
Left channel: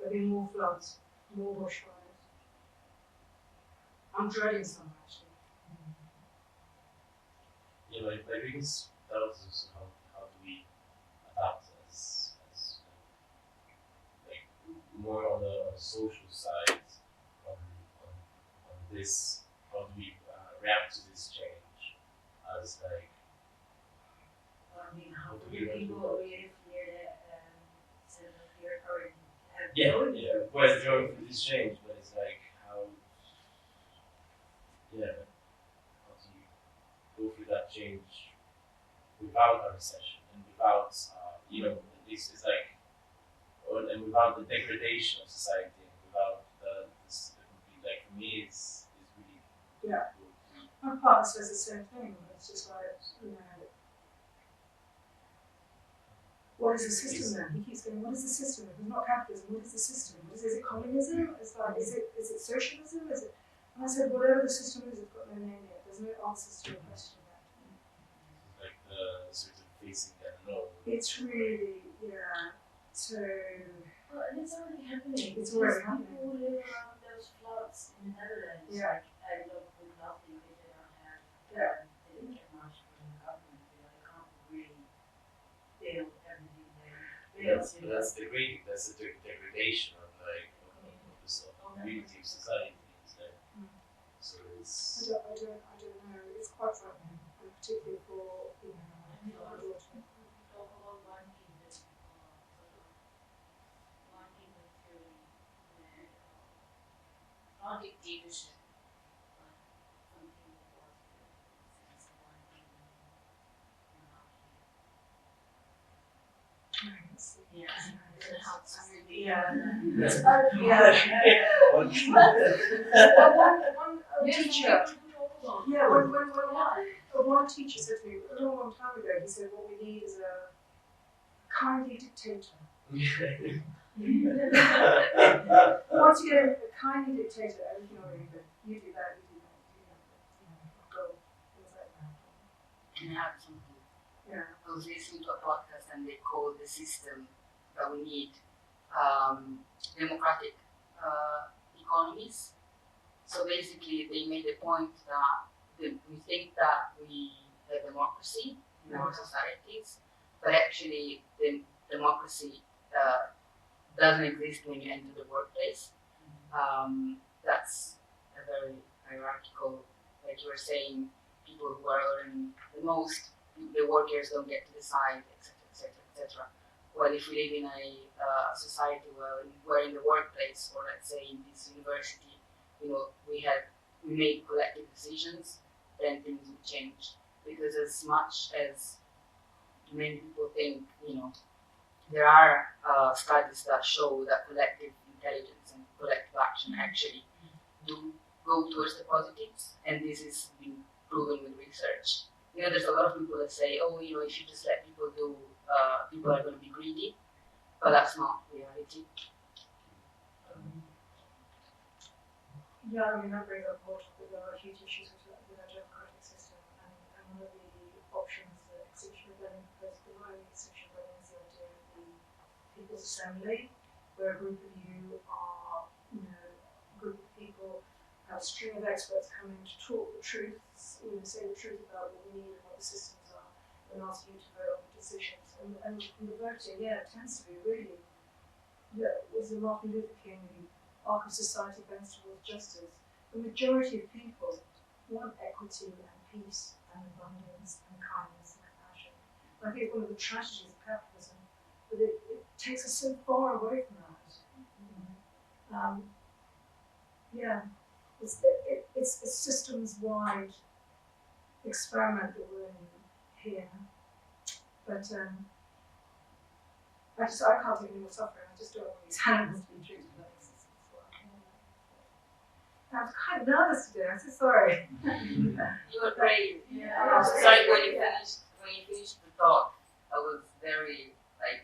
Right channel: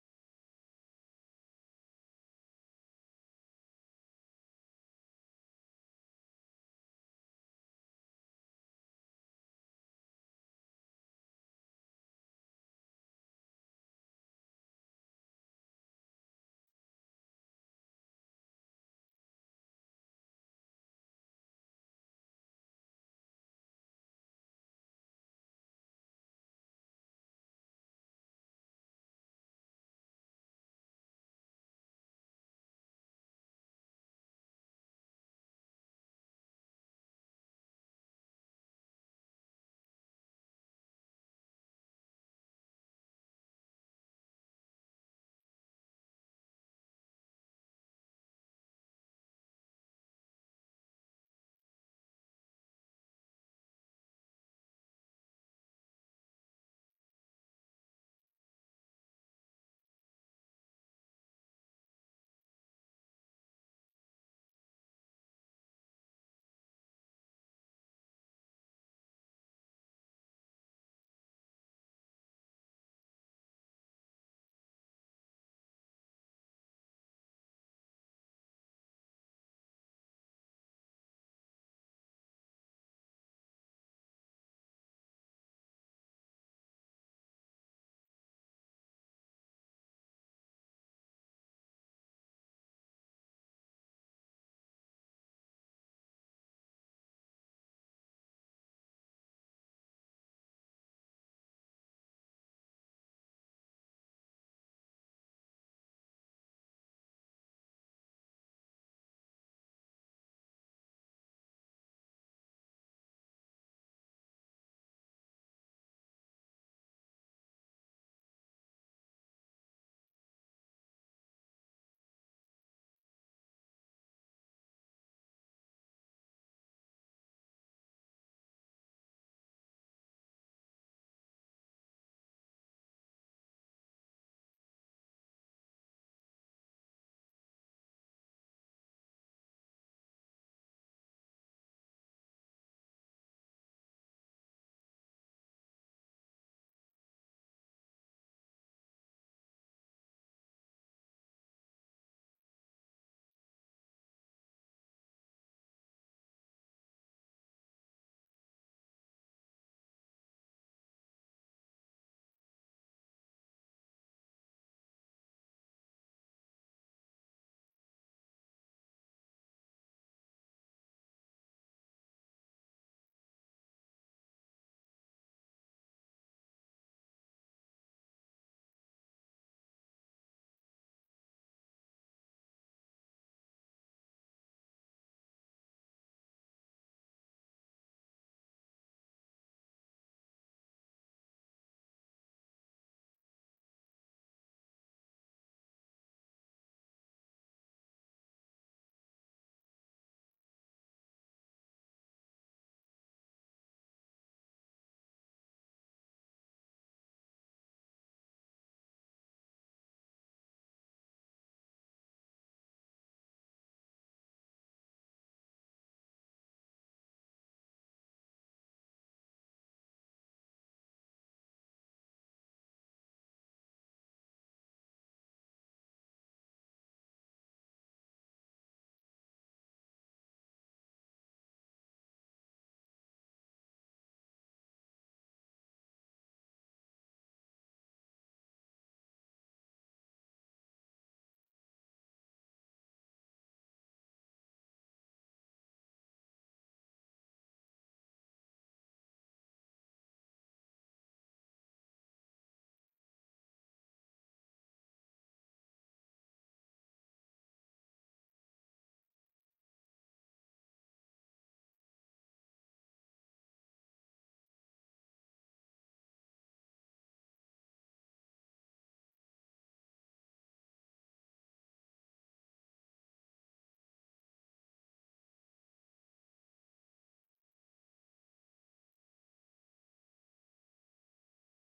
There'll be more floods, more bushfires. I'm dreading summer actually. Yeah, my biggest doubt is how do we adapt like more on the social side on, on, on this, how do we react to this change as like, I mean, how What do do we want to people do? live near the center of the earth or have yeah, going yeah, through well, this? going through this change, but it's like how, yeah, how do you go through that change without a recession and without, at least it's like, and without the degradation of society and without the complete, like for me, it's really Yeah. difficult to, My partner says the same thing. It's just like, what is the system then? He keeps going, what is the system? If it's not capitalism, what is the system? Is it communism? It's like, is it socialism? Is it? And I said, whatever the system is, it's got no name yet. There's no answers to your question yet. it's like the sort of facing the unknown. It's really, yeah. So, Well, and it's already happening. It's already Because happening. people who live around those floods in the Netherlands, Yeah. like, end up with nothing because they don't have, Yeah. they didn't get much from the government. They can't really build everything they built. That's the degradation of like of this community of society. It's like, so it's I don't know. It's quite frightening, and particularly for, our daughter. Talk about one kingdom, sort of one kingdom theory, where not dictatorship, but something that was the sense of one kingdom monarchy. Yeah, it helps really. Yeah. That's One teacher. Yeah, one teacher said to me a long time ago, he said, what we need is a kindly dictator. Once you get a kindly dictator, everything will be good. You do that, you do that, you do that. Go, things like that. Can I add something? Yeah. I was listening to a podcast and they called the system that we need democratic economies. So basically, they made the point that we think that we have democracy in our societies, but actually, the democracy doesn't exist when you enter the workplace. That's a very hierarchical, like you were saying, people who are earning the most, the workers don't get to decide, etc., etc., etc. Well, if we live in a society where we're in the workplace, or let's say in this university, we make collective decisions, then things will change. Because as much as many people think, there are studies that show that collective intelligence and collective action actually do go towards the positives, and this is been proven with research. There's a lot of people that say, oh, if you just let people do, people are going to be greedy, but that's not reality. Yeah, that brings up more topic. There are huge issues with our democratic system, and one of the options that Extinction Rebellion proposed, the Granary Extinction Rebellion, is the idea of the People's Assembly, where a group of you are, a group of people, a string of experts come in to talk the truths, say the truth about what we need and what the systems are, and ask you to vote on the decisions. And the voting, it tends to be really, was the Martin Luther King, the arc of society bends towards justice. The majority of people want equity and peace and abundance and kindness and compassion. I think it's one of the tragedies of capitalism, but it takes us so far away from that. It's a systems-wide experiment that we're in here. But I can't take any more suffering. I just don't want these animals to be treated like this. I'm kind of nervous today. I'm so sorry. You were brave. Yeah. Sorry, when you finished the talk, I was very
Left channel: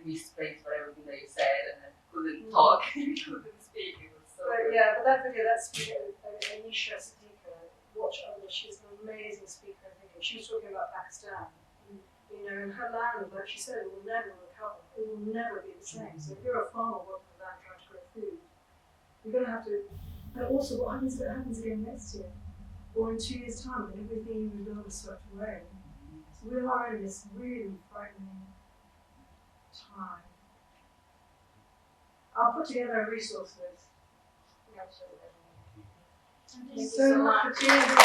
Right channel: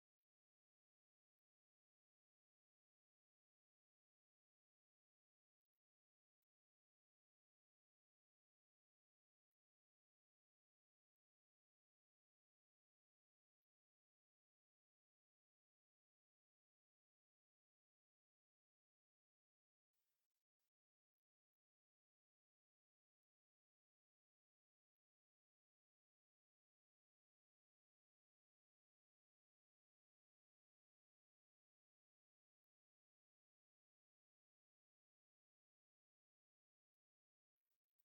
misplaced for everything that you said, and I couldn't talk, couldn't speak. It was so. But that video, that's Anisha Siddiqui. Watch others. She's an amazing speaker. I think she was talking about Pakistan. In her land, like she said, it will never recover. It will never be the same. So if you're a farmer working on land trying to grow food, We're going to have to, and also what happens if it happens again next year? Or in 2 years' time, when everything we built is swept away. So we are in this really frightening time. I'll put together a resource list. Thank you So so much much. for tuning in.